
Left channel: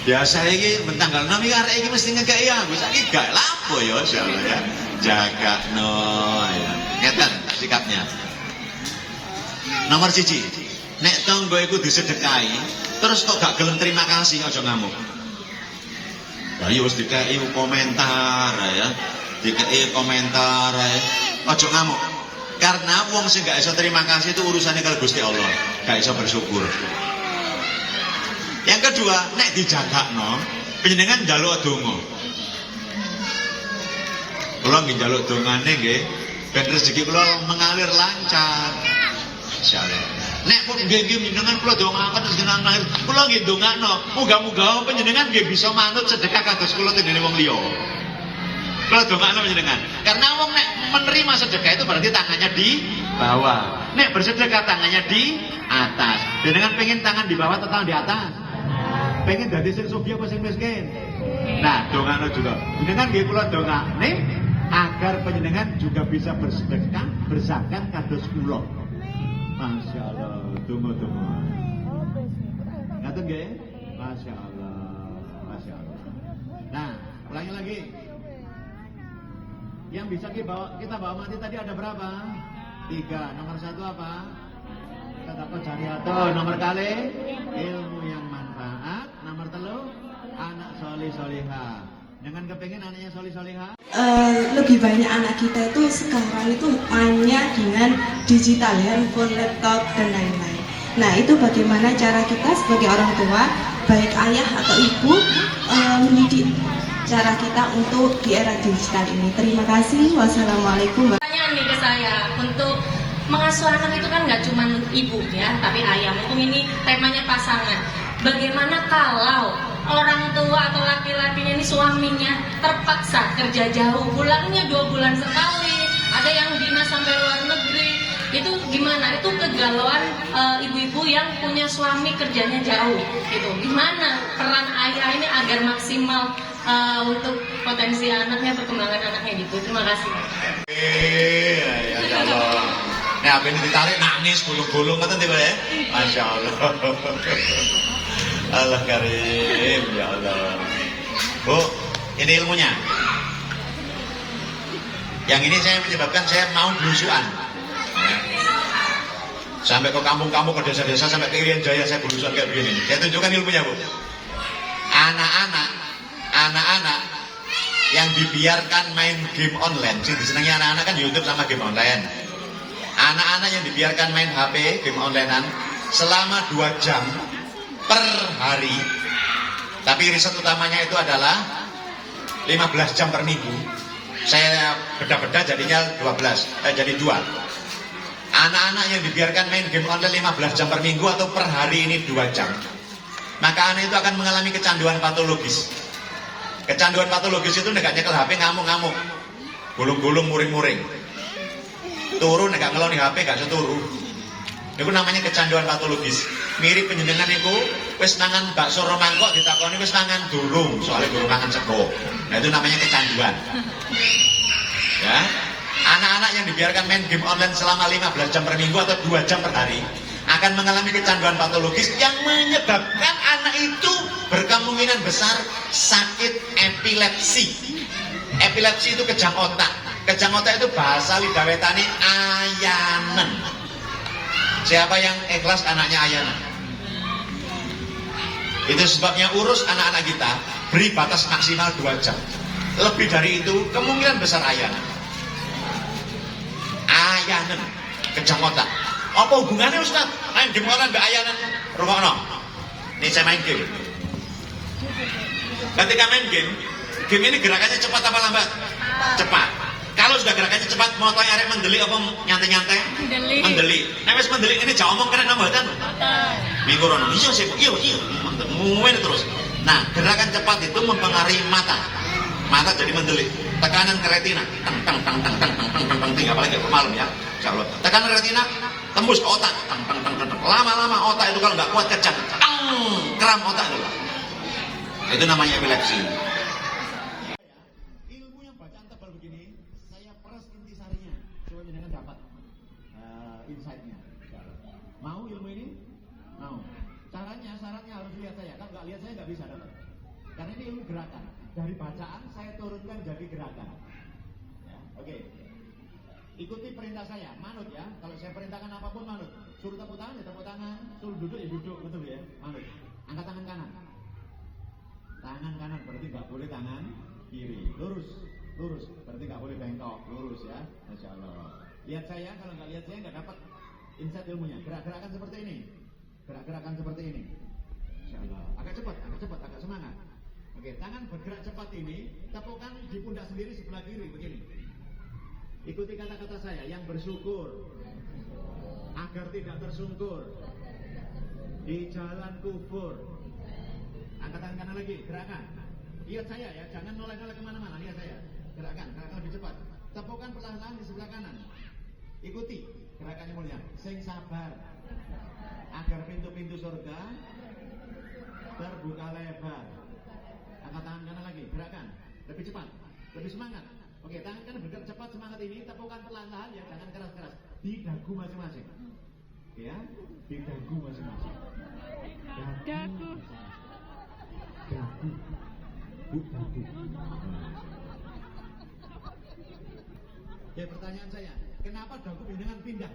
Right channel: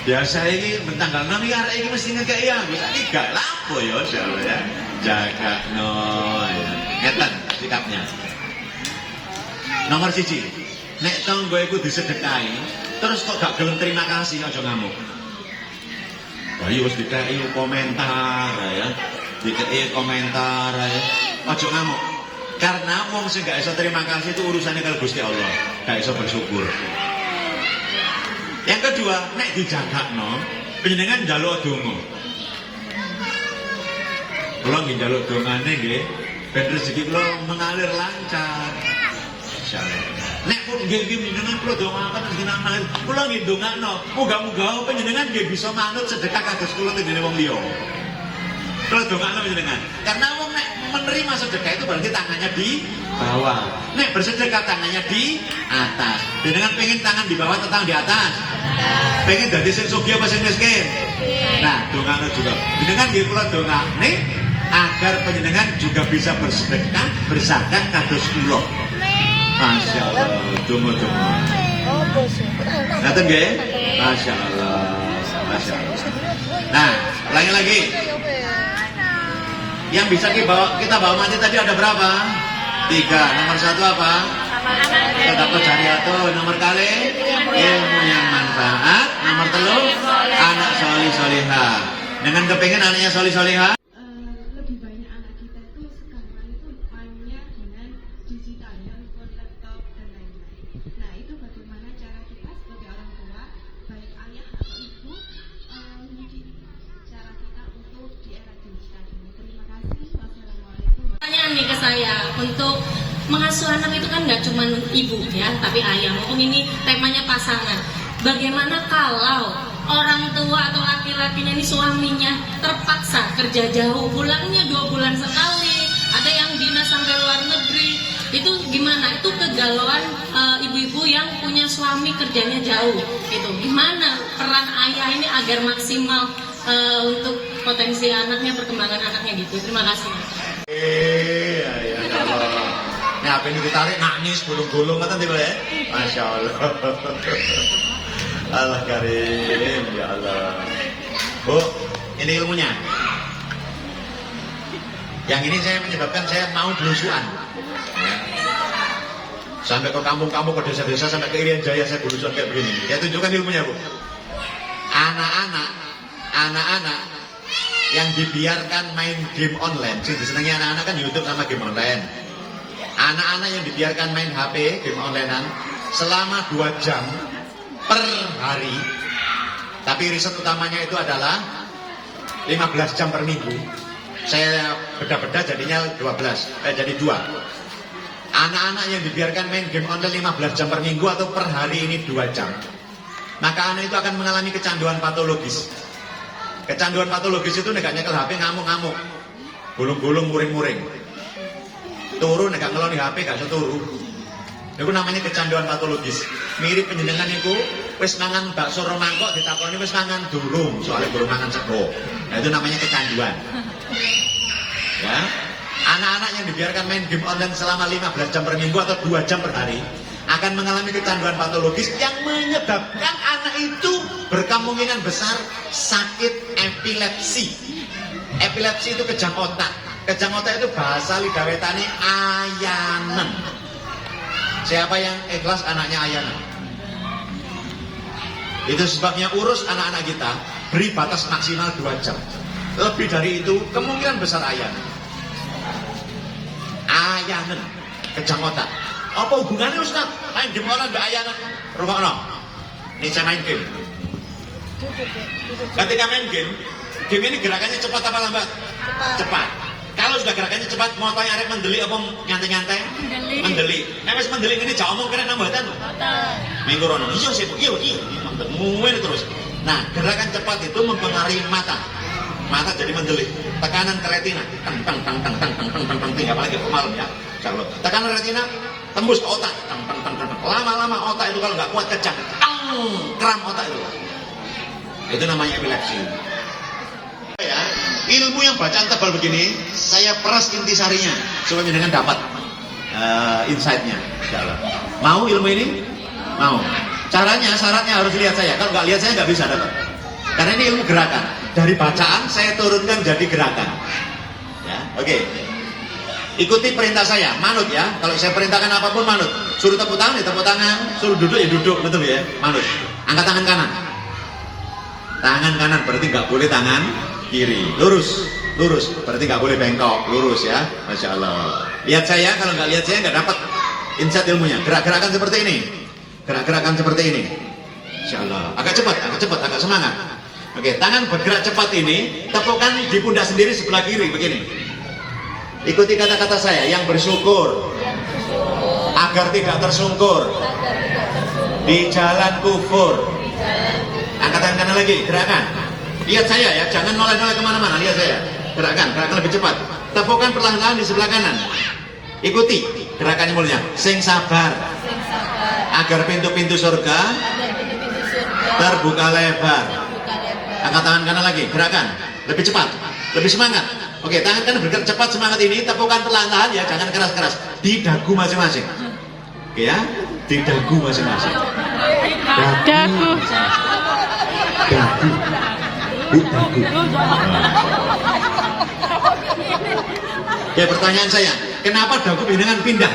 Biasa iki tanggal 6 iki arek iki mesti ngekeki aku. Saiki gak lapo ya insyaallah ya. Jagakno ya. Ngeten sikapnya. Nomor 1, nek tangga iku disedekahi, terus kok gak gelem terima kasih, aja ngamuk. Lah ya wis dikeki komentar ya. Dikeki komentar ya. Aja ngamuk. Karena wong sing gak iso terima kasih itu urusannya kalau Gusti Allah, gak iso bersyukur. Yang kedua, nek dijagakno, panjenengan njaluk donga. Kula nggih njaluk dongane nggih, ben rezeki kula mengalir lancar. Insyaallah. Nek pun nggih panjenengan kula dongaaken rezeki mengalir, kula nggih ndongakno, muga-muga panjenengan nggih bisa manut sedekah kados kula tendene wong liya. Kula dongakno panjenengan. Karena wong nek menerima sedekah itu berarti tangannya di bawah. Nek bersedekah tangannya di atas. Panjenengan pengen tangan di bawah atau tangan di atas? Pengen dadi sing sugih apa sing miskin? Nah, dongakno juga. Panjenengan nggih kula dongakne agar panjenengan juga bisa bersedekah, berzakat kados kula. Masya Allah, donga-donga. Ngaten nggih? Masya Allah. Nah, ulangi lagi. Yang bisa kita bawa mati tadi ada berapa? 3. Nomor 1 apa? Sedekah jariyah. Nomor kali ilmu yang manfaat. Nomor 3 anak solih solihah. Dengan kepengen anaknya solih solihah. Lebih banyak anak kita itu sekarang itu mainnya dengan digital, handphone, laptop dan lain-lain. Nah, itu bagaimana cara kita sebagai orang tua, baik ayah atau ibu, mendidik cara kita untuk di era digital ini. Terima kasih. Wassalamualaikum. Pertanyaan nih ke saya, untuk mengasuh anak itu kan nggak cuma ibu ya, tapi ayah. Untuk ini temanya pasangan. Bagaimana kalau orang tua atau laki-lakinya ini suaminya terpaksa kerja jauh, pulangnya 2 bulan sekali, ada yang dinas sampai luar negeri, itu gimana? Itu kegalauan ibu-ibu yang punya suami kerjanya jauh, gitu. Gimana peran ayah ini agar maksimal untuk potensi anaknya, perkembangan anaknya gitu. Terima kasih. Ya Allah. Nah, HP ini ditarik nangis gulung-gulung kata tiba ya. Masya Allah. Allah karim, ya Allah. Bu, ini ilmunya. Yang ini saya menyebabkan saya mau belusuan. Sampai ke kampung-kampung, ke desa-desa, sampai ke Irian Jaya saya belusuan kayak begini. Saya tunjukkan ilmunya, Bu. Anak-anak yang dibiarkan main game online, sih disenangi anak-anak kan YouTube sama game online. Anak-anak yang dibiarkan main HP, game onlinean selama 2 jam per hari. Tapi riset utamanya itu adalah 15 jam per minggu. Saya beda-beda jadinya 12, jadi 2. Anak-anak yang dibiarkan main game online 15 jam per minggu atau per hari ini 2 jam, maka anak itu akan mengalami kecanduan patologis. Kecanduan patologis itu negak nyekel HP ngamuk-ngamuk, gulung-gulung, muring-muring, turu negak ngeloni HP gak seturu. Itu namanya kecanduan patologis. Mirip penjenengan niku wis mangan bakso romangkok ditakoni wis mangan durung, soalnya durung mangan sego. Nah, itu namanya kecanduan. Ya. Anak-anak yang dibiarkan main game online selama 15 jam per minggu atau 2 jam per hari akan mengalami kecanduan patologis yang menyebabkan anak itu berkemungkinan besar sakit epilepsi. Epilepsi itu kejang otak. Kejang otak itu bahasa lidah wetane ayanen. Siapa yang ikhlas anaknya ayanen? Itu sebabnya urus anak-anak kita, beri batas maksimal 2 jam. Lebih dari itu kemungkinan besar ayanen. Ayanen, kejang otak. Apa hubungannya Ustaz? Main game online mbak ayanen. Rungokno. Ini saya main game. Ketika main game ini gerakannya cepat apa lambat? Cepat. Kalau sudah gerakannya cepat, motonya arek mendeli apa nyantai-nyantai? Mendeli. Wis mendeli ini jauh omong kena mboten? Minggu rono. Iya. Muwen terus. Nah, gerakan cepat itu mempengaruhi mata. Mata jadi mendeli. Tekanan ke retina. Tang. Apalagi malam ya. Insyaallah. Tekanan retina tembus ke otak. Tang. Lama-lama otak itu kalau nggak kuat kejang. Kram otak itu. Itu namanya epilepsi. Ya, ilmu yang bacaan tebal begini, saya peras intisarinya supaya dengan dapat insight-nya. Insyaallah. Mau ilmu ini? Mau. Caranya, syaratnya harus lihat saya. Kalau nggak lihat saya nggak bisa dapat. Karena ini ilmu gerakan. Dari bacaan saya turunkan jadi gerakan. Ya, oke. Ikuti perintah saya, manut ya. Kalau saya perintahkan apapun manut. Suruh tepuk tangan ya tepuk tangan, suruh duduk ya duduk, betul ya? Manut. Angkat tangan kanan. Tangan kanan berarti nggak boleh tangan kiri. Lurus, berarti nggak boleh bengkok. Lurus ya, masya Allah. Lihat saya, kalau nggak lihat saya nggak dapat insight ilmunya. Gerak-gerakan seperti ini, gerak-gerakan seperti ini. Insya Allah. Agak cepat, agak semangat. Oke, tangan bergerak cepat ini, tepukkan di pundak sendiri sebelah kiri begini. Ikuti kata-kata saya, yang bersyukur agar tidak tersungkur di jalan kufur. Angkat tangan kanan lagi, gerakan. Lihat saya ya, jangan noleh-noleh kemana-mana. Lihat saya, gerakan lebih cepat. Tepukkan perlahan-lahan di sebelah kanan. Ikuti gerakannya mulia. Sing sabar, agar pintu-pintu surga terbuka lebar. Angkat tangan kanan lagi, gerakan lebih cepat, lebih semangat. Oke, tangan kanan bergerak cepat semangat ini, tepukan perlahan-lahan ya, jangan keras-keras. Di dagu masing-masing. Oke ya, di dagu masing-masing. Dagu. Oke, pertanyaan saya, kenapa dagu dengan pindah?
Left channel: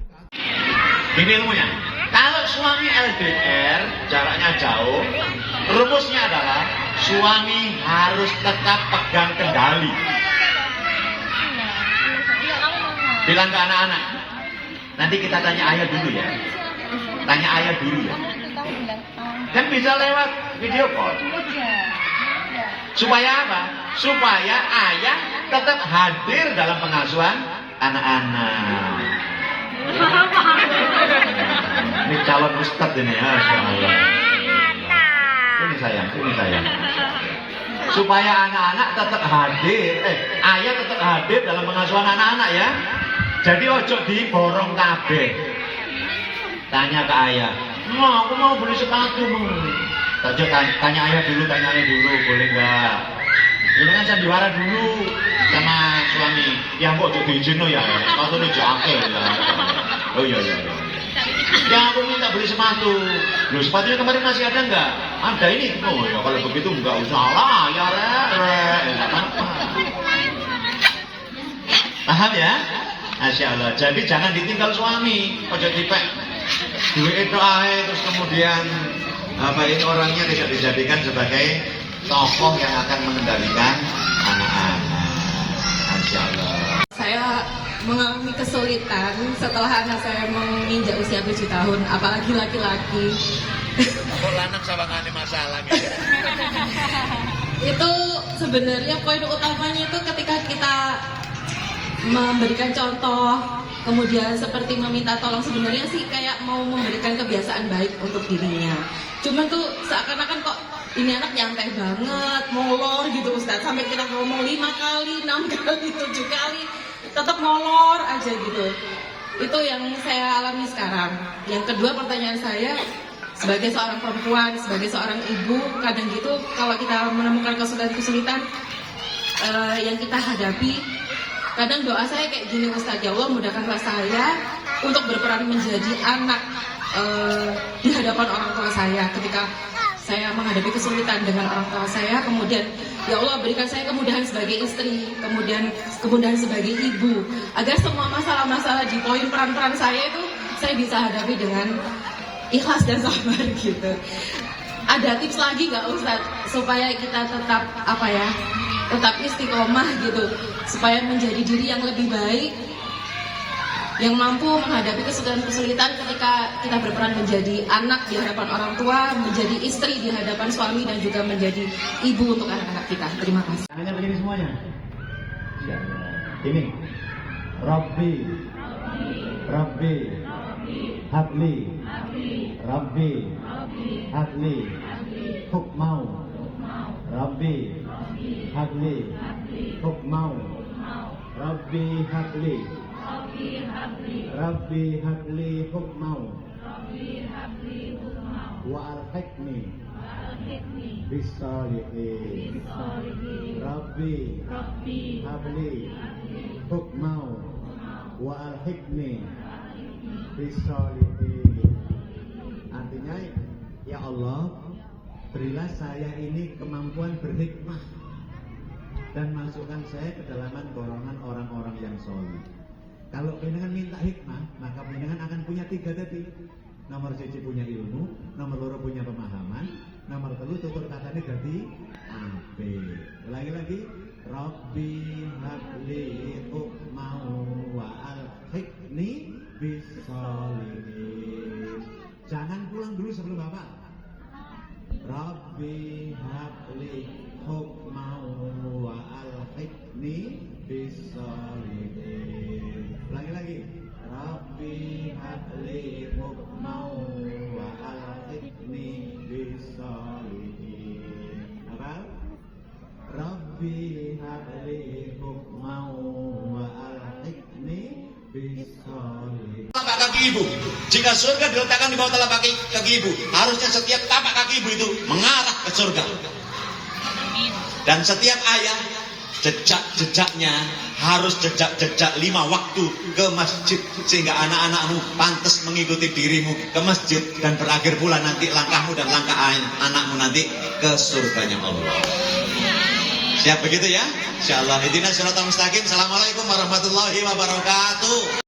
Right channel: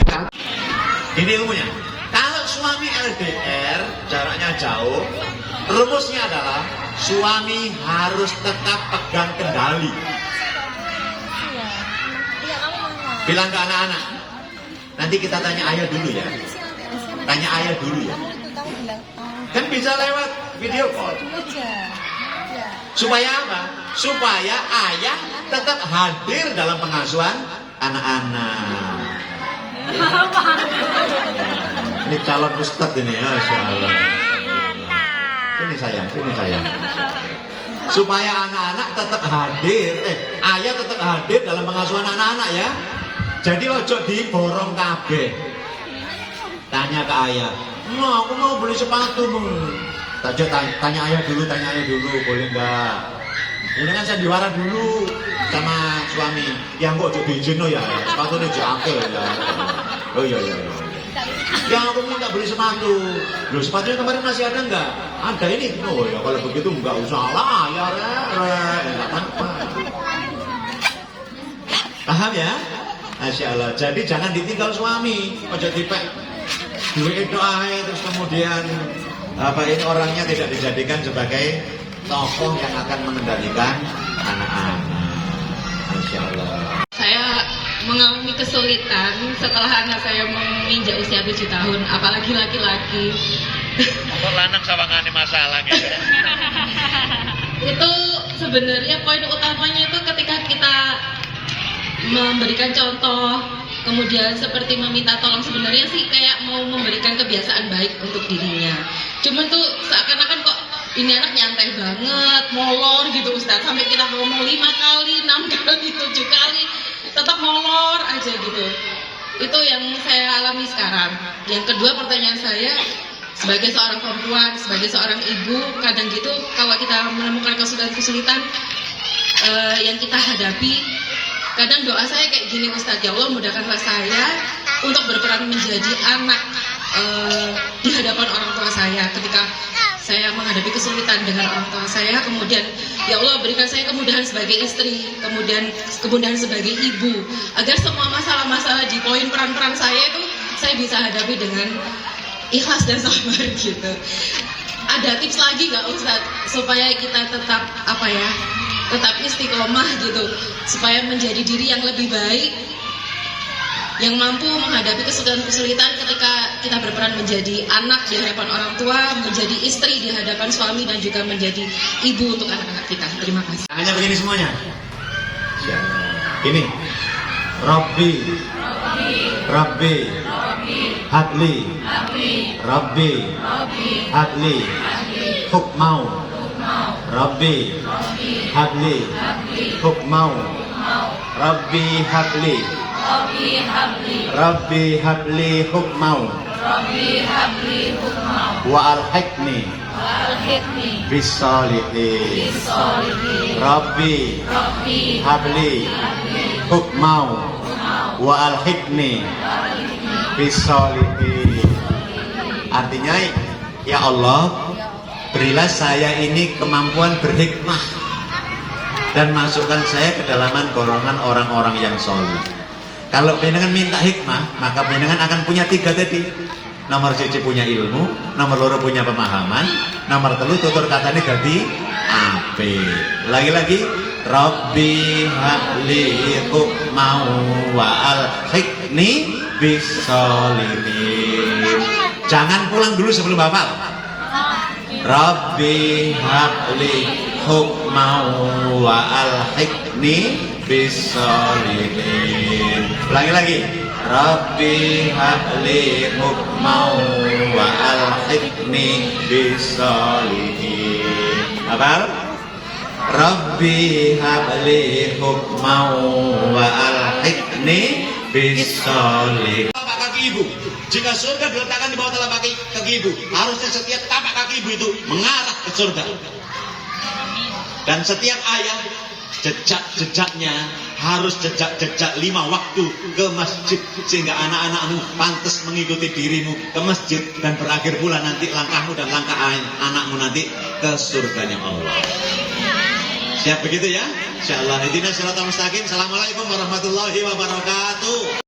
Ini ilmunya. Kalau suami LDR, jaraknya jauh, rumusnya adalah suami harus tetap pegang kendali. Bilang ke anak-anak, nanti kita tanya ayah dulu ya. Tanya ayah dulu ya. Kan bisa lewat video call. Supaya apa? Supaya ayah tetap hadir dalam pengasuhan anak-anak. Ini calon ustadz ini, masya Allah. Ini sayang. Supaya anak-anak tetap hadir, ayah tetap hadir dalam pengasuhan anak-anak ya. Jadi ojo diborong kabeh. Tanya ke ayah, aku mau beli sepatu. Tanya ayah dulu, boleh nggak? Ini kan sandiwara dulu sama suami. Ya kok ojo diizin ya, sepatu ini jake ya. Oh iya. Ya aku minta beli sepatu. Loh sepatunya kemarin masih ada nggak? Ada ini. Oh ya kalau begitu nggak usah lah ya nggak apa-apa. Paham ya? Masya Allah. Jadi jangan ditinggal suami. Ojo dipek duit itu terus kemudian ini orangnya tidak dijadikan sebagai tokoh yang akan mengendalikan anak-anak. Masya Allah. Saya mengalami kesulitan setelah anak saya menginjak usia 7 tahun, apalagi laki-laki. Kok lanang sawangane masalah gitu. Itu sebenarnya poin utamanya itu ketika kita memberikan contoh, kemudian seperti meminta tolong, sebenarnya sih kayak mau memberikan kebiasaan baik untuk dirinya. Cuman tuh seakan-akan kok ini anak nyantai banget, molor gitu Ustadz, sampai kita ngomong 5 kali, 6 kali, 7 kali tetap molor aja gitu. Itu yang saya alami sekarang. Yang kedua, pertanyaan saya sebagai seorang perempuan, sebagai seorang ibu, kadang gitu kalau kita menemukan kesulitan-kesulitan yang kita hadapi, kadang doa saya kayak gini, Ustadz, ya Allah mudahkanlah saya untuk berperan menjadi anak di hadapan orang tua saya ketika saya menghadapi kesulitan dengan orang tua saya. Kemudian ya Allah berikan saya kemudahan sebagai istri, kemudian kemudahan sebagai ibu, agar semua masalah-masalah di poin peran-peran saya itu saya bisa hadapi dengan ikhlas dan sabar gitu. Ada tips lagi nggak Ustadz supaya kita tetap tetap istiqomah gitu, supaya menjadi diri yang lebih baik, yang mampu menghadapi kesulitan-kesulitan ketika kita berperan menjadi anak di hadapan orang tua, menjadi istri di hadapan suami, dan juga menjadi ibu untuk anak-anak kita. Terima kasih. Tangannya begini semuanya. Ini Rabbi Hadli Hadli Hukmau Rabbi Hadli Hukmau Rabbi Hadli Hukmau wa alhiqni bisolihin. Rabbi Hadli Hukmau wa alhiqni bisolihin. Artinya, ya Allah, berilah saya ini kemampuan berhikmah dan masukkan saya ke dalaman golongan orang-orang yang soleh. Kalau panjenengan minta hikmah, maka panjenengan akan punya 3 tadi. Nomor 1 punya ilmu, nomor 2 punya pemahaman, nomor 3 tutur katanya jadi ape. Lagi-lagi, Rabbi habli hukmau wa alhiqni bisolihin. Jangan pulang dulu sebelum hafal. Rabbi habli hukmau wa alhiqni bisolihin. Ulangi lagi. Rabbi habli hukmau wa alhiqni bisolihin. Hafal? Rabbi habli hukmau wa alhiqni bisolihin. Tapak kaki ibu. Jika surga diletakkan di bawah telapak kaki ibu, harusnya setiap tapak kaki ibu itu mengarah ke surga. Dan setiap ayah, jejak-jejaknya harus jejak-jejak 5 waktu ke masjid, sehingga anak-anakmu pantas mengikuti dirimu ke masjid, dan berakhir pula nanti langkahmu dan langkah anakmu nanti ke surganya Allah. Siap begitu ya? Insyaallah. Ihdinas siratal mustaqim. Assalamualaikum warahmatullahi wabarakatuh.